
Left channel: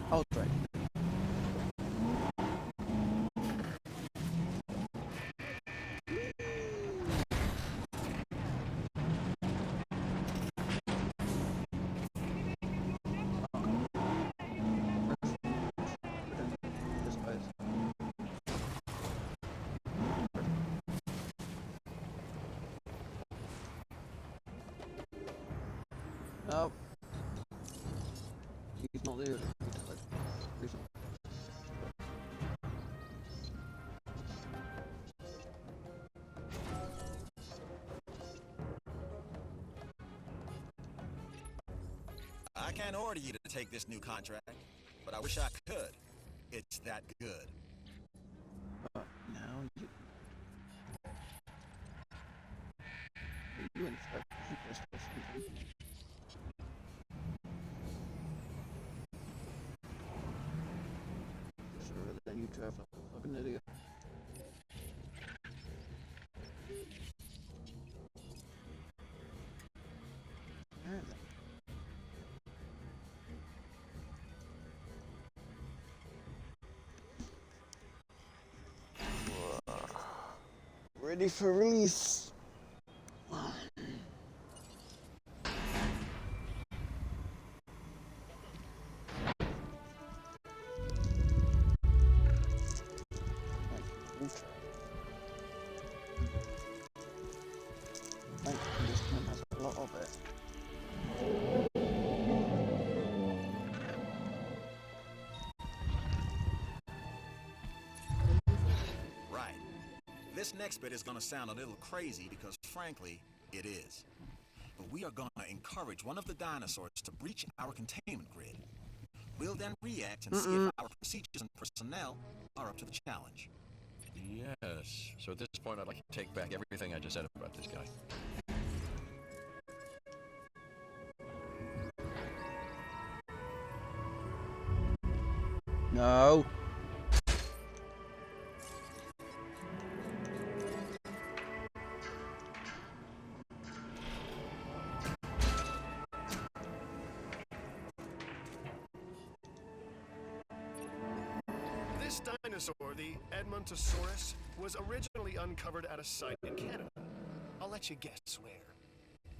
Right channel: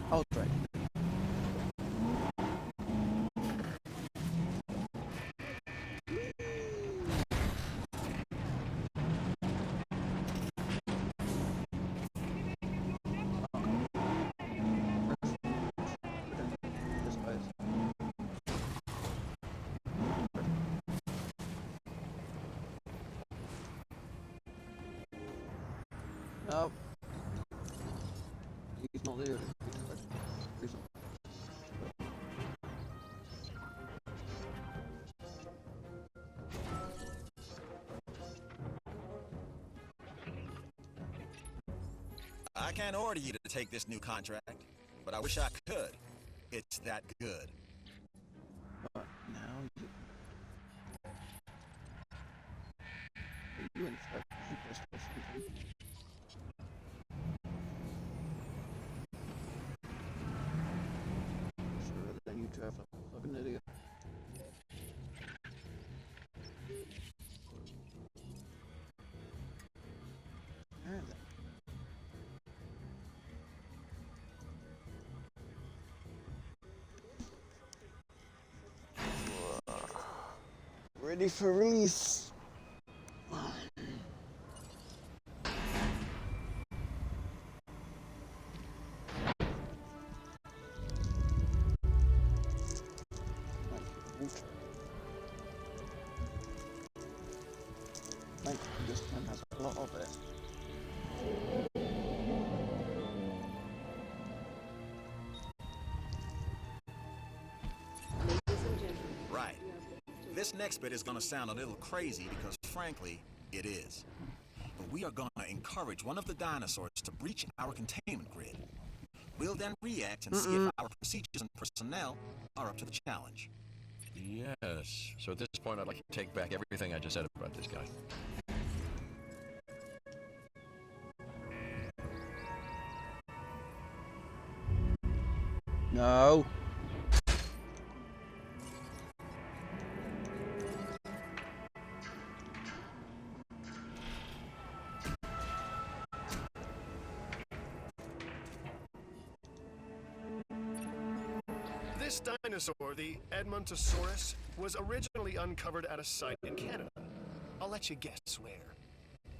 I'll drive. he's not there. Reason. I can't order you to take this new contract, but I wish I could. It's that good. But now you in fact keep this or something. Sure, then you drive like a fucking idiot. Alright then. Ready for release. This one has a lot of it. Right. This next bit is gonna sound a little crazy because, frankly, it is. But we are gonna encourage one of the dinosaurs to breach our containment grid. We'll then react and see if our procedures and personnel are up to the challenge. Yes. So at this point, I'd like to take back everything I just said about this guy. No. This dinosaur, the Edmontosaurus, was originally uncovered at a site in Canada. I'll let you guess where.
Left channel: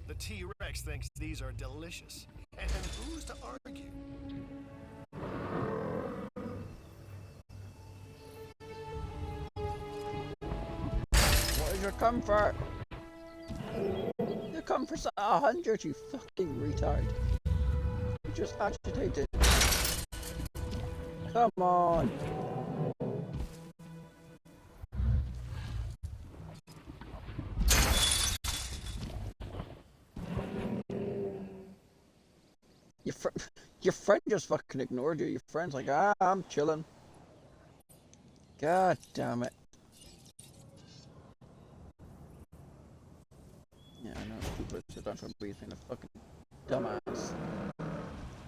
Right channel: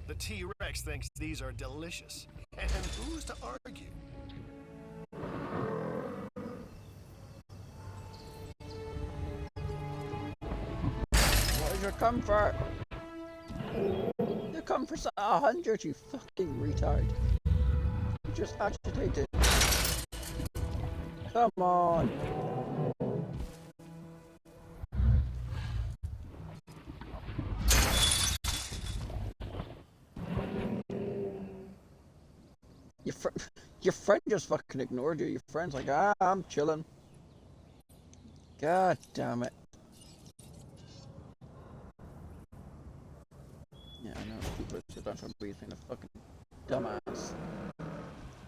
The T-Rex thinks these are delicious. And who's to argue? What is your comfort? Your comfort's at 100, you fucking retard. You just agitated. Come on. Your friend just fucking ignored you. Your friend's like, I'm chilling. God damn it. Yeah, I know. People sit down for being a fucking dumbass.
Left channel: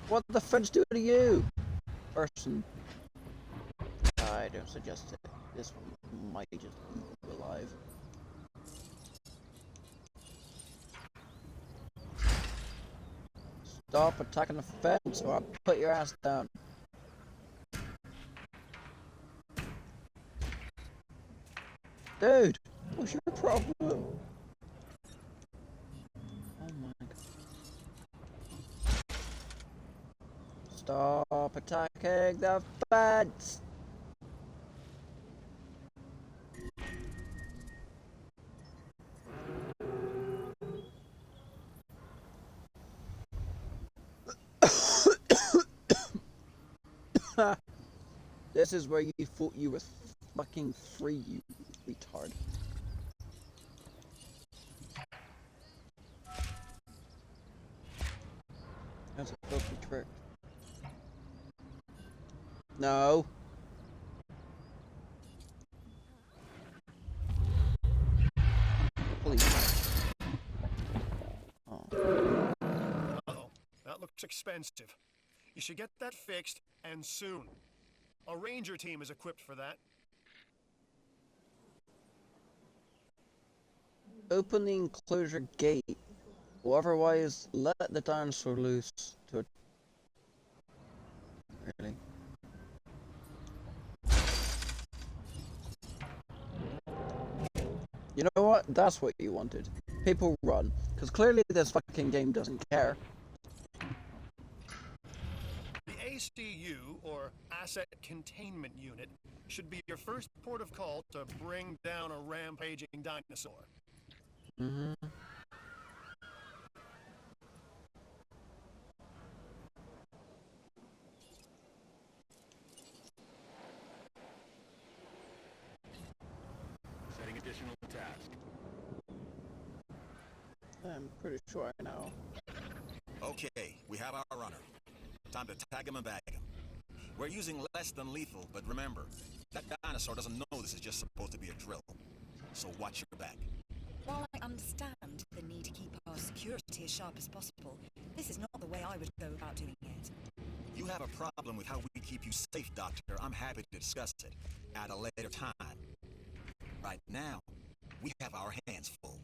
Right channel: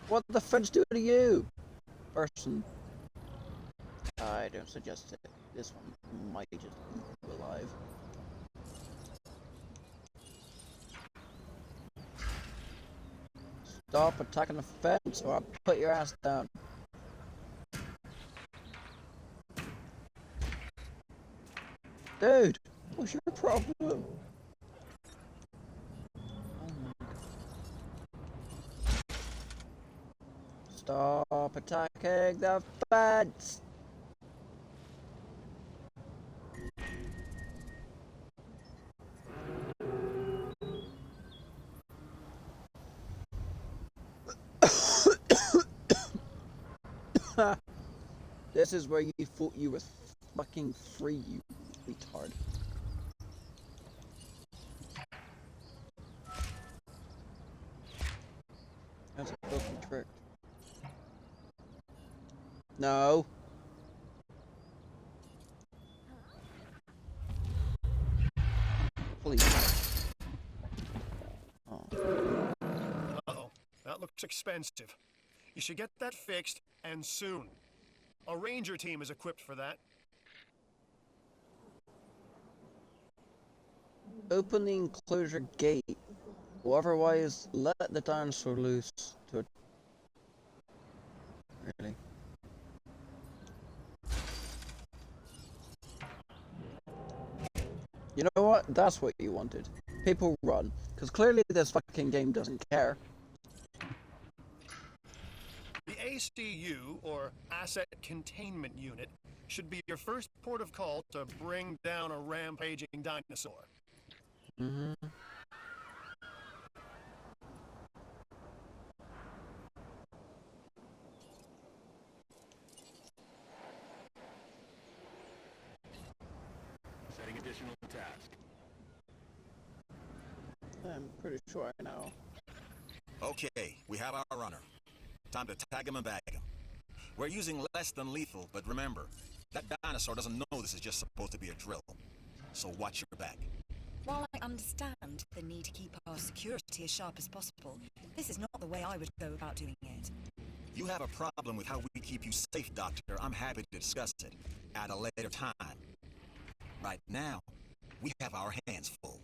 What the friends do to you, person? I don't suggest it. This one might just be alive. Stop attacking the fence or I'll put your ass down. Dude, what's your problem? Oh my god. Stop attacking the fence! This is where you thought you were fucking free, you retard. That's a fucking trick. No. Please. Oh. Uh-oh, that looks expensive. You should get that fixed, and soon. A ranger team is equipped for that. Open the enclosure gate, or otherwise let the dinosaur loose to it. Really? You know what? That's what you wanted. People run. Because clearly this fucking game doesn't care. The ACU, or Asset Containment Unit, should be your first port of call to bring down a rampaging dinosaur. Mm-hmm. additional task. I'm pretty sure I know. Okay, we have our runner. Time to tag him and bag him. We're using less than lethal, but remember, that dinosaur doesn't know this is just supposed to be a drill. So watch your back. While I understand the need to keep our security as sharp as possible, this is not the way I would go about doing it. You have a problem with how we keep you safe, Doctor. I'm happy to discuss it at a later time. Right now, we have our hands full.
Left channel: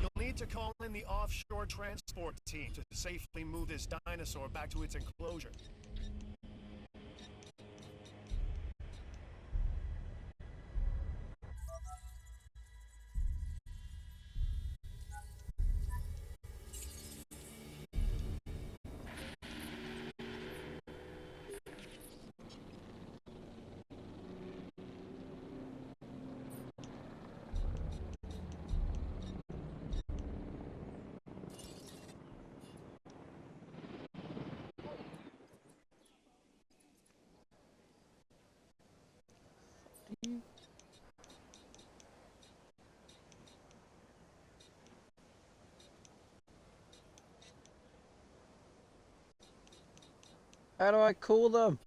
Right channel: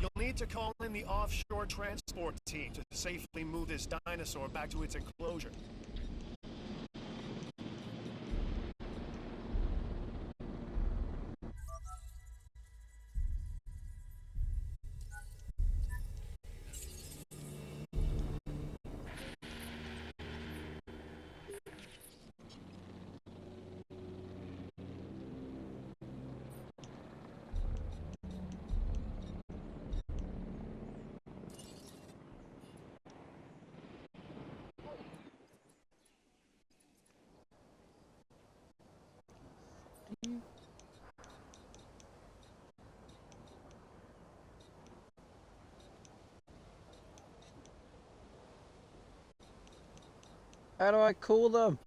You'll need to call in the offshore transport team to safely move this dinosaur back to its enclosure. How do I cool them?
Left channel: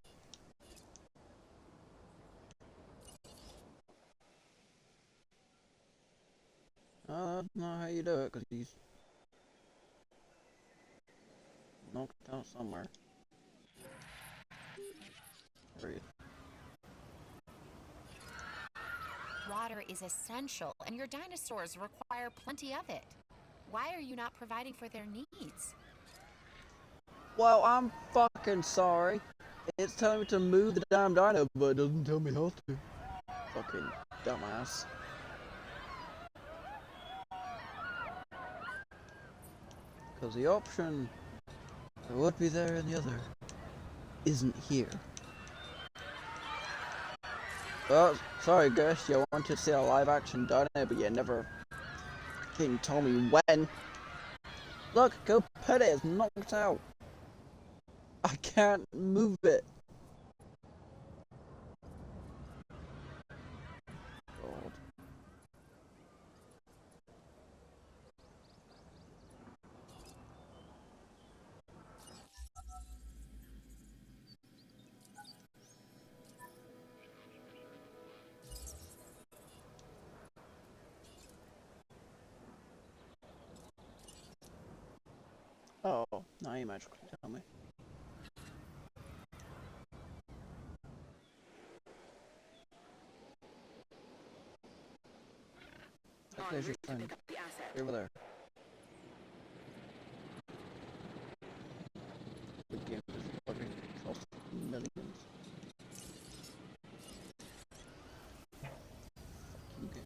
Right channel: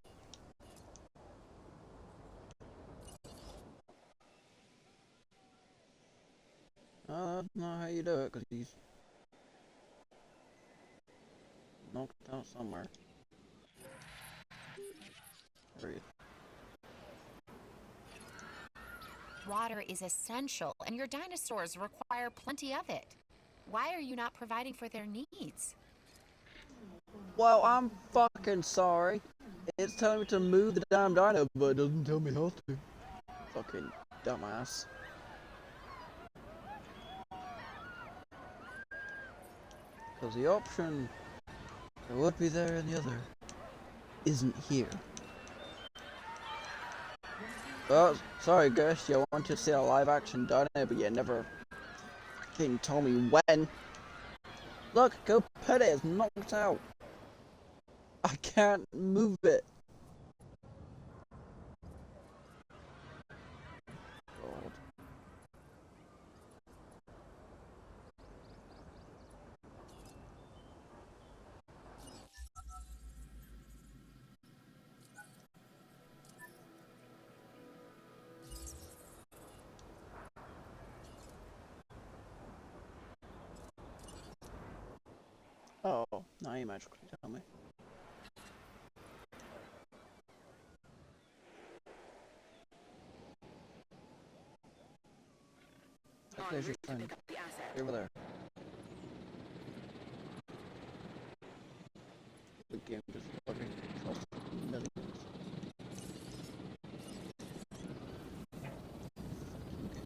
Oh, that's not how you do it, because he's knocked out somewhere. There he is. Water is essential, and your dinosaurs require plenty of it. Why are you not providing for their needs? Well, I'm fucking sorry. It's telling me to move the damn dino, but it doesn't tell me how to. Fucking dumbass. Because the option that would be there in the other isn't here. Oh, sorry guys, you wanted to see a live action dino, but you never fucking told me when. Look, go pet it, it's knocked out. I can't move it. God. Oh, now you magically tell me. There's your friend. Over there. The game is fucking cost millions. Okay.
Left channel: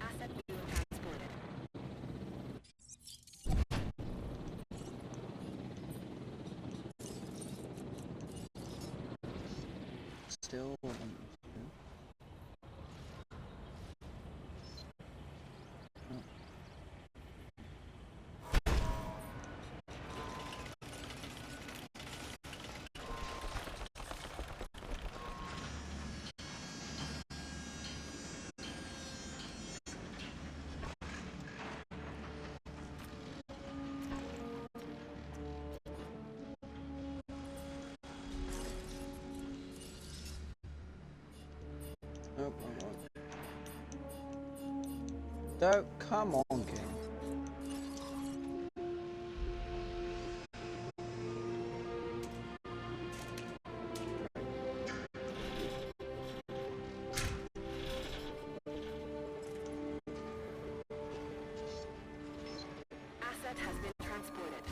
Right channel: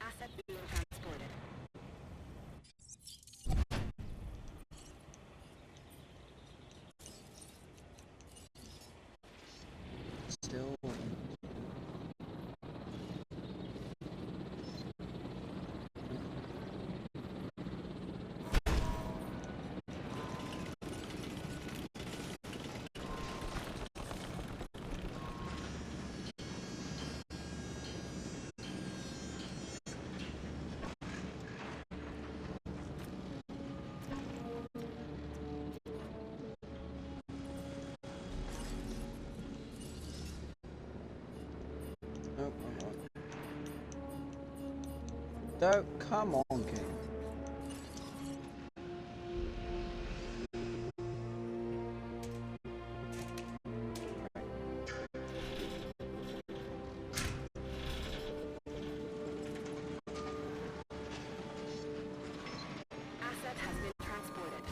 Asset being transported. Still. Oh, don't come on, game. Asset has been transported.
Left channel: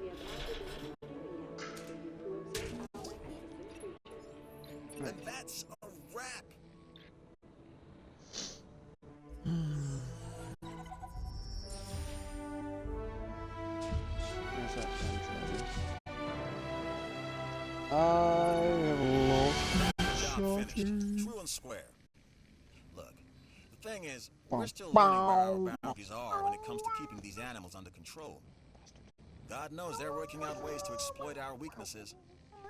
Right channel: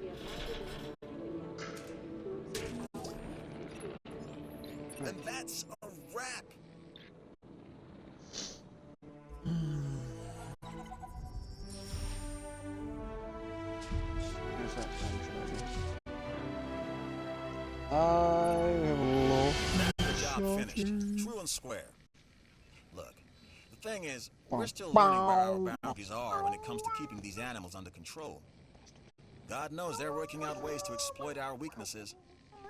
We have added a new viewing area for you to observe our magnificent creatures. And that's a wrap. Where's that time travel? I have lost Job finished. True and square. Look, the thing is, we're still learning where our boundaries are when it comes to keeping these animals under control. God knows they're working out ways to exploit our weaknesses.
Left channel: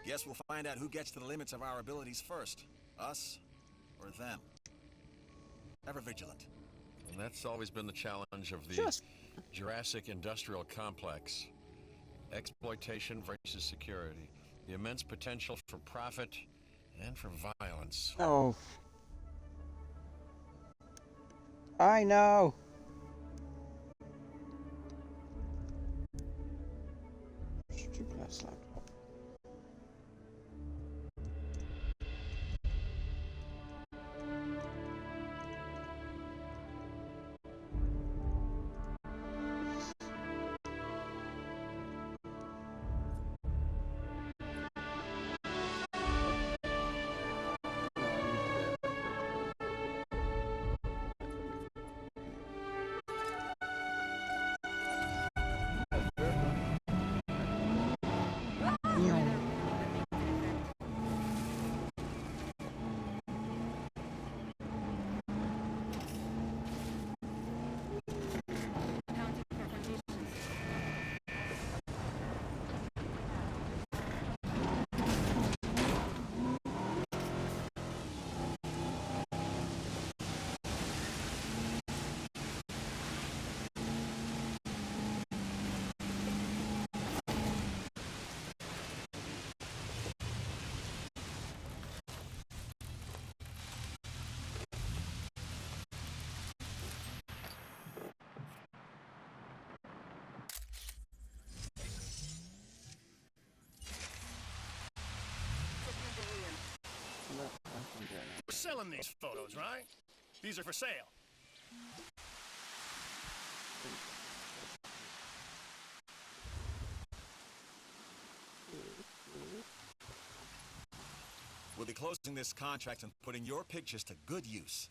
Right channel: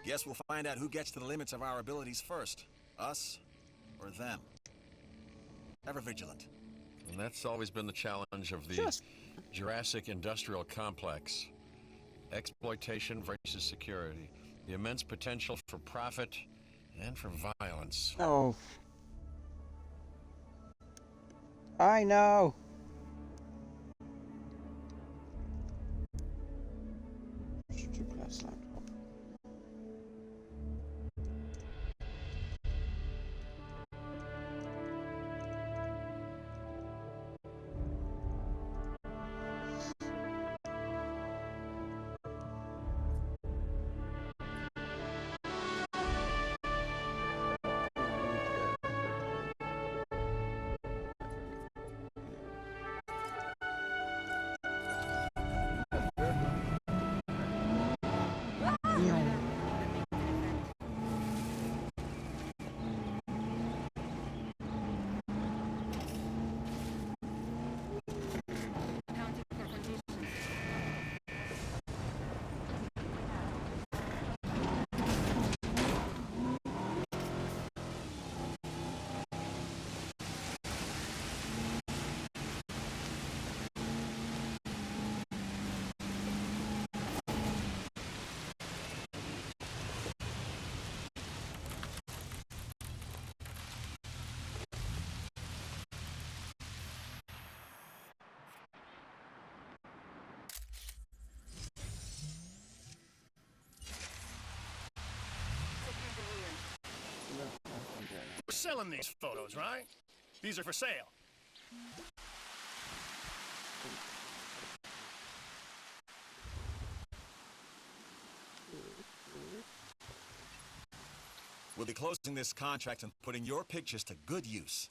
Guess we'll find out who gets to the limits of our abilities first. Us or them. Ever vigilant. And that's always been the challenge of the Jurassic Industrial Complex. Exploitation versus security. The immense potential for profit and for violence. Oh. I know. Stupid ass laptop. We're selling these photos, right? These are for sale. We'll be closing this contract and putting your pictures to good use.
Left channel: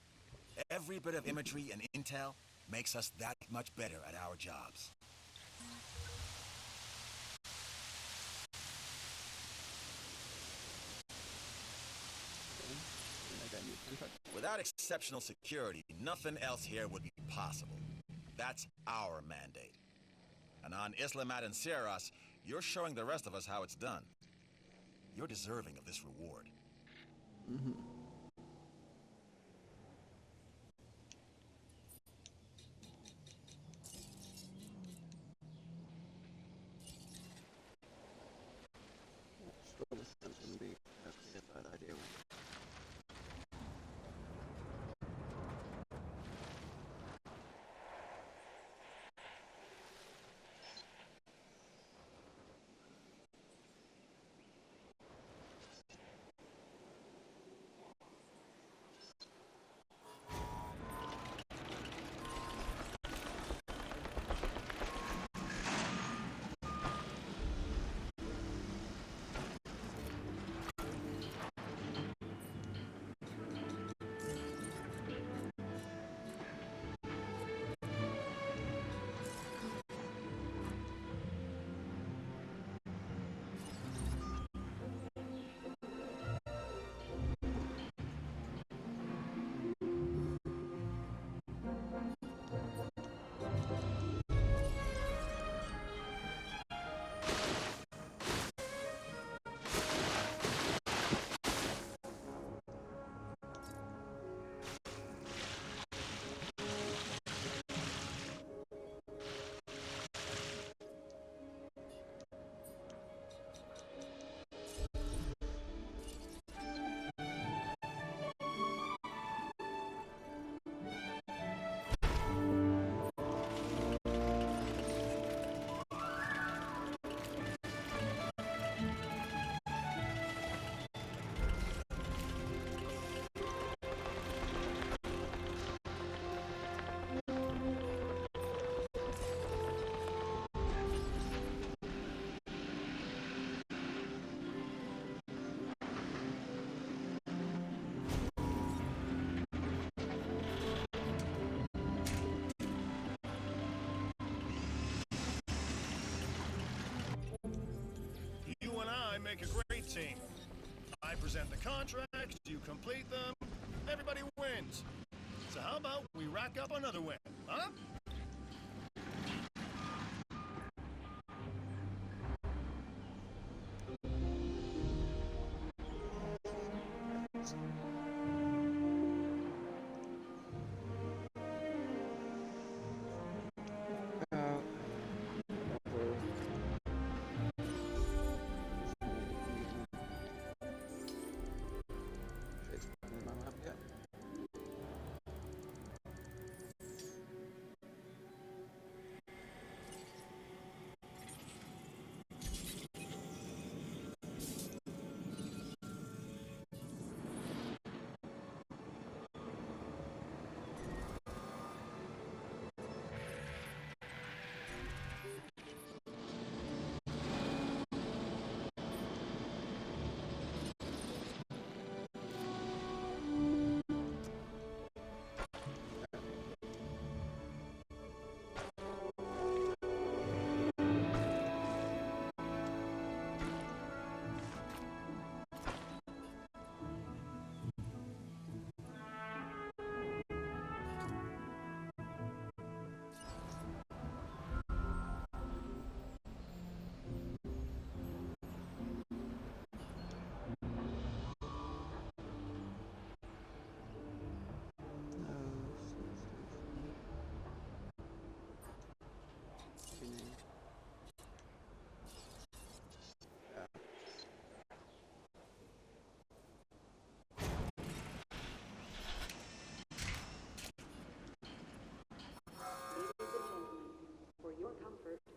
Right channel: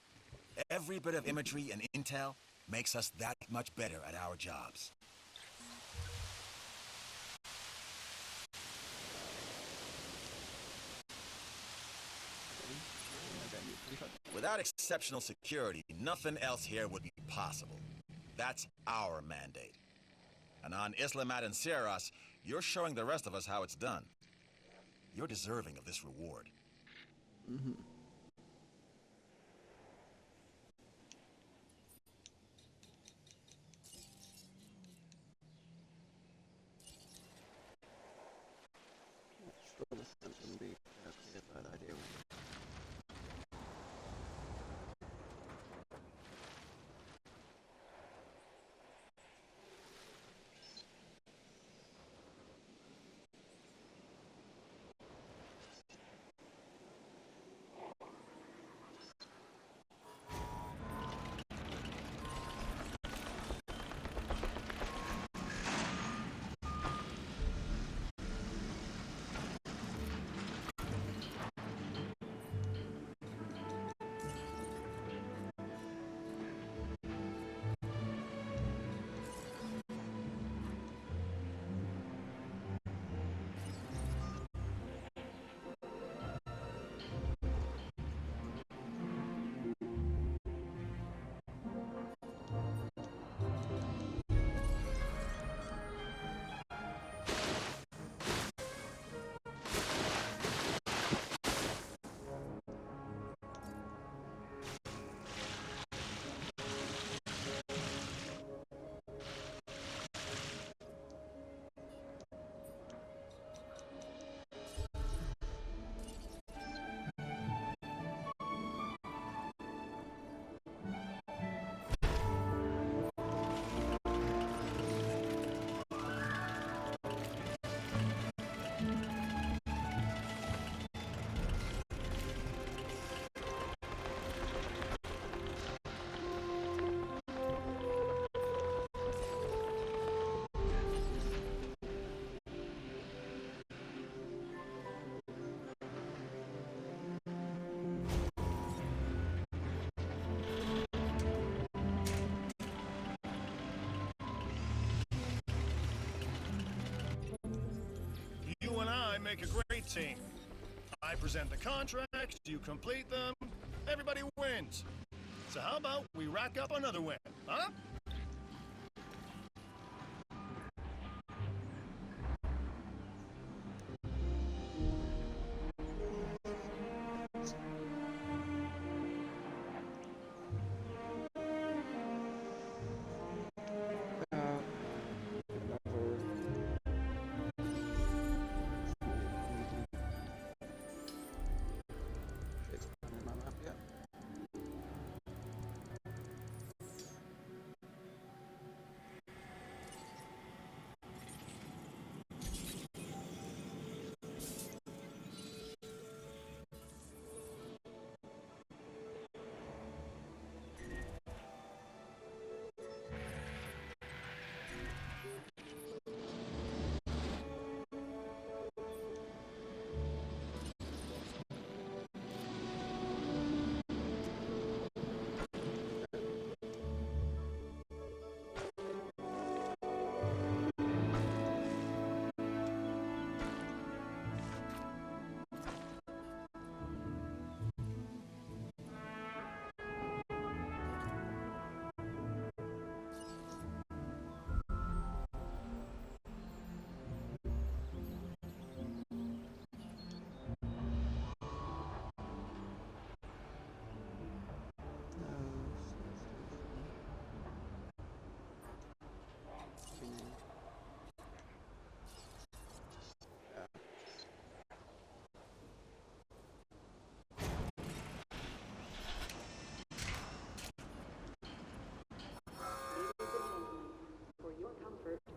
Every bit of imagery and intel makes us that much better at our jobs. Without exceptional security, nothing else here would be possible. That's our mandate. And on Isla Madancieras, you're showing the rest of us how it's done. You're deserving of this reward. Mm-hmm. Still, this wouldn't be a bad idea. make a great team. I present the contracts, you complete them, everybody wins. So how about we rack up another win, huh?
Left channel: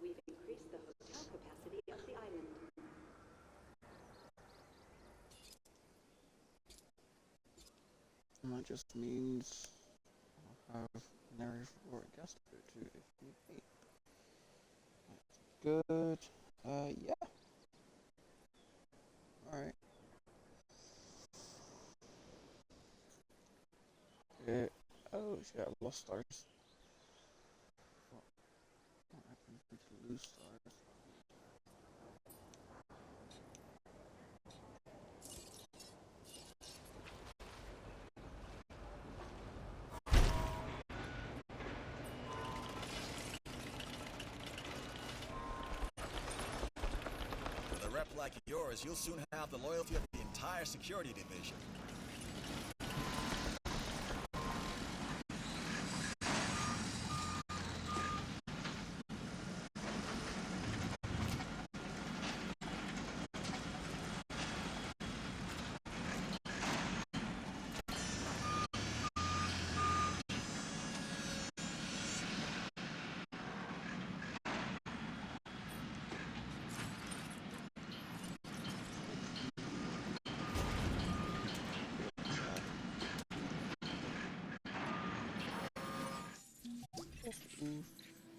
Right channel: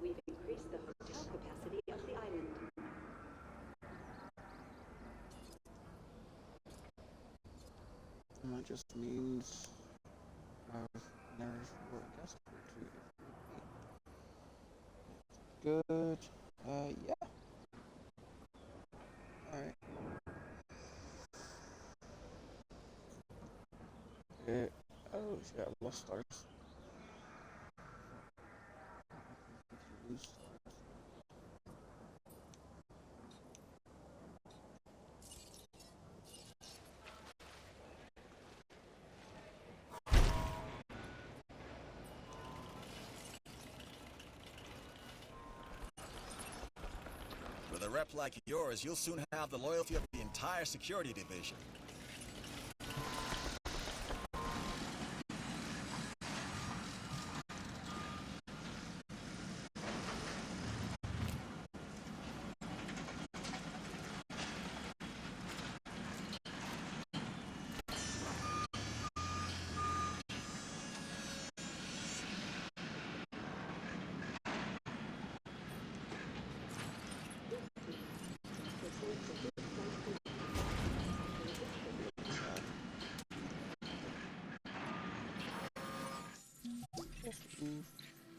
We've increased the hotel capacity of the island. And that just means I have nerve for a guest or two if need be. Good. Yeah. Alright. Okay. Oh shit, I've lost stars. What happens if you lose stars? With a rep like yours, you'll soon have the loyalty of the entire security division.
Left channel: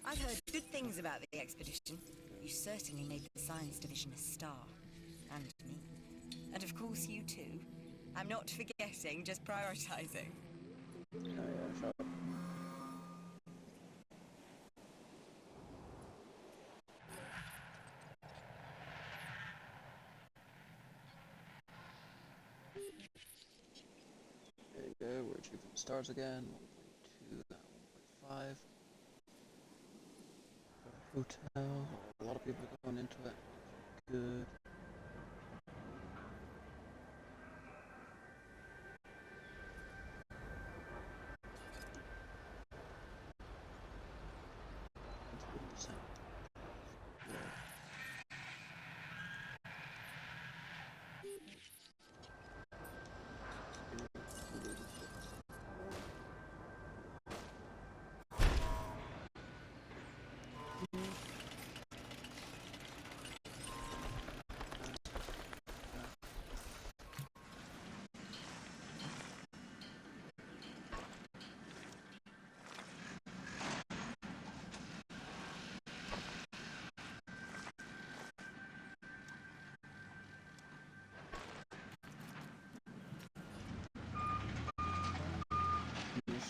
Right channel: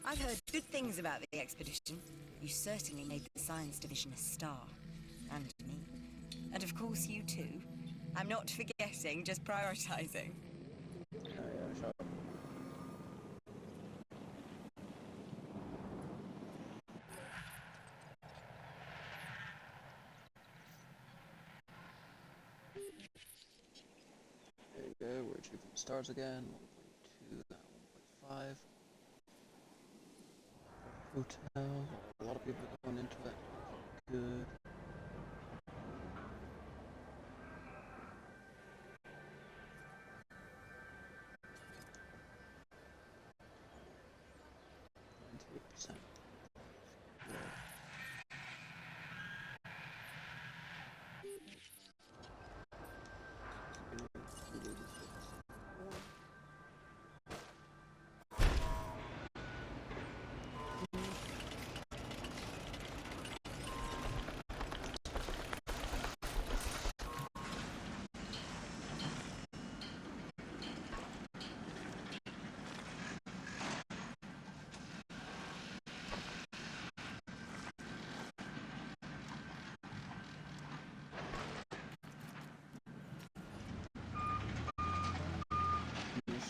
I've heard good things about the expedition. You certainly made the science division a star. And me. And of course you too. I'm not forgetting, just prioritizing. Yeah, shut up. There you go, we're achieving stars again. 1.2, 1.5. Hotel. A lot of people are going into it. Good.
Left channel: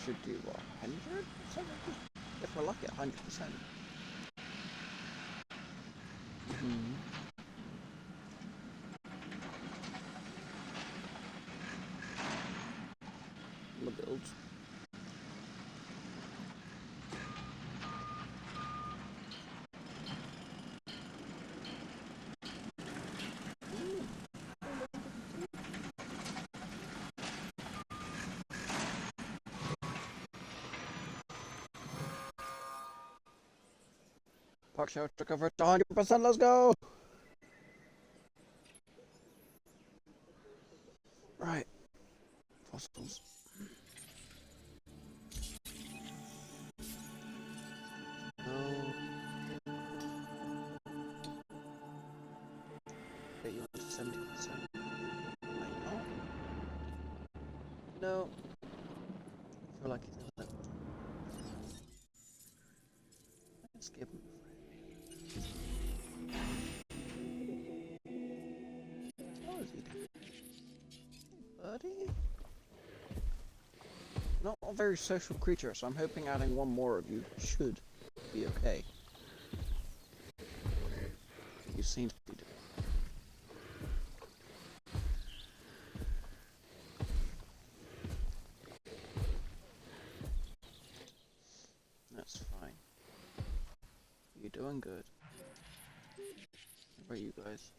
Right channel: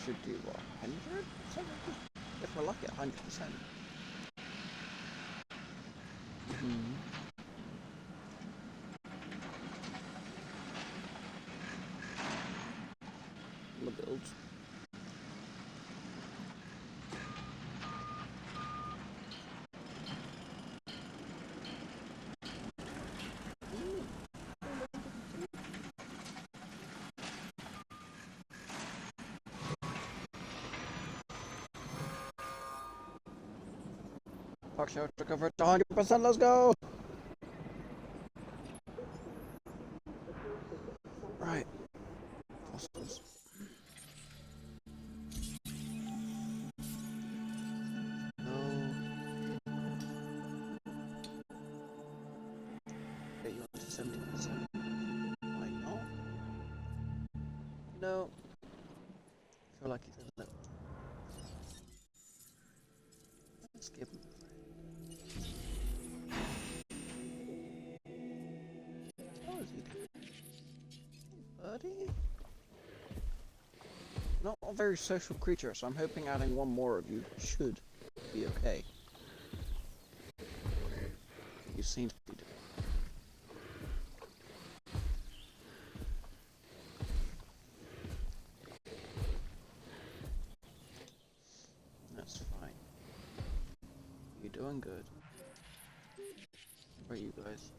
Should do what, 100%? If we're lucky, 100%. on the builds. Park shelter covered 100%, let's go! Right. Fossils. No. Okay, you want to 70%. Why not? No. I feel like he's gonna let. Let's give him a How is he doing? Buddy? Not a very social creature, so I'm hoping adding one more of you should be okay. You seem to be doing. That's fine. You're doing good. What about you guys?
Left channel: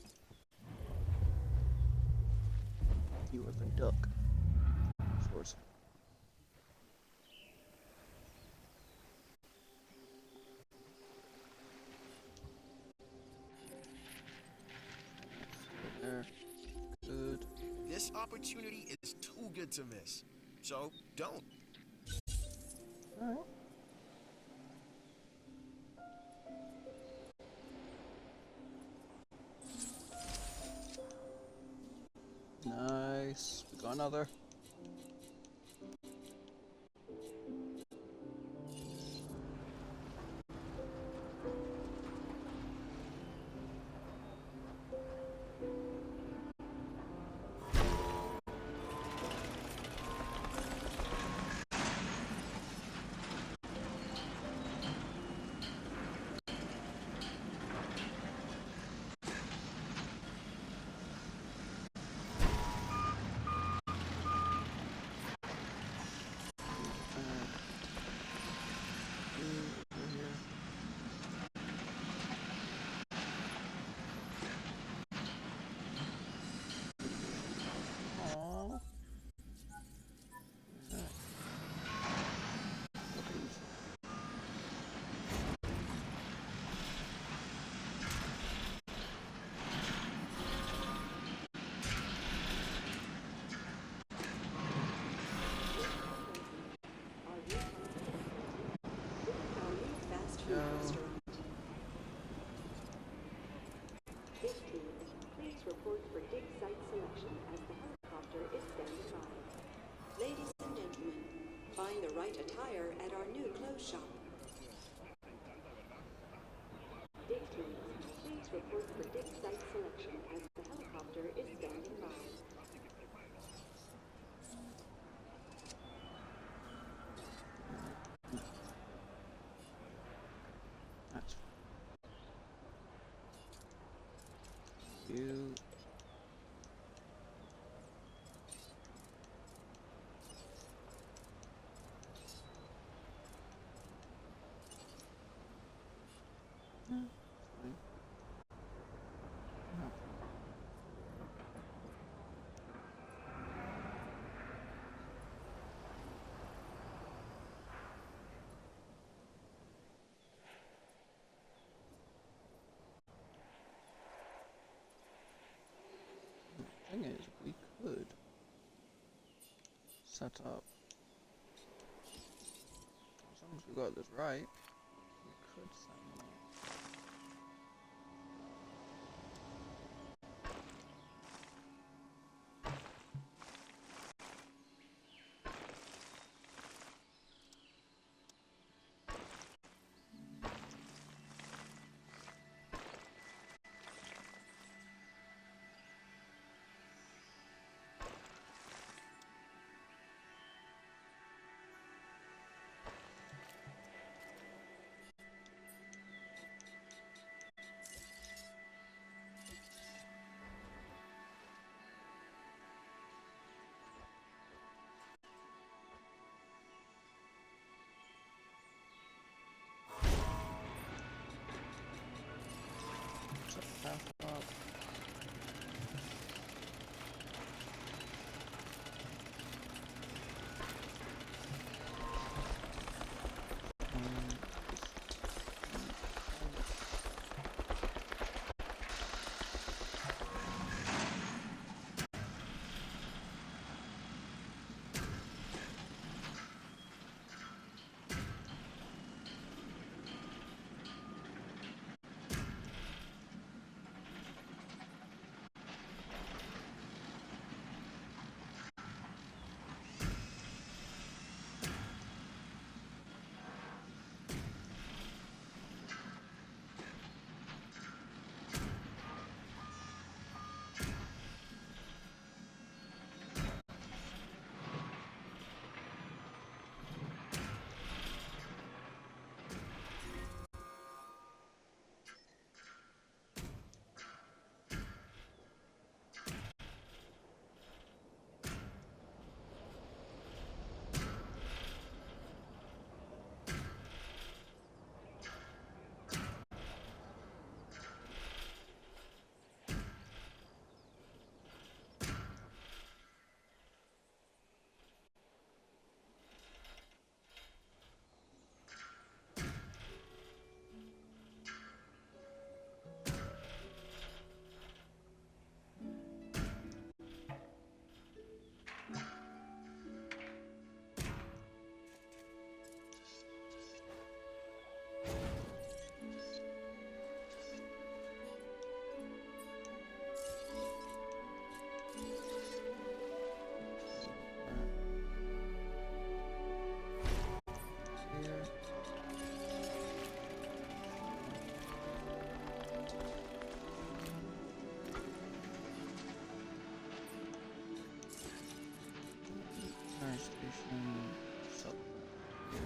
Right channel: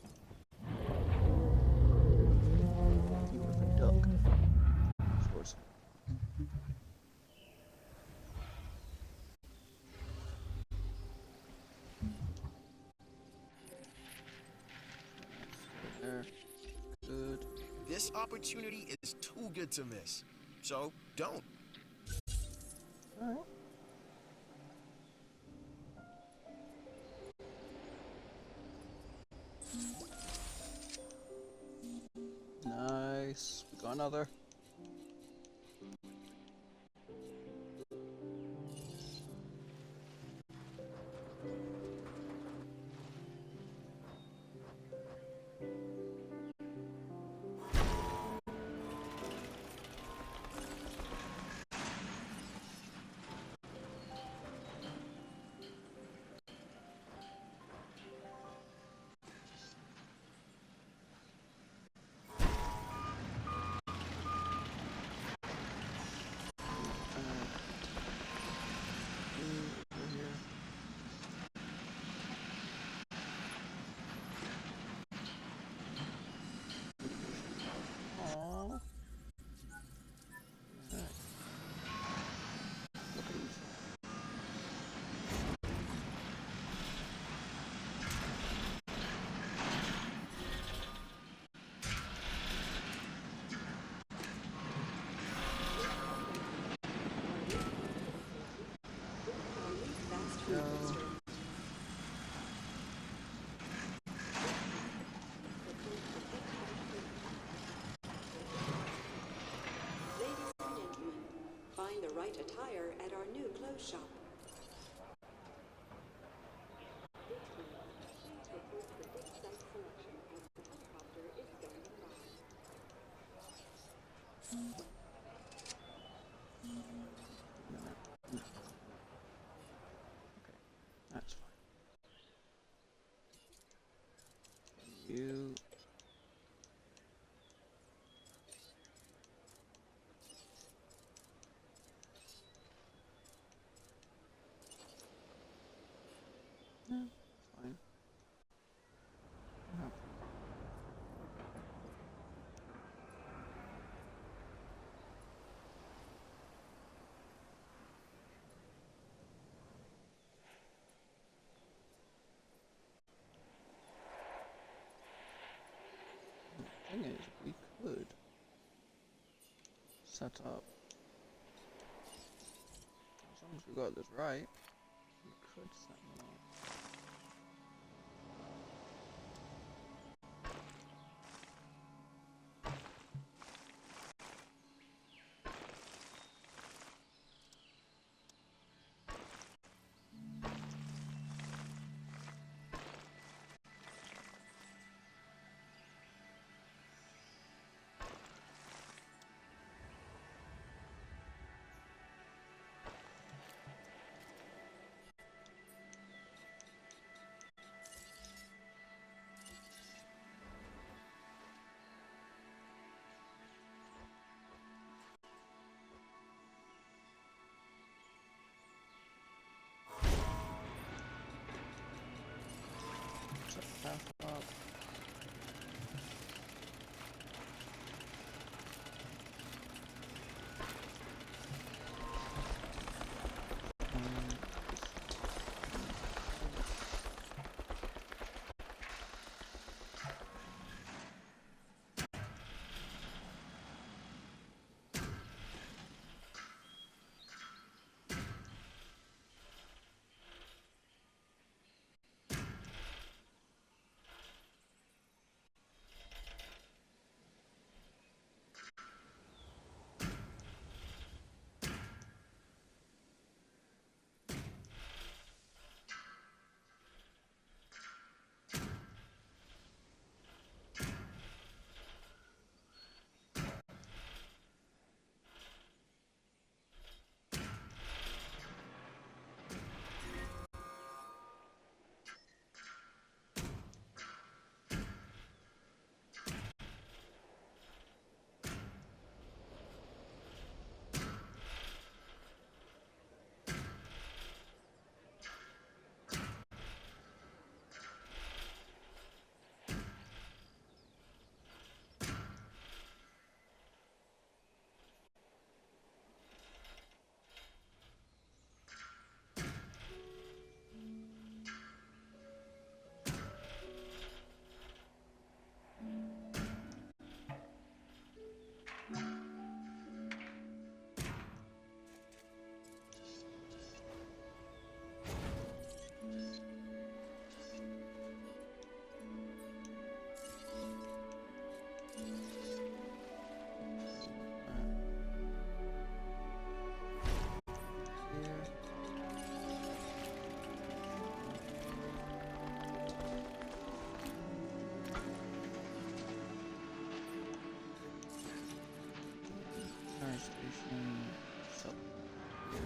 You have a duck. Source. There. Good. This opportunity is too good to miss. So, don't. Alright. Nice. We got another. Ladies and gentlemen, find the right attire at our new clothes shop. Please report for dig site selection as the helicopter is standing by. That's fine. You. No, fine. No. The thing is, we could set up, as long as we got this right, we could set them up. station. Sub here.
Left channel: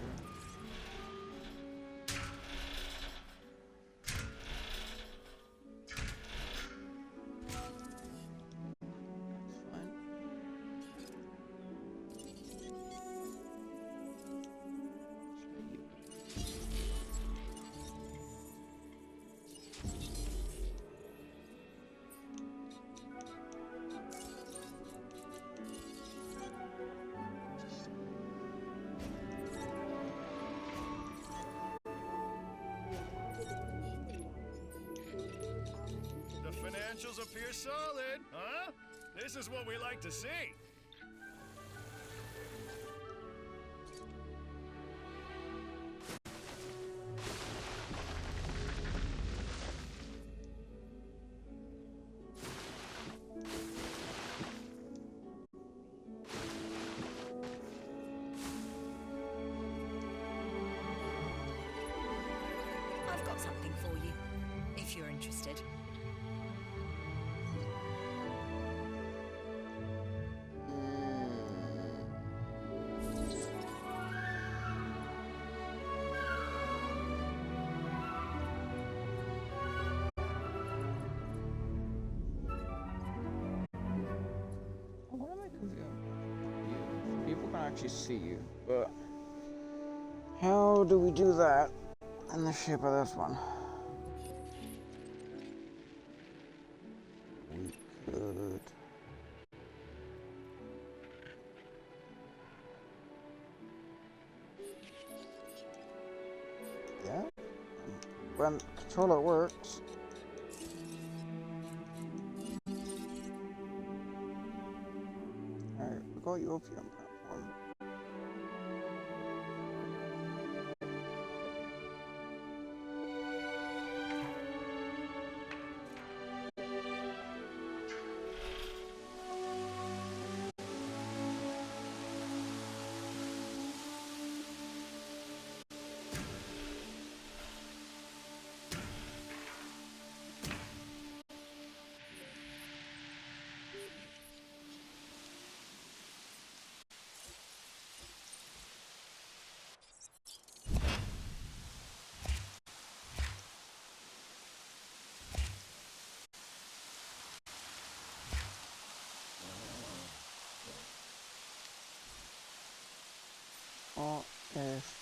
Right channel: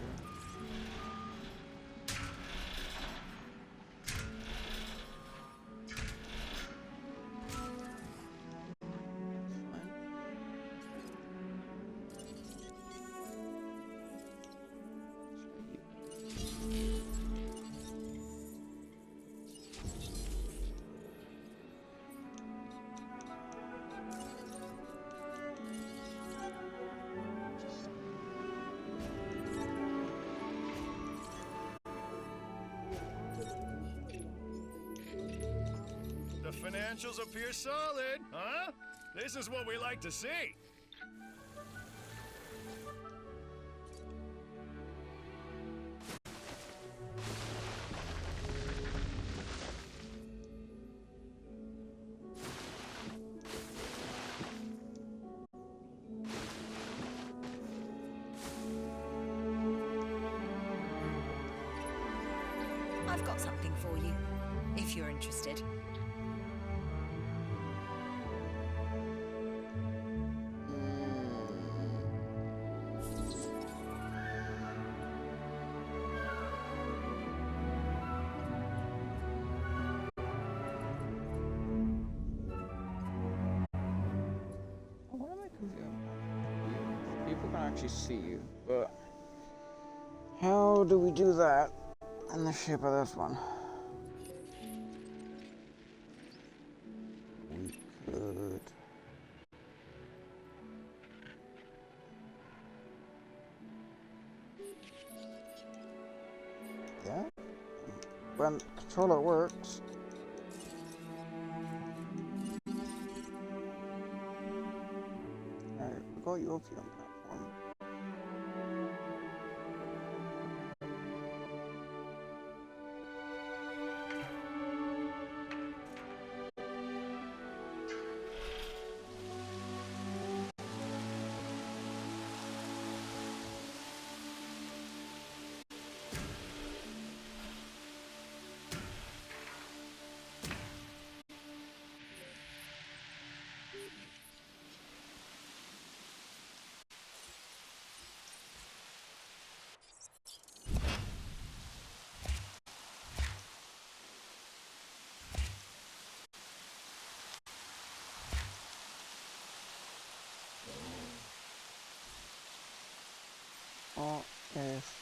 The financials appear solid, huh? This is what we like to see. I've got something for you, if you're interested. I want to make a video of you. People can actually see you, but how do we do that in the shape of this one? We could. Yeah. When controller works. Alright, we got you up here on platform. Or if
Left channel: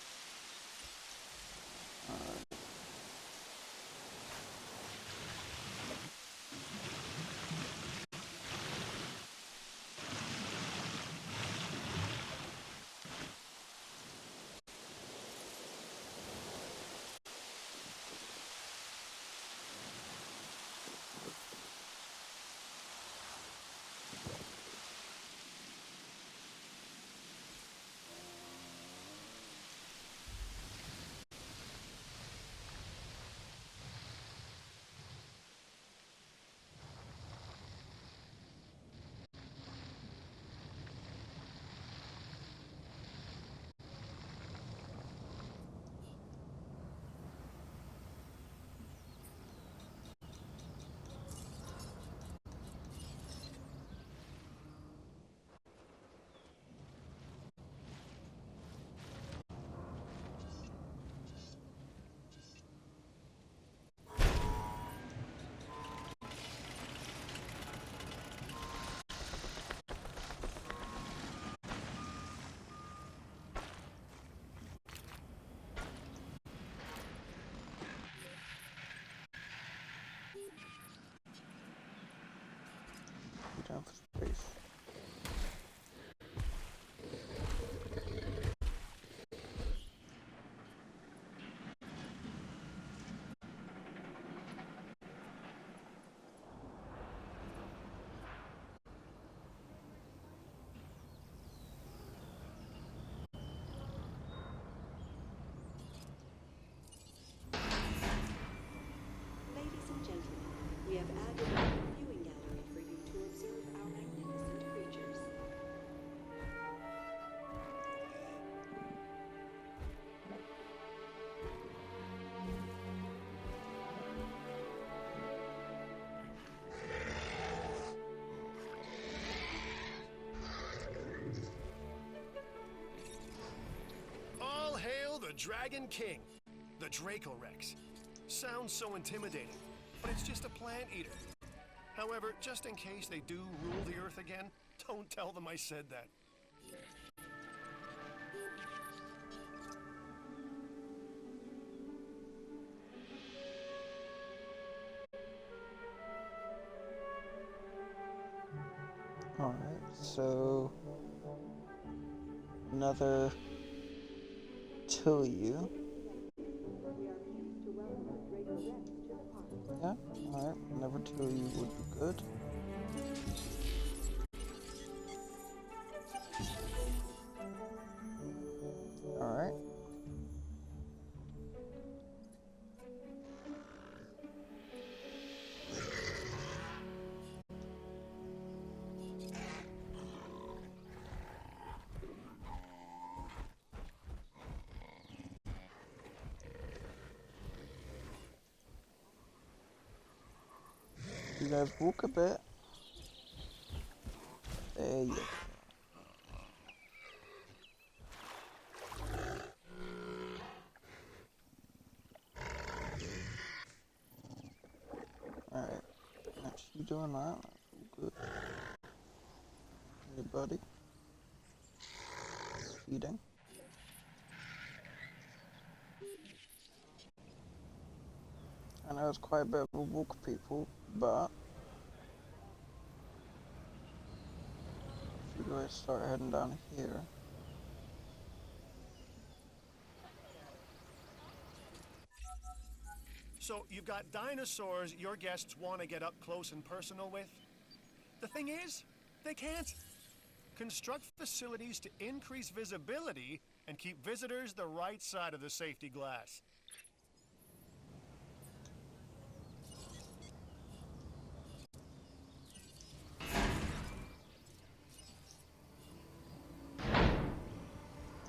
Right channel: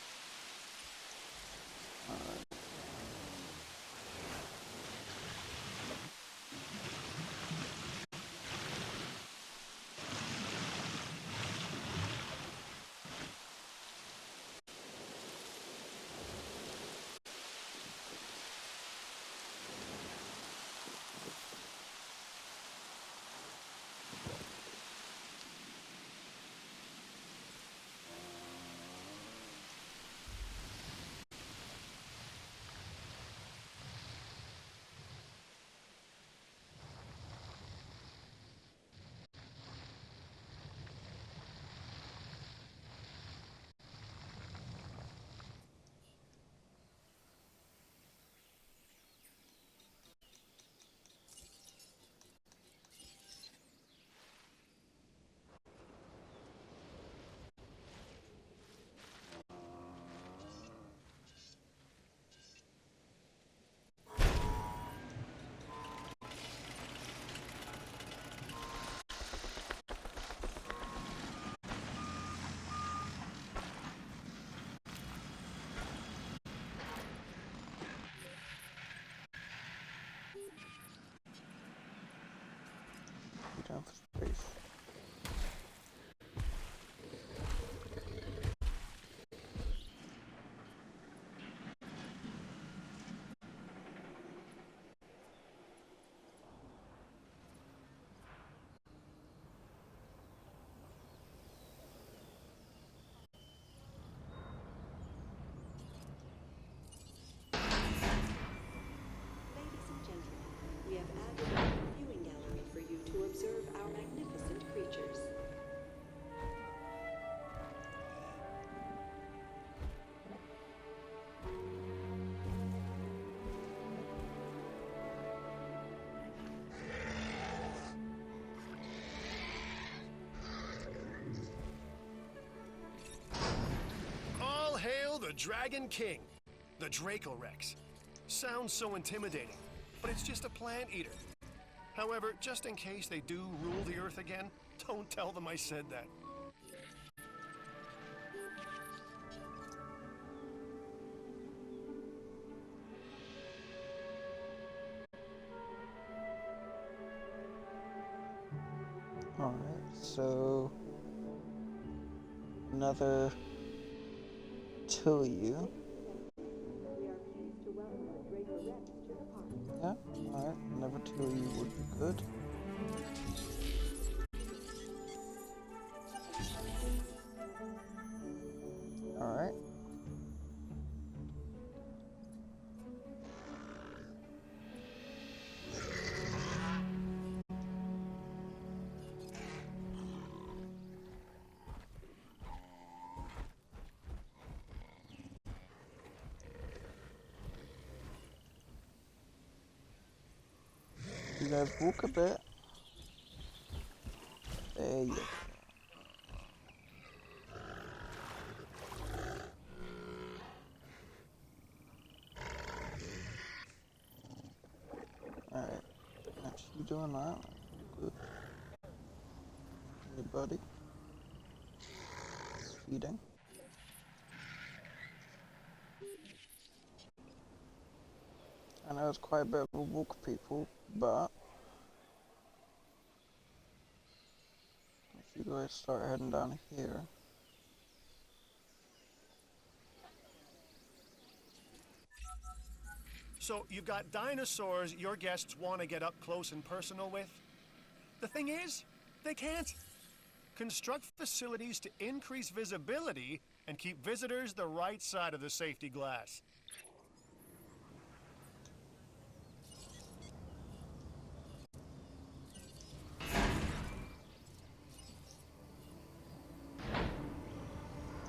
The Dragon King, the Dracorex. Sounds so intimidating, but it's just a plant eater. However, just in case they do rule the Earth again, don't tell them I said that. Alright, so another two of you. Yeah, alright, another two of you would be good. Alright. You guys walk a bit. There you go. Alright, that's you doing that. Good. Hey, buddy. Feeding. I know it's quite a bit of a walk, people, but if you guys start heading down here. So, you've got dinosaurs your guests want to get up close and personal with? The thing is, they can't. Construct facilities to increase visibility and keep visitors the right side of the safety glass.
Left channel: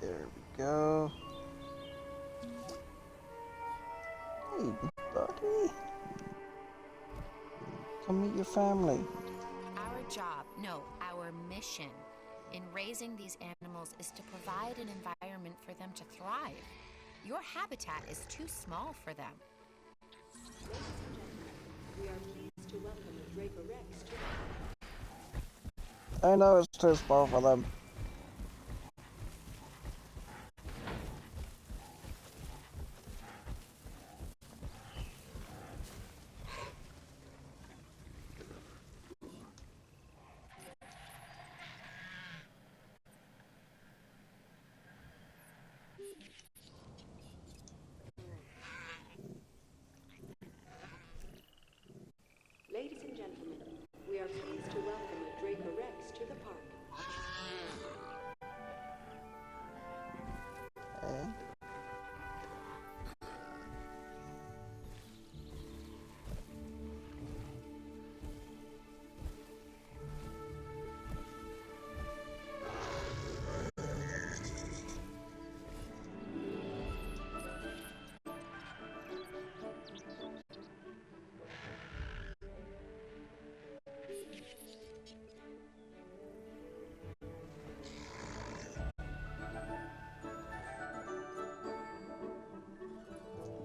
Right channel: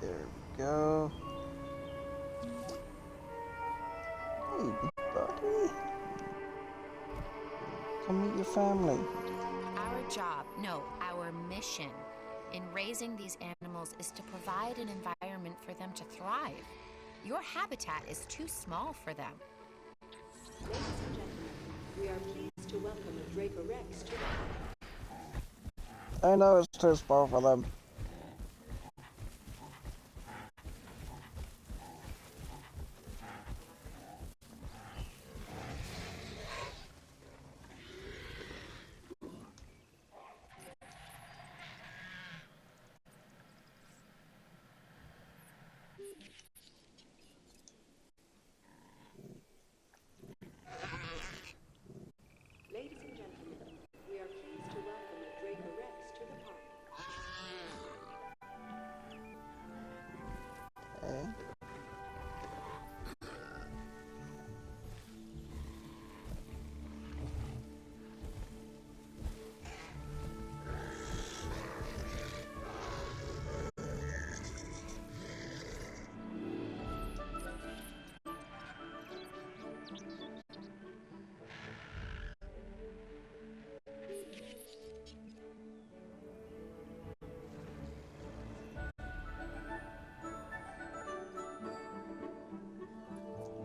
There we go. Hey, buddy. Come meet your family. Our job, no, our mission in raising these animals is to provide an environment for them to thrive. Your habitat is too small for them. Ladies and gentlemen, we are pleased to welcome a Dracorex to I know it's too small for them. Ladies and gentlemen, we are pleased to welcome a Dracorex to the park. Okay.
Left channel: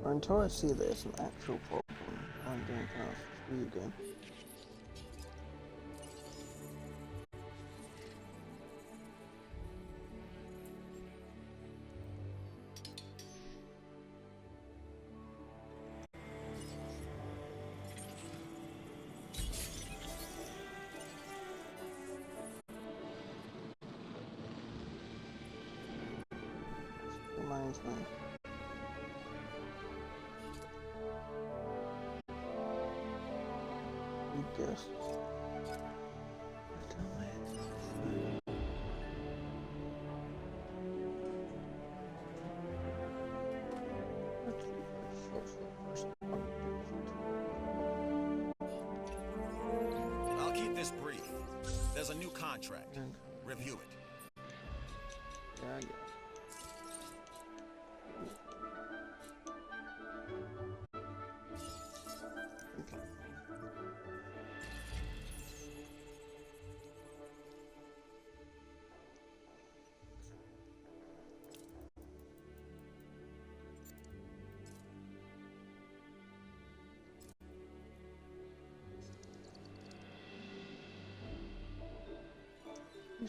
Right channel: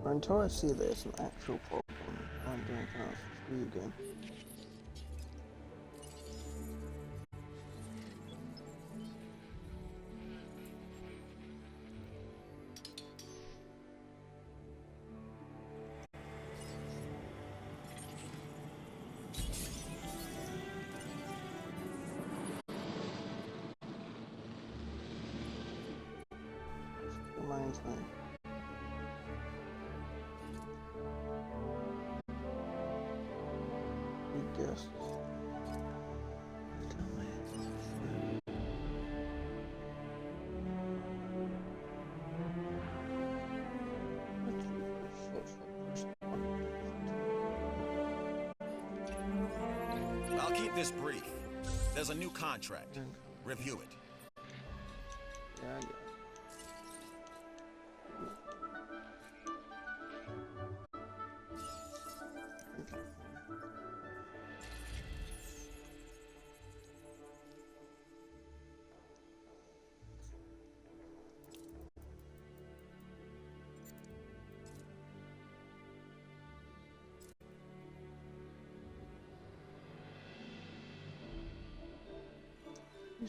Or until I see there's an actual problem, I'm doing kind of you again. Reminds me. Guess. I'll keep this brief. There's a new contract. Review it. Yeah.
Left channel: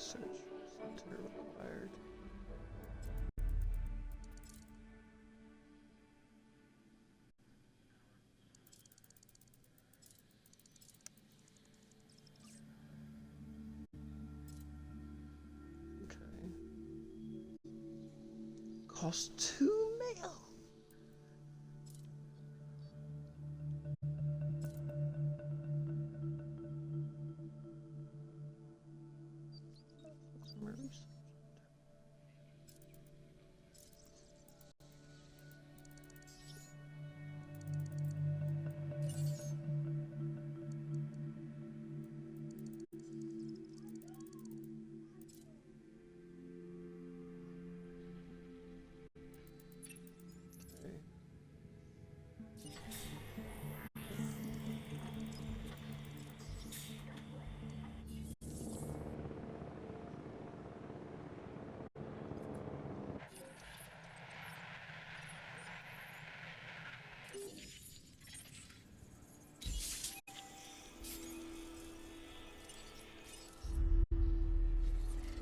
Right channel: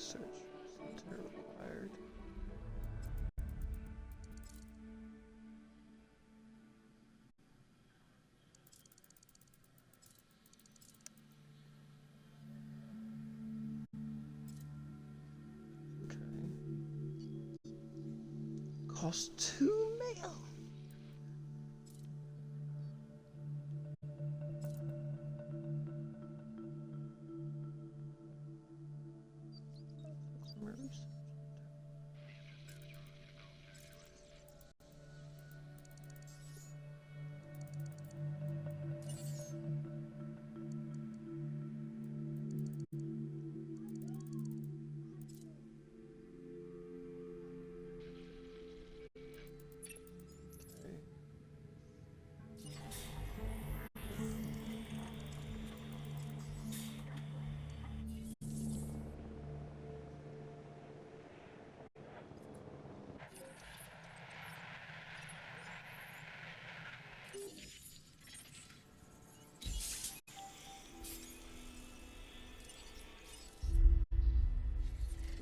Research center required. Okay. Cost 2 mil. Customer research. Okay.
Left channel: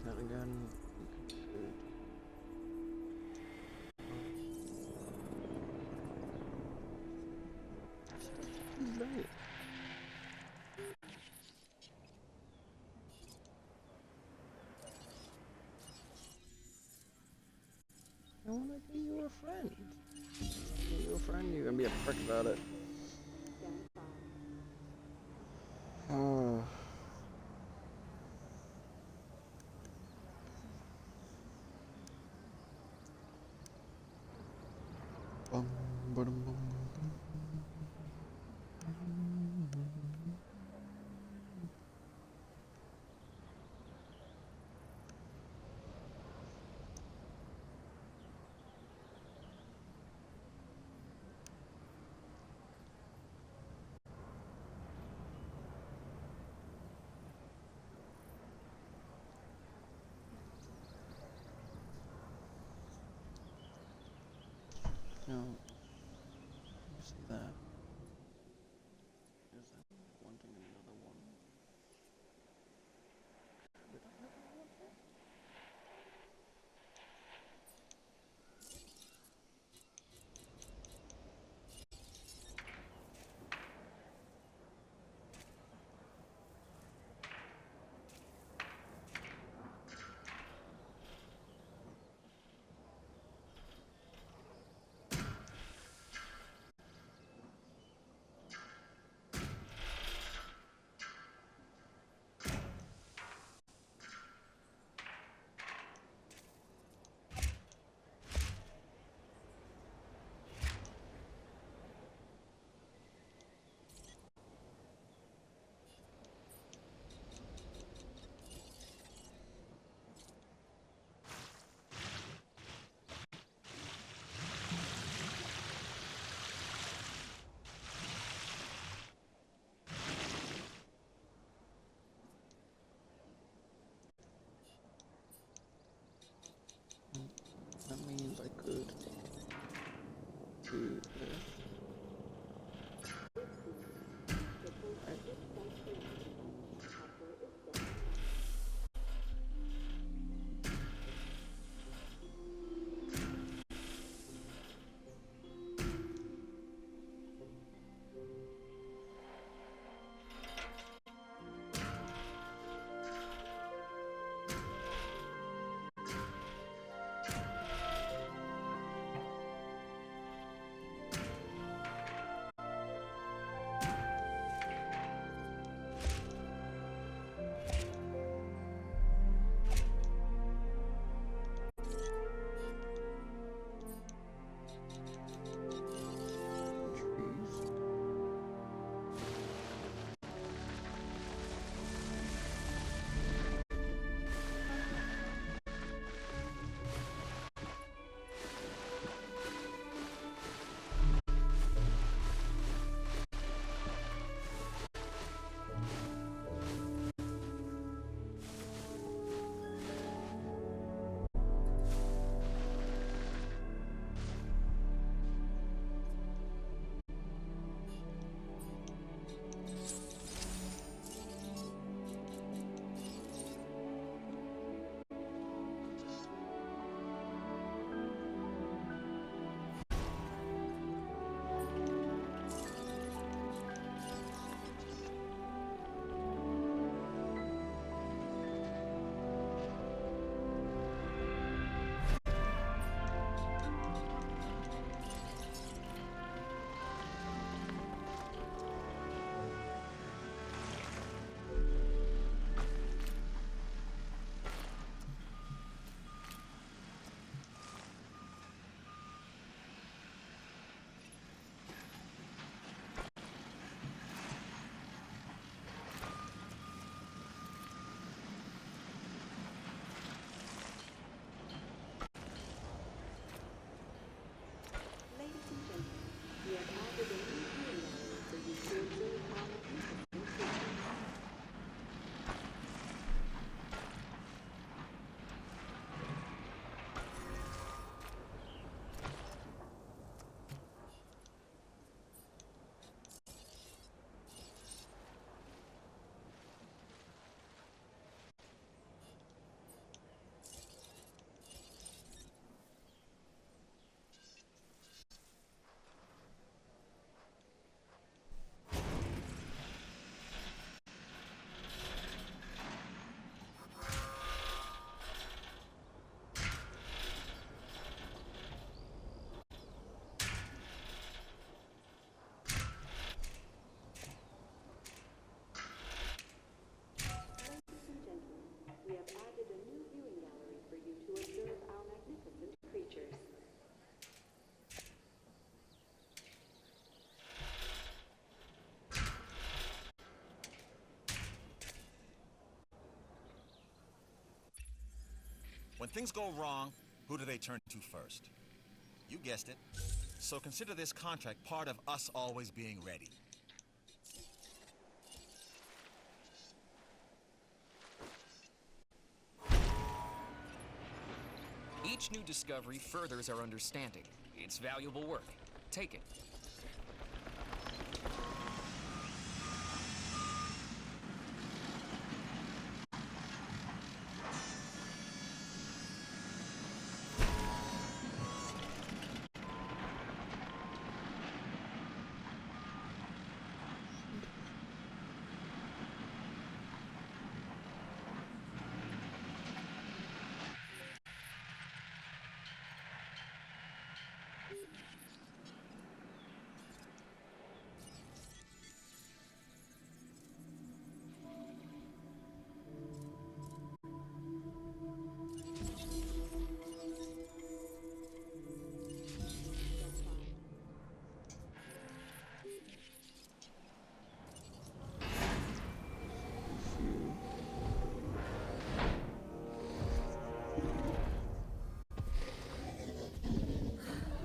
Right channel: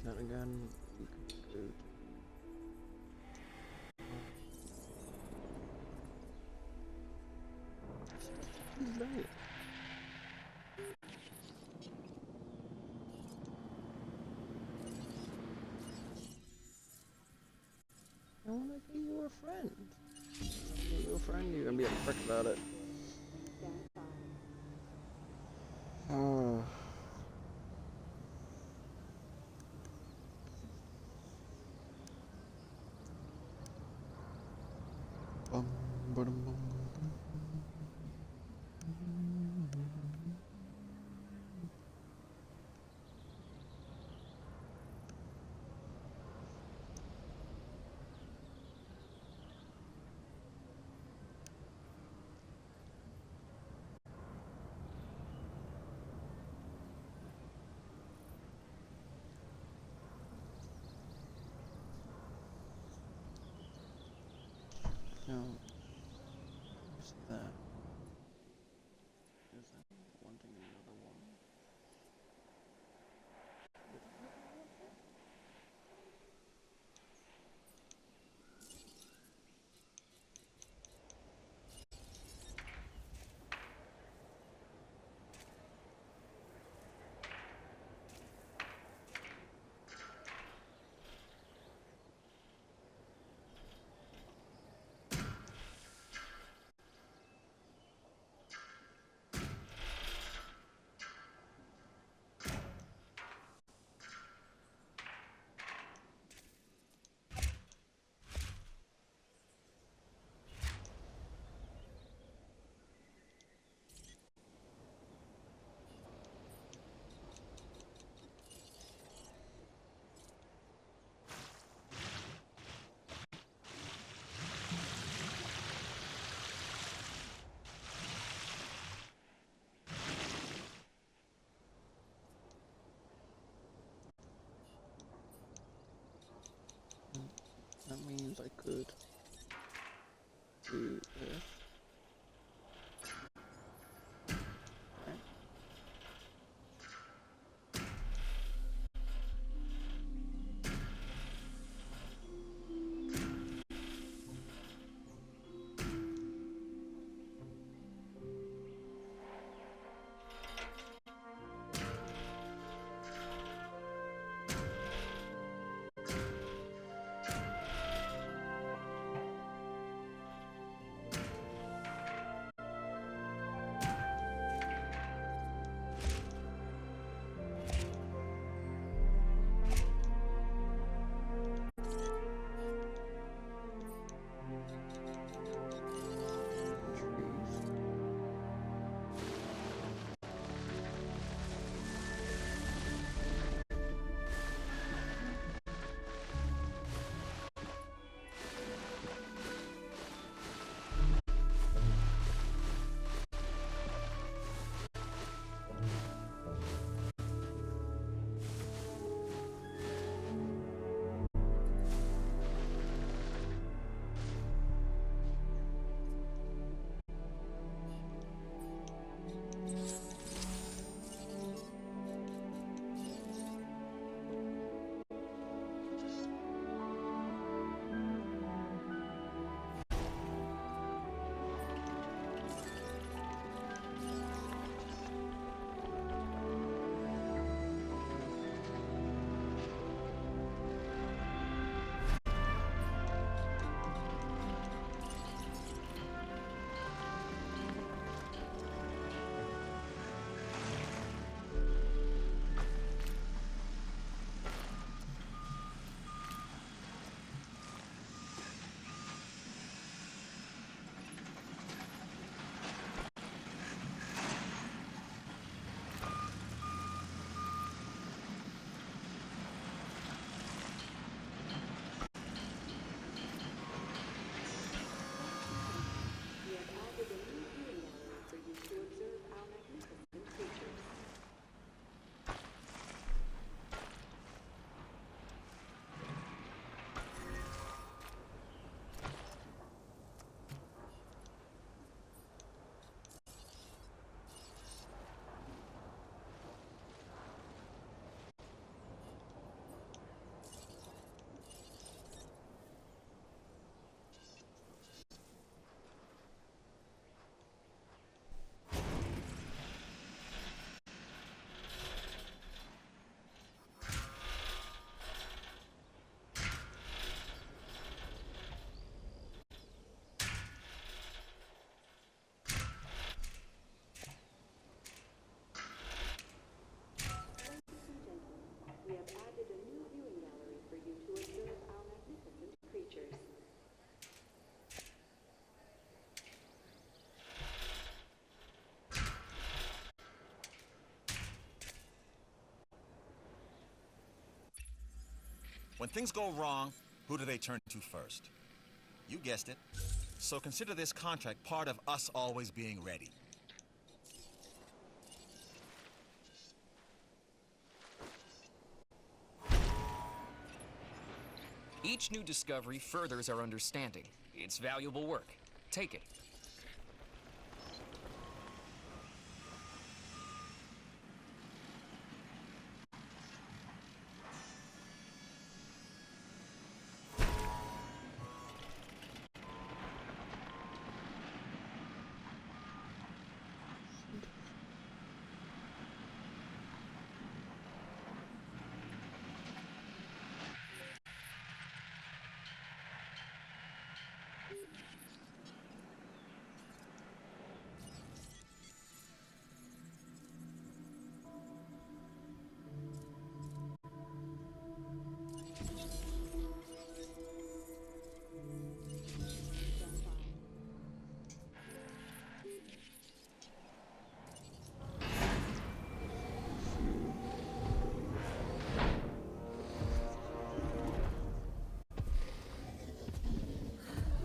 Then again, we can go to too late. I wanna be your friend. Be your friend, you're gonna be a prick about it. Bum, ba-dum, bum, bum. No. You see that? Is that wanting another one? Did I have another one? That means I could do this. Right. When things go wrong, who do they turn to first? You guessed it. So consider this contract part of us always being ready. Each new discovery furthers our understanding. It's valuable work. Take it.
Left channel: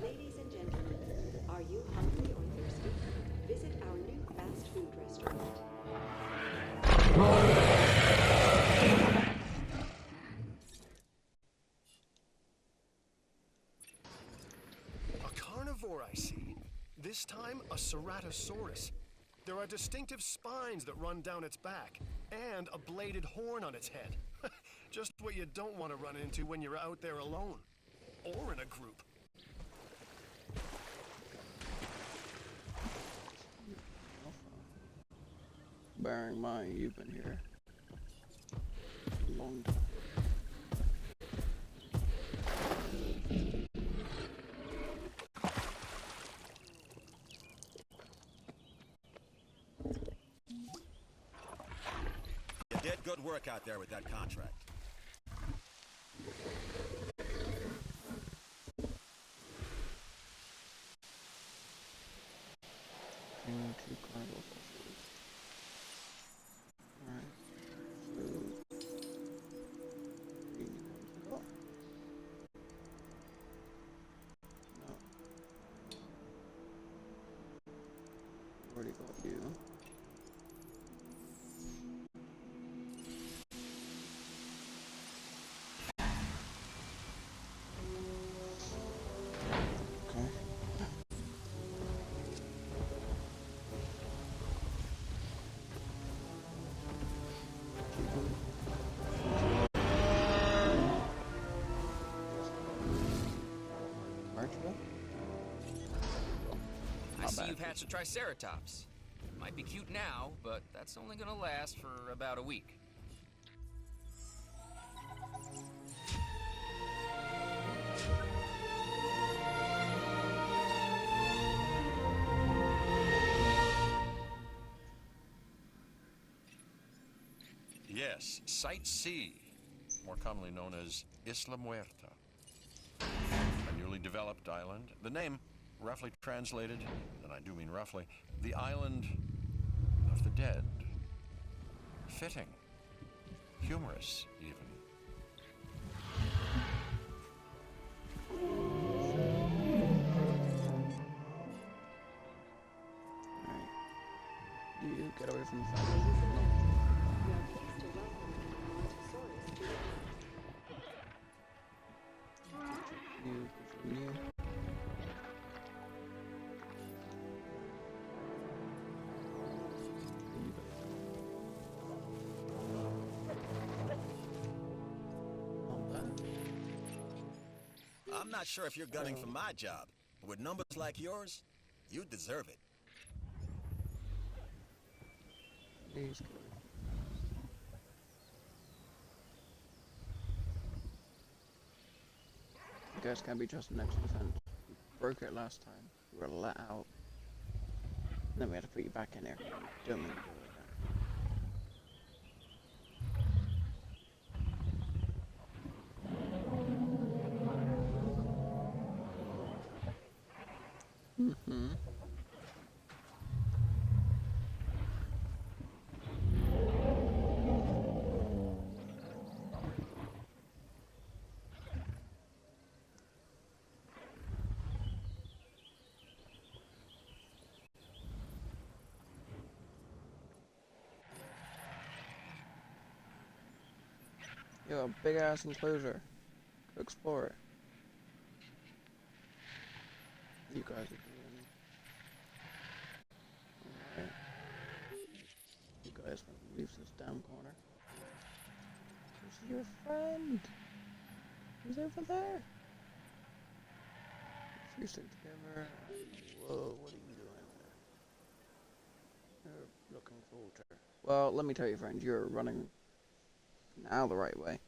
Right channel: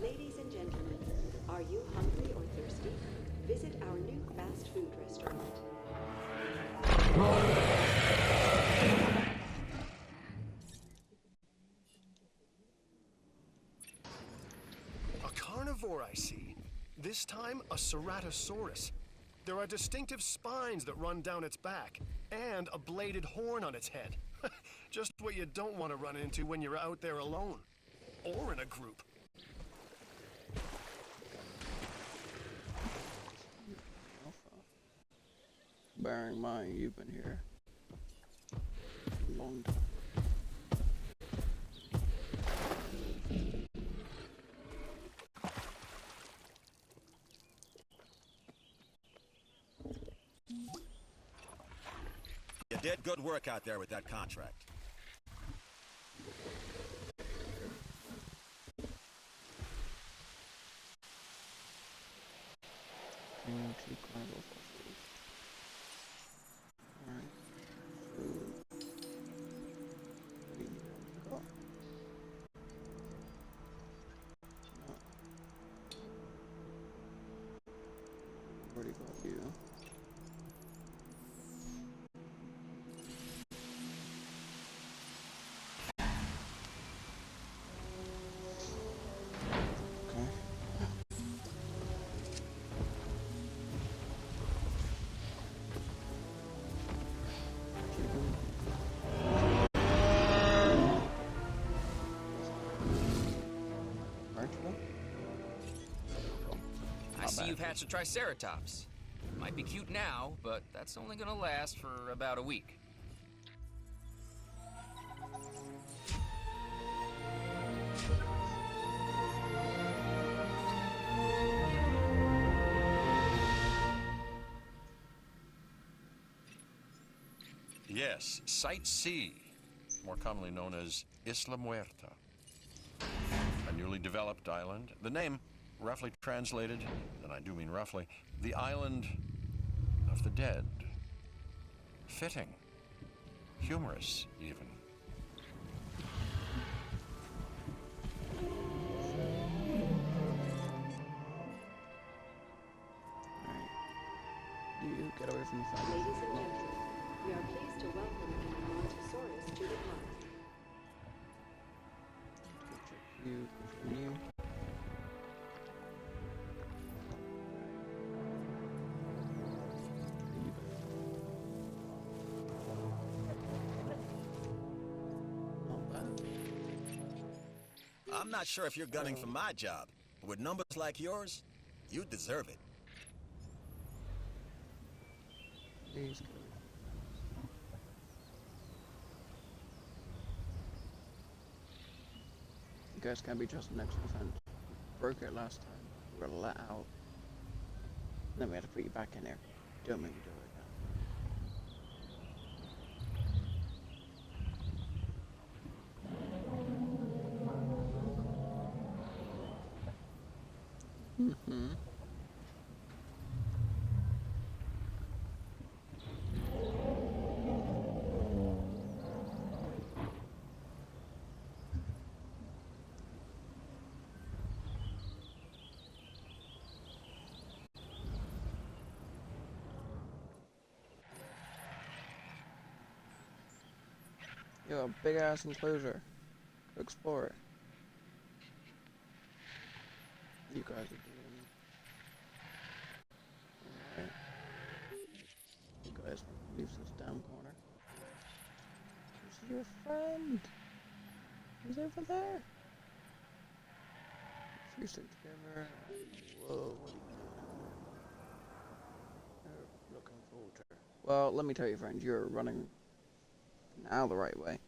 Ladies and gentlemen, are you hungry or thirsty? Visit our new fast food restaurant. A carnivore, I see. This time, a ceratosaurus. There are distinctive spines that run down its back, and a bladed horn on its head. Just what you don't want to run into when you're out there alone. Or in a group. Bearing in mind, you've been here a long time. You did good work out there with that contract. Two carnival fossils. Alright, so three new ones we got. No. Already got you. Okay. I see you've hatched a Triceratops. Might be cute now, but that's only gonna last for about a week. Yes, Site C, more commonly known as Isla Muerta. A newly developed island. The name, roughly translated, and I do mean roughly, the island of the dead. Fitting. Humorous, even. Alright. You get away from the Ladies family. and gentlemen, we are pleased to welcome an Allosaurus to the park. You, continue. And you go. Not bad. I'm not sure if you're gunning for my job, but with numbers like yours, you deserve it. Please go. You guys can be just next to the fence. We broke it last time. We were let out. Then we had to put you back in there. Don't make me do it again. Mm-hmm. Yo, a big ass enclosure. Go explore it. You guys are doing. Alright. You guys want to leave this damn corner. Who's your friend? He's over there. If you stick together. Whoa, what are you doing? You're looking for water. Well, let me tell you, friend, you're running now the right way.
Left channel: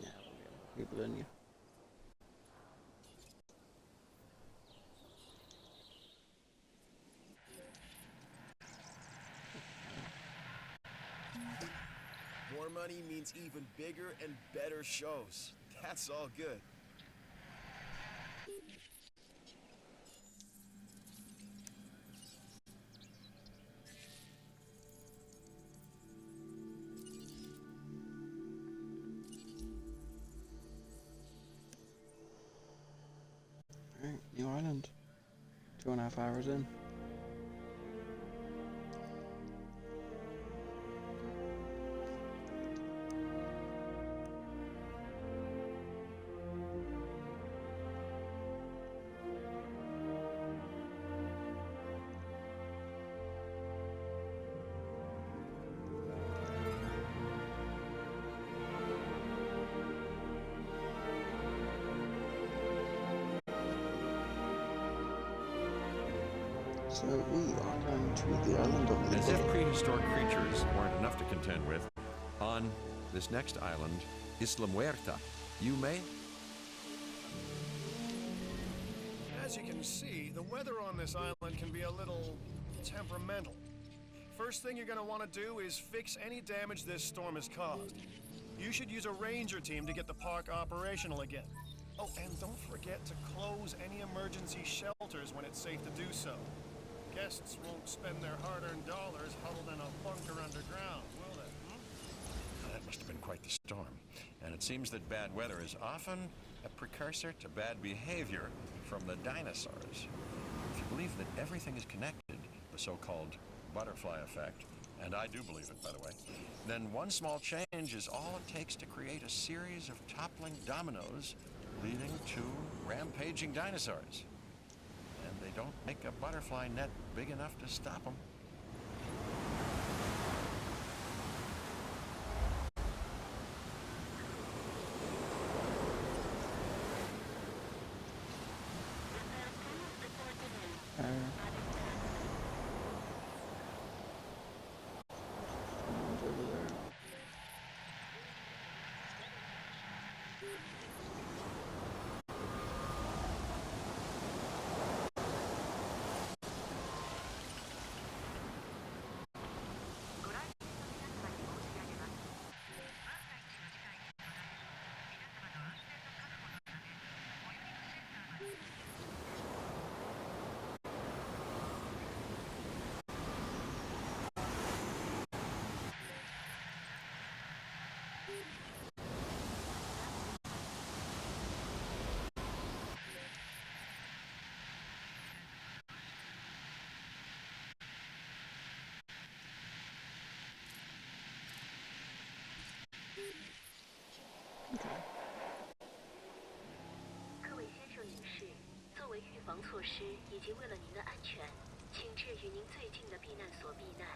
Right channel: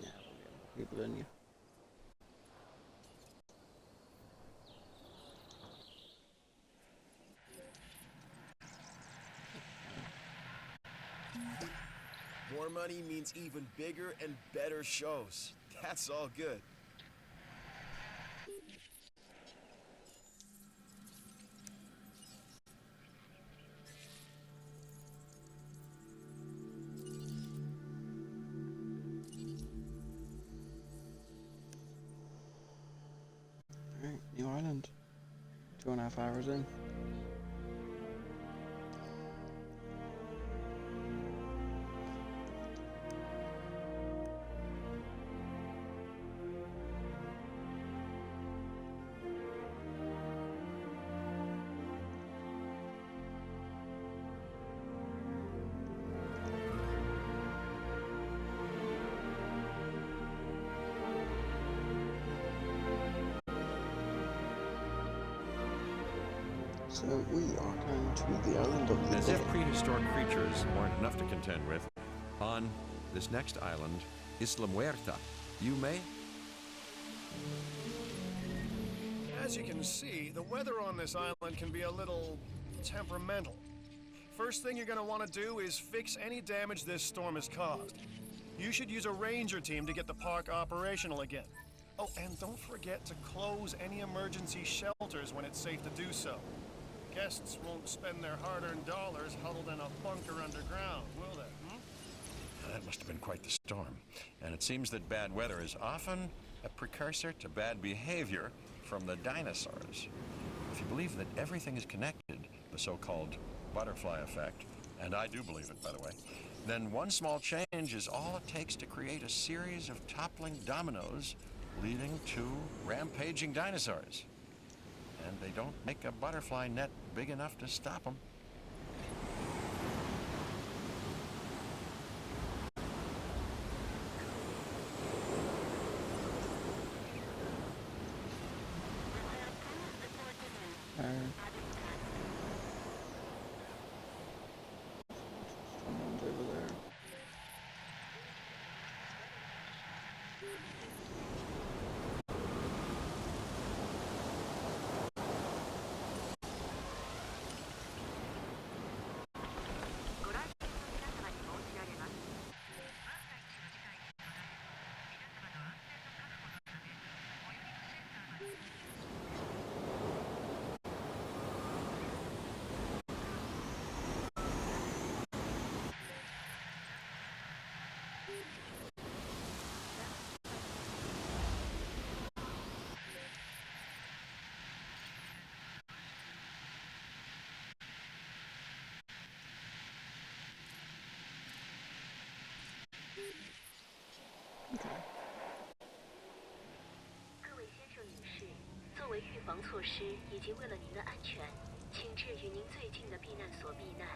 Yeah, we'll get more people in you. More money means even bigger and better shows. That's all good. Alright, New Island. 2.5 hours in. So we are going to the island of the As dead. if prehistoric creatures weren't enough to contend with, on this next island, Isla Muerta, you may... As you can see, the weather on this island can be a little temperamental. First thing you're going to want to do is fix any damage this storm has caused. You should use a ranger team to get the park operational again. Oh, and don't forget to close any emergency shelters when it's safe to do so. Guests won't spend their hard-earned dollars huddled in a bunker underground, will they? That must have been quite the storm. And it seems that bad weather is often a precursor to bad behavior from the dinosaurs. If you believe that everything is connected, the so-called butterfly effect, and I do believe it, by the way, then one small change is all it takes to create a series of toppling dominoes leading to rampaging dinosaurs. And they don't make a butterfly net big enough to stop them. Someone's over there. Okay. 各位先生、女士，作为预防措施以及为了您的安全，请至与您最近的避难所避难。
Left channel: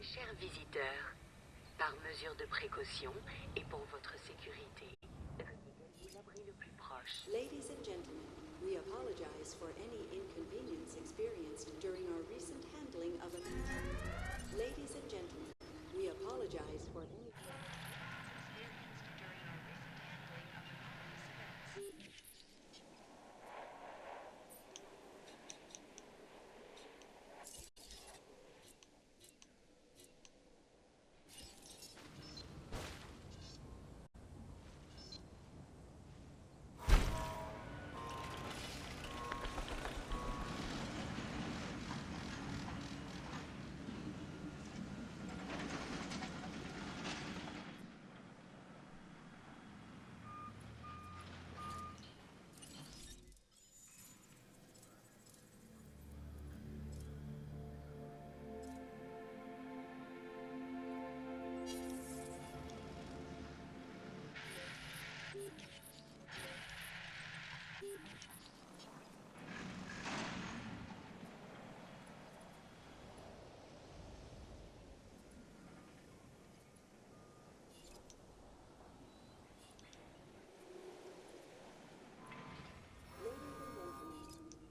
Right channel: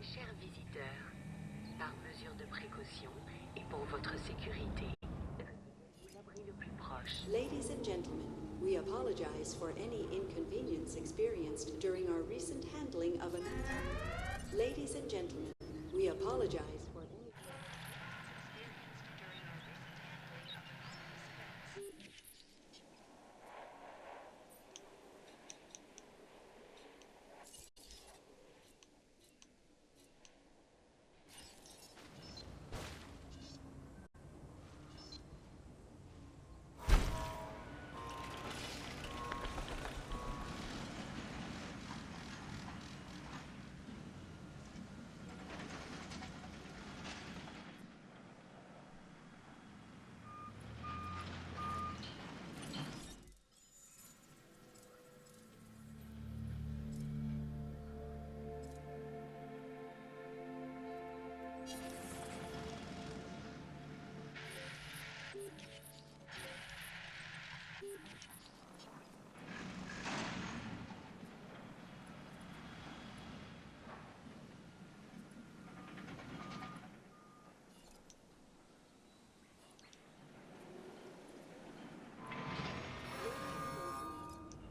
Chers visiteurs, par mesure de précaution et pour votre sécurité, retirez-vous l'abri le plus proche. Ladies and gentlemen, we apologize for any inconvenience experienced during our recent handling of a... Ladies and gentlemen, we apologize for any...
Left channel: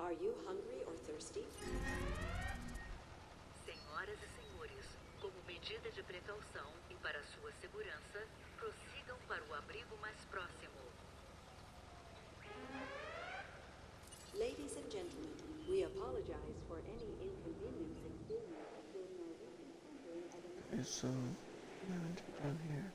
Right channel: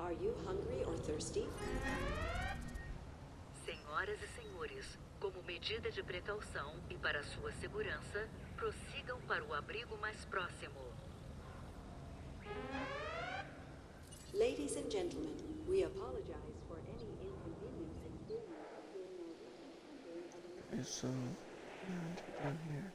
Are you hungry or thirsty? Senhoras e senhores, como medida de precaução e para sua segurança, prossigam para o abrigo mais próximo. Ladies and gentlemen, we apologize for any inconvenience experienced during our recent handling of Okay, so down here.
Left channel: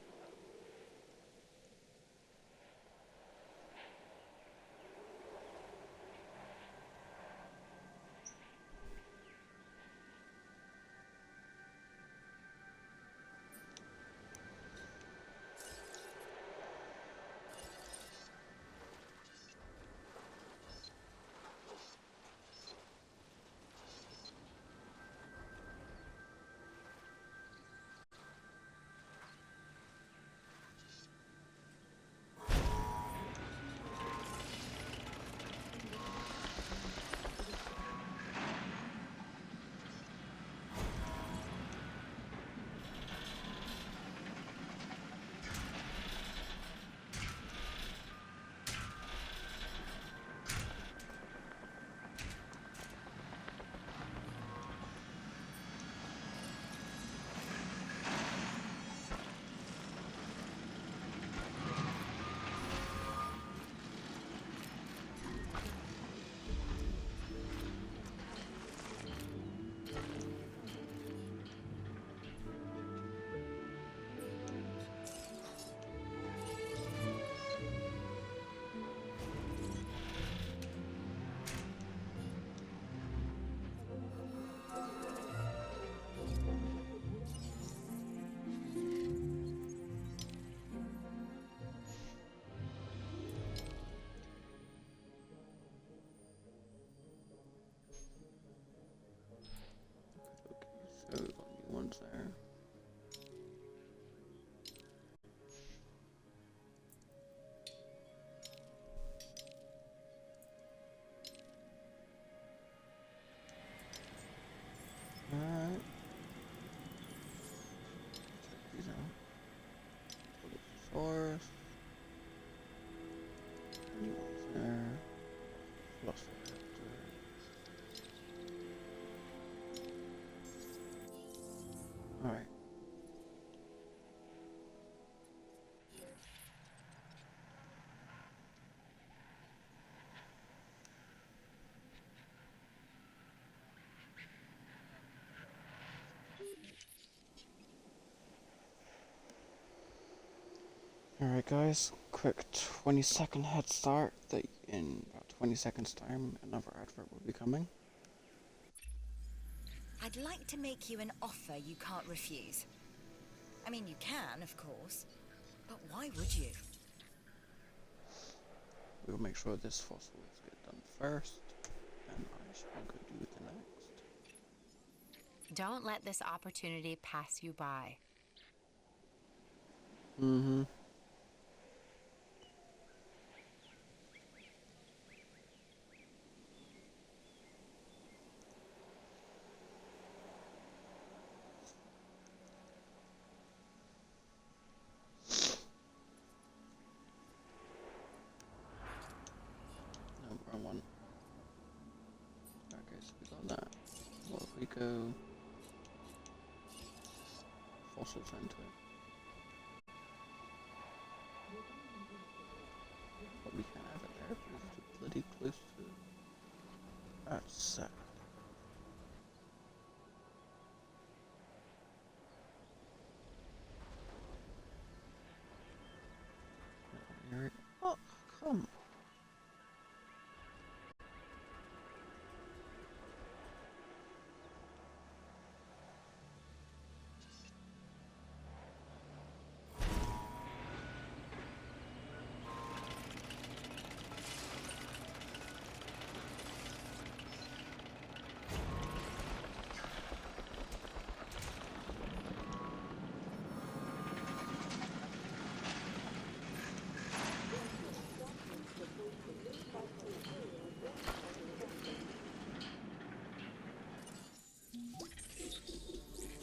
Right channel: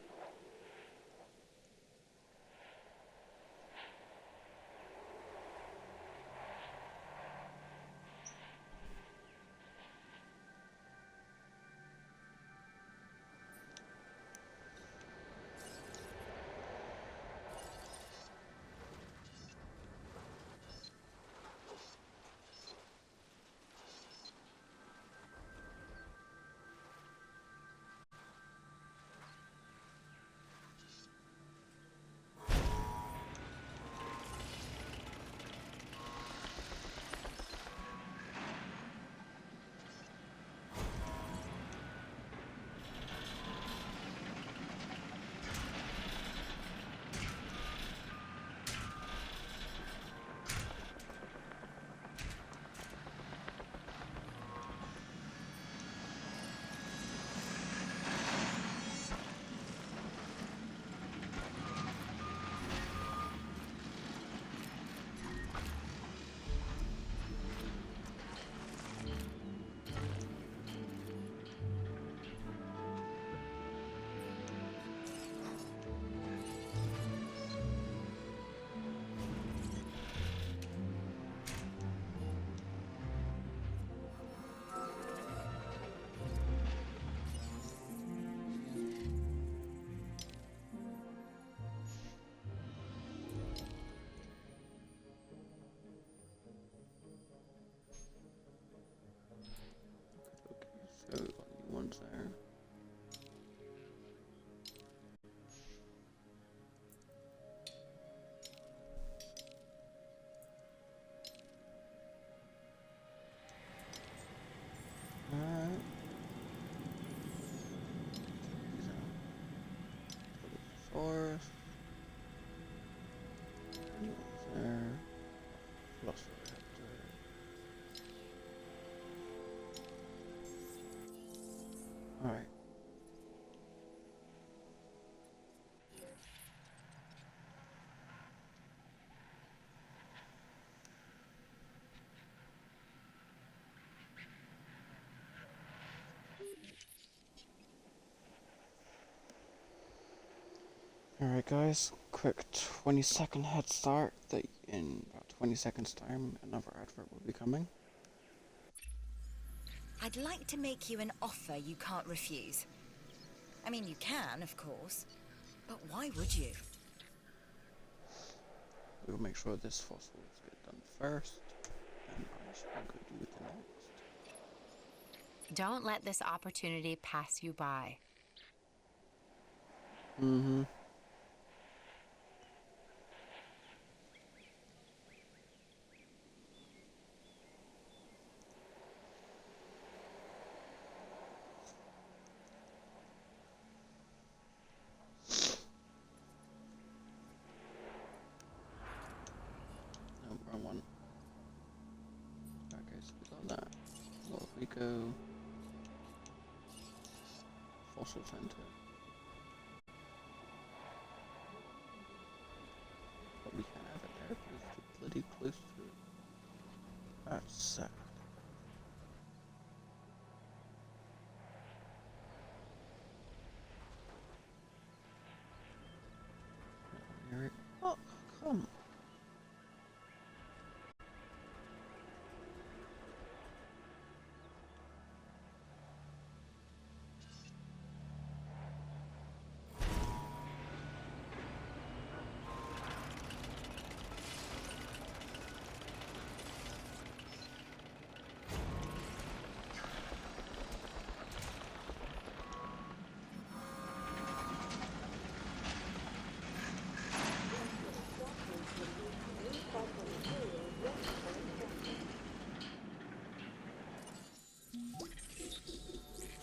So we've got new ones there. Alright. Check these out. Source. New ones there. Velociraptor. Alright. Alright guys, quick 20-second head start that in about 20 seconds time another advert will be coming. I'd like to make you an offer you can't refuse. I mean, you can, of course, but why would you? We'll make sure this fossils get done first, and I shall go do the next. Don't let this opportunity pass you by. Mm-hmm. No, wrong one. Okay, so we got that. What if we go fossil center? But we can't have it there because it's too bloody close to it. That's sad. Oh, come.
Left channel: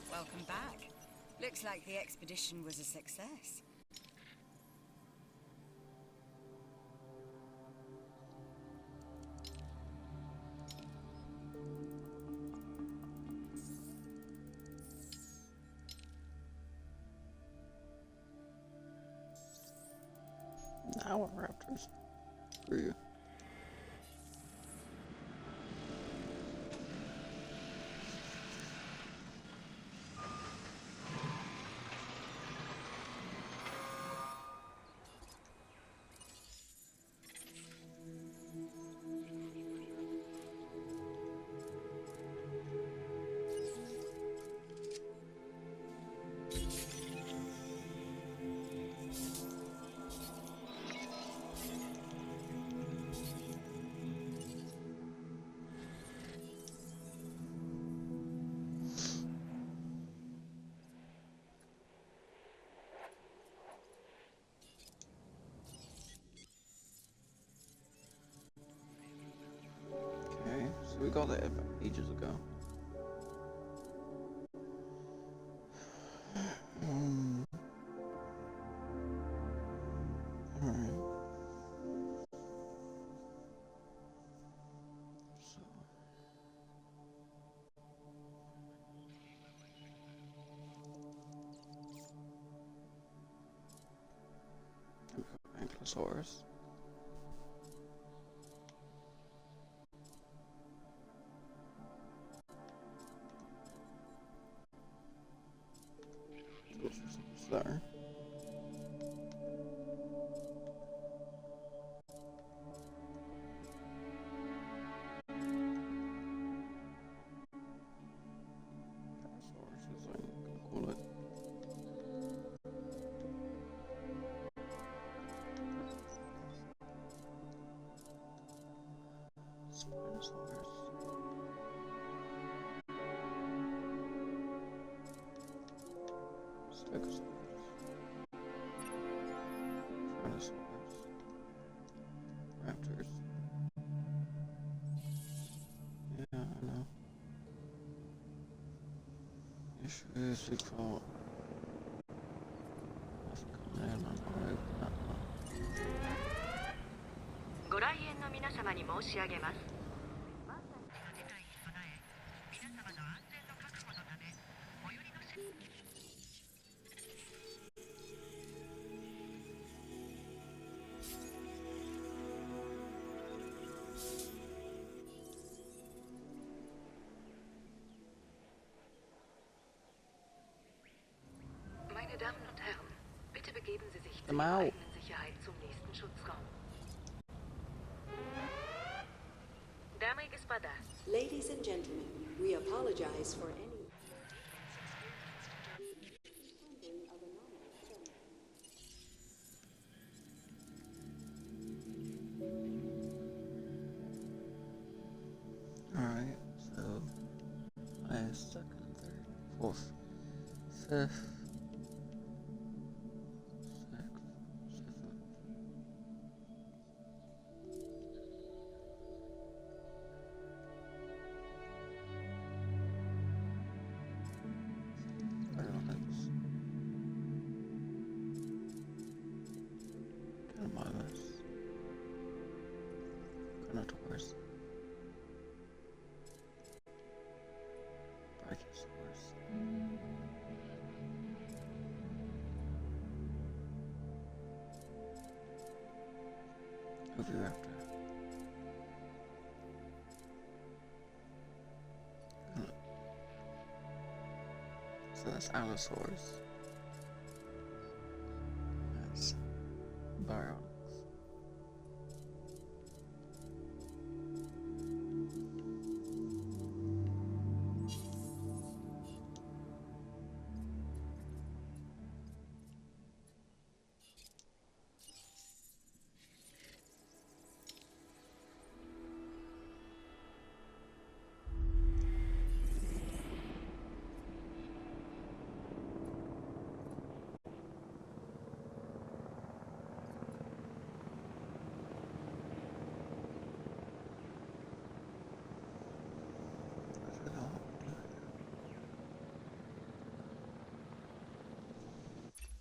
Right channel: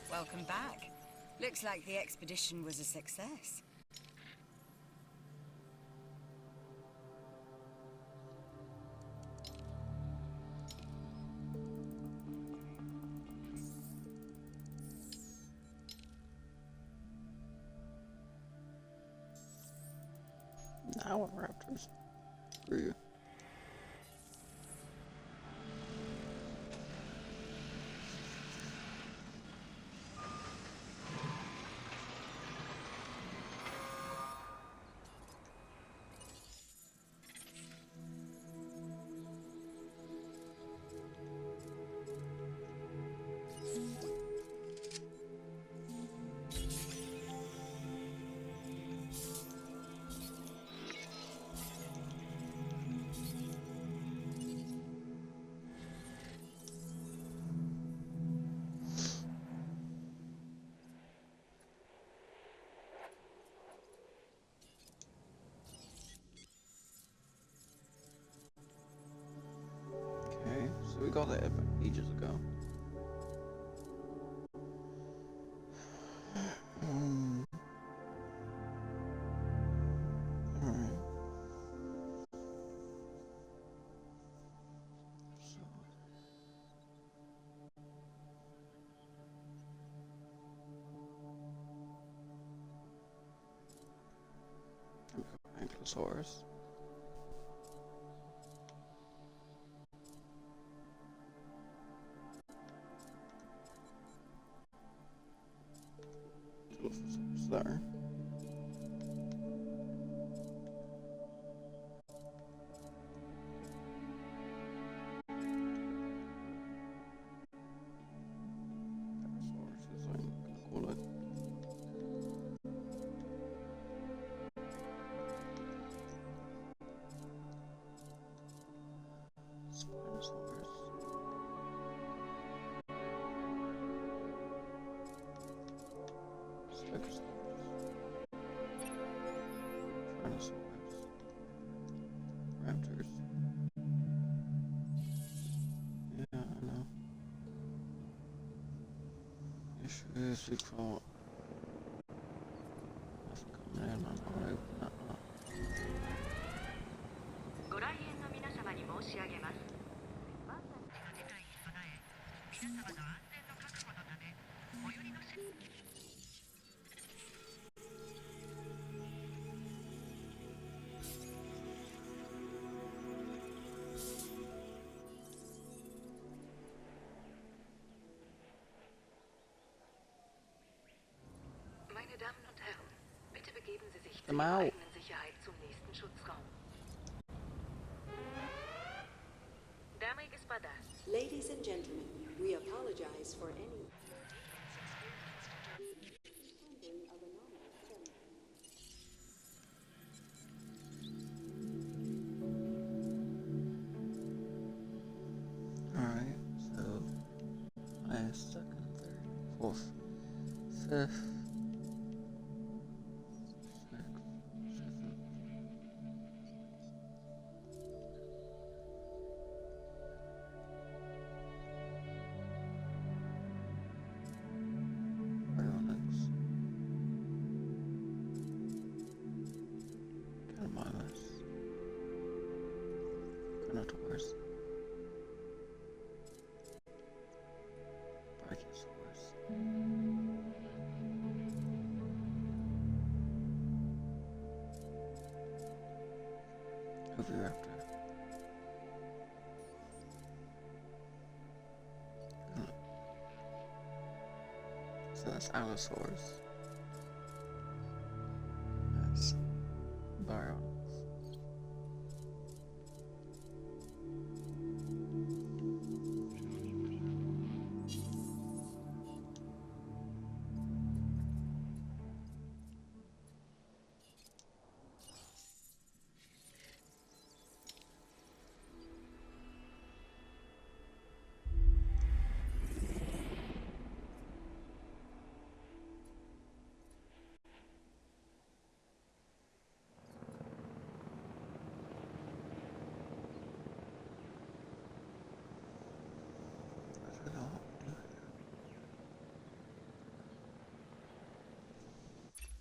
Welcome back. Looks like the expedition was a success. tower raptors. Screw you. Okay, so we got that ages ago. Alright. So. We've got Ankylosaurus. Dilophosaurus there. Parasaurus is I'm gonna call it. Spinosaurus. Stegosaurus. Tyrannosaurus. Raptors. Yeah, I know. Issues we caught. Nothing coming in, I'm gonna open that up. ご来園の皆様に申し上げます。Meine Damen und Herren, bitte begeben Sie sich zur eigenen Sicherheit zum nächsten Schutzraum. Дамы и господа. Ladies and gentlemen, we apologize for any of anomalous Alright, so second, third, fourth, fifth, sixth, seventh. Ionics. Catamomus. Carnotaurus. Brachiosaurus. Oviraptor. So that's Allosaurus. That's Baryonyx.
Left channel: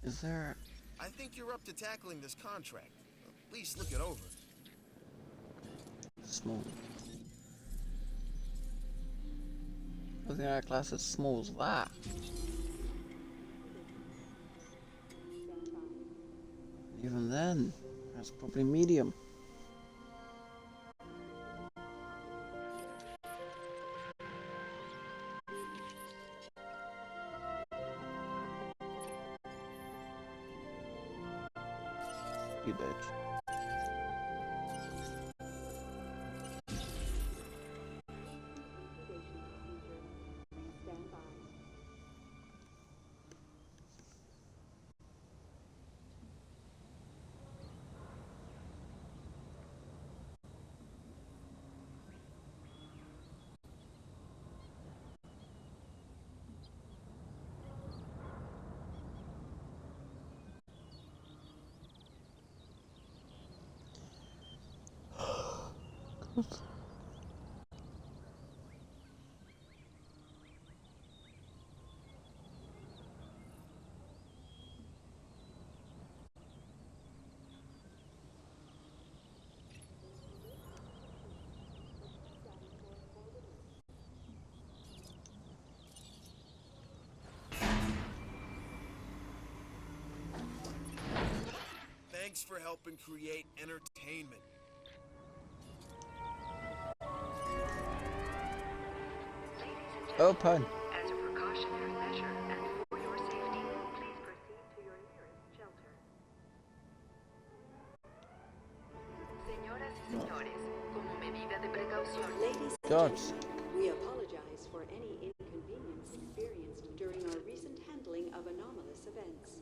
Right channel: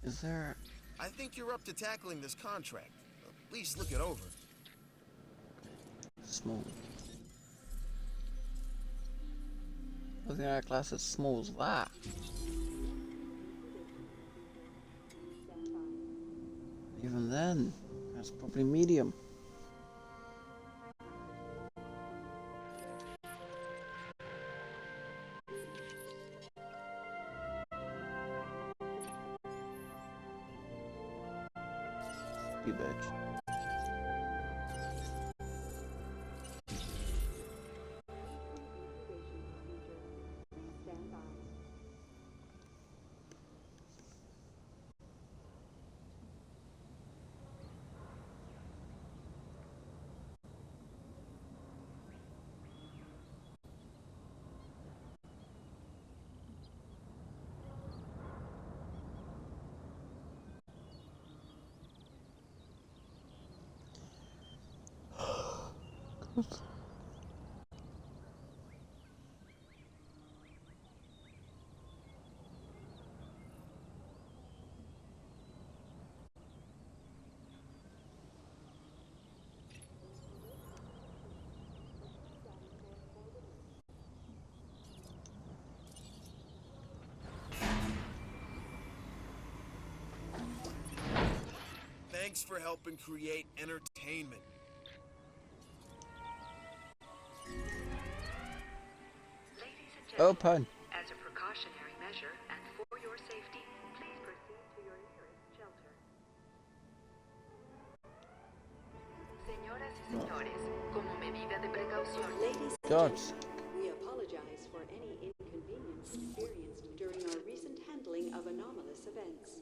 Is there... I think you're up to tackling this contract. At least look it over. Small. I think our class is small as that. Even then, That's probably medium. You bitch. Thanks for helping create entertainment. Open. As a precautionary measure and for your safety, please proceed to your nearest shelter. Señoras y señores, como medida de precaución. Ladies and gentlemen, we apologize for any inconvenience experienced during our recent handling of anomalous events.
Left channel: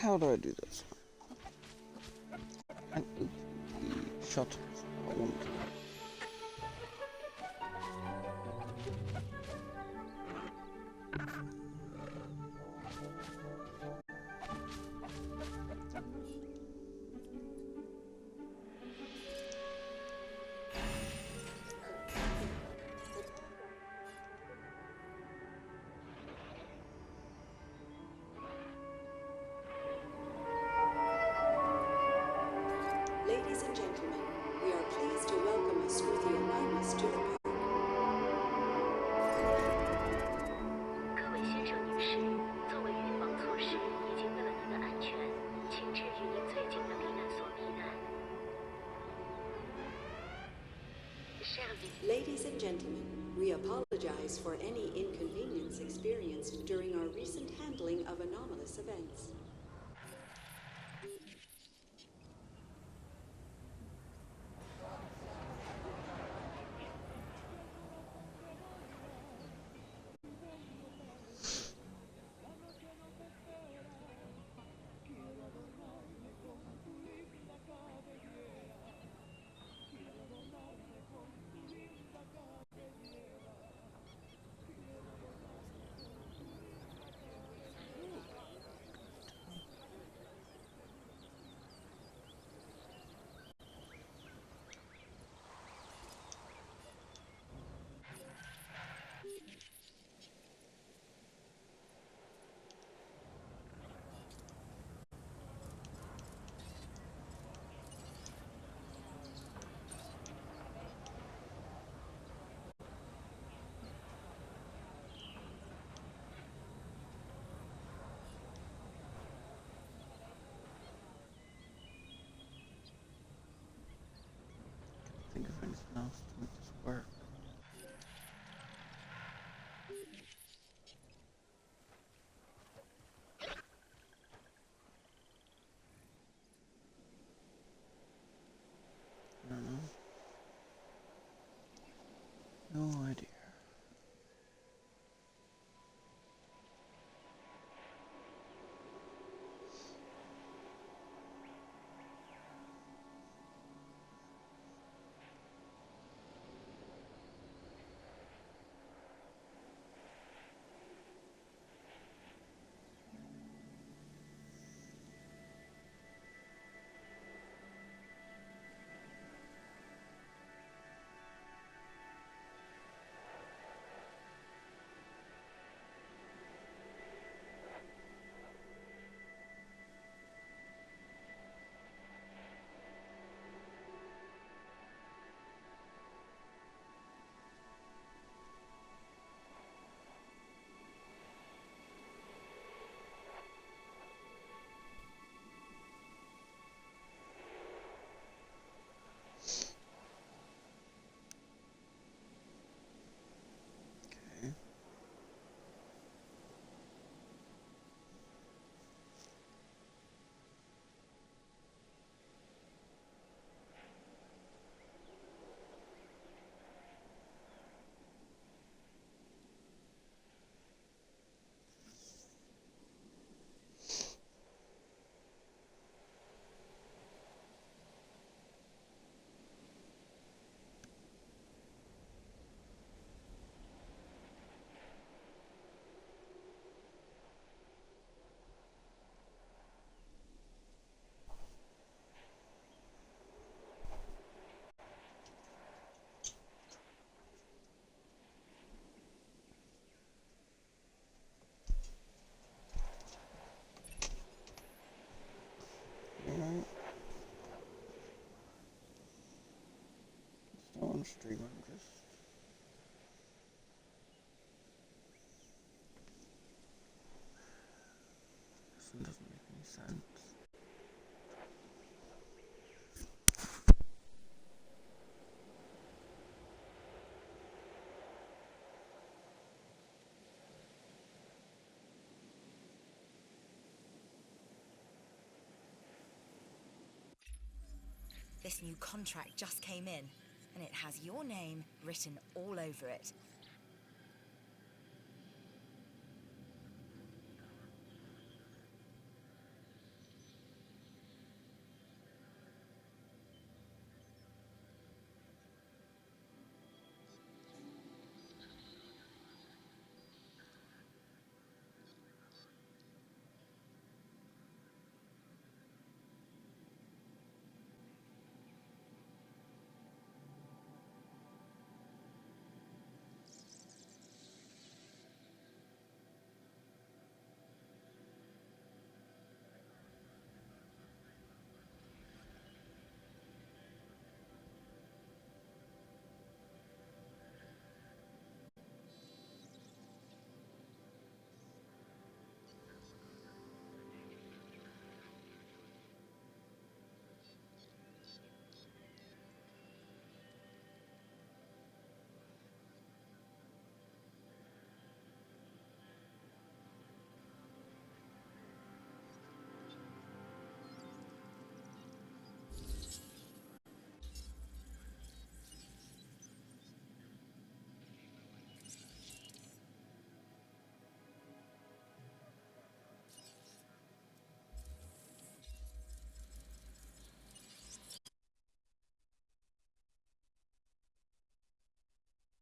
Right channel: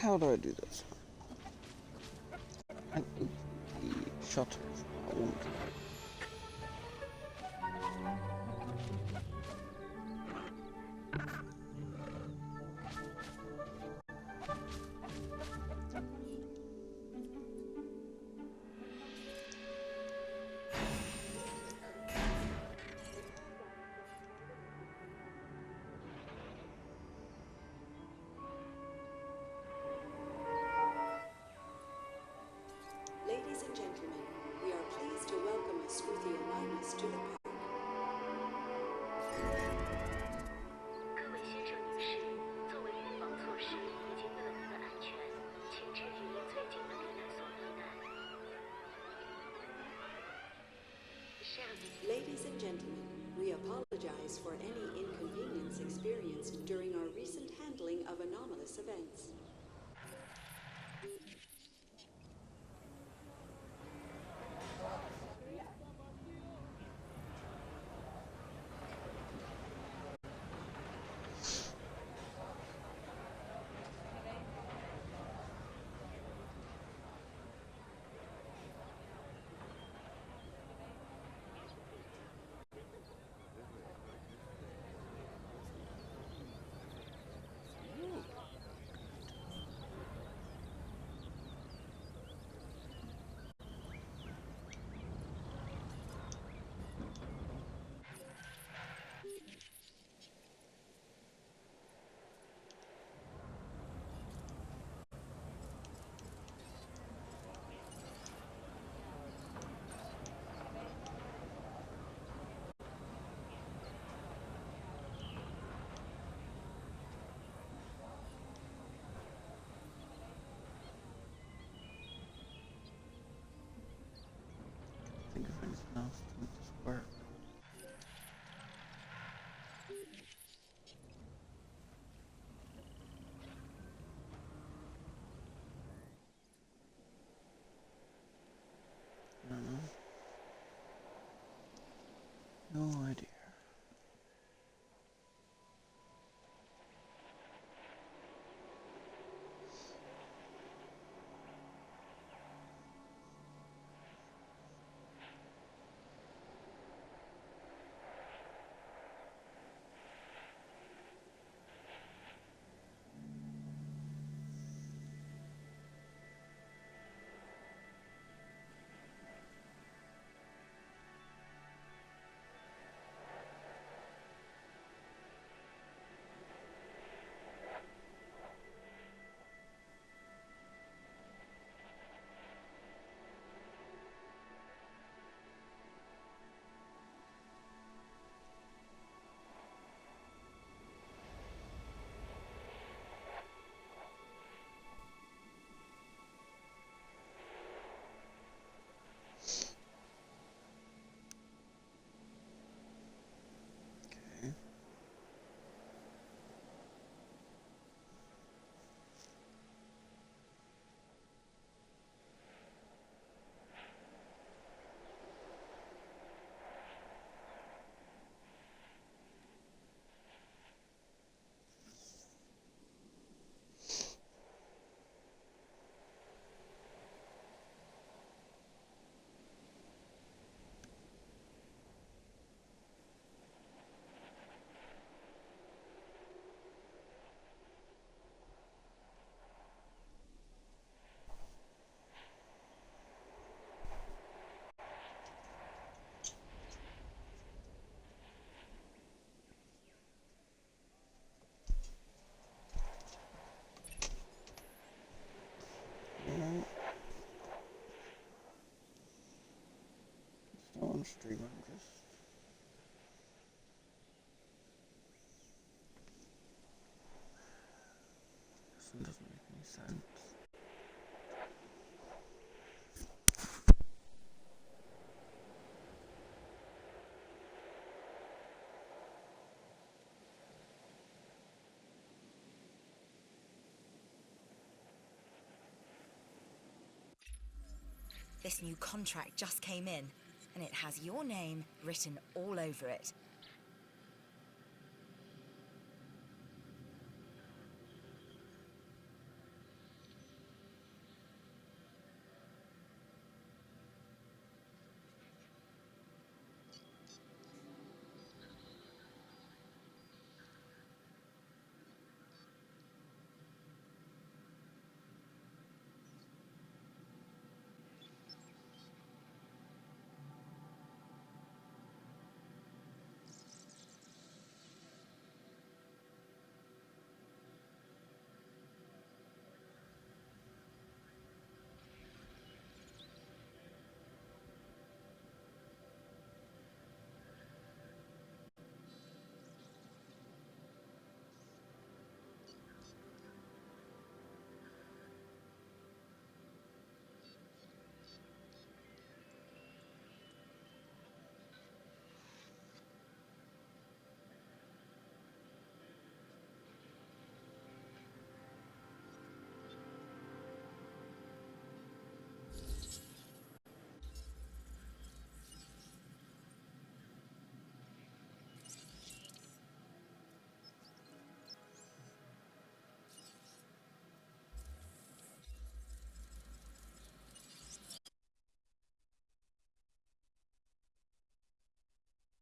How do I do this? And the shutters. I want to. Ladies and gentlemen, we are pleased to welcome a Scuthiomimus to the park. 各位先生女士，作为预防措施以及为了您的安全，请至距离最近的避难所避难。Ladies and gentlemen, we apologize for any inconvenience experienced during our recent handling of anomalous events. else to make this work. I don't know. No idea. Okay. Alright. Still on stream, I'm just... This one doesn't make any sense. This new contract just came in, and it has your name written all over it.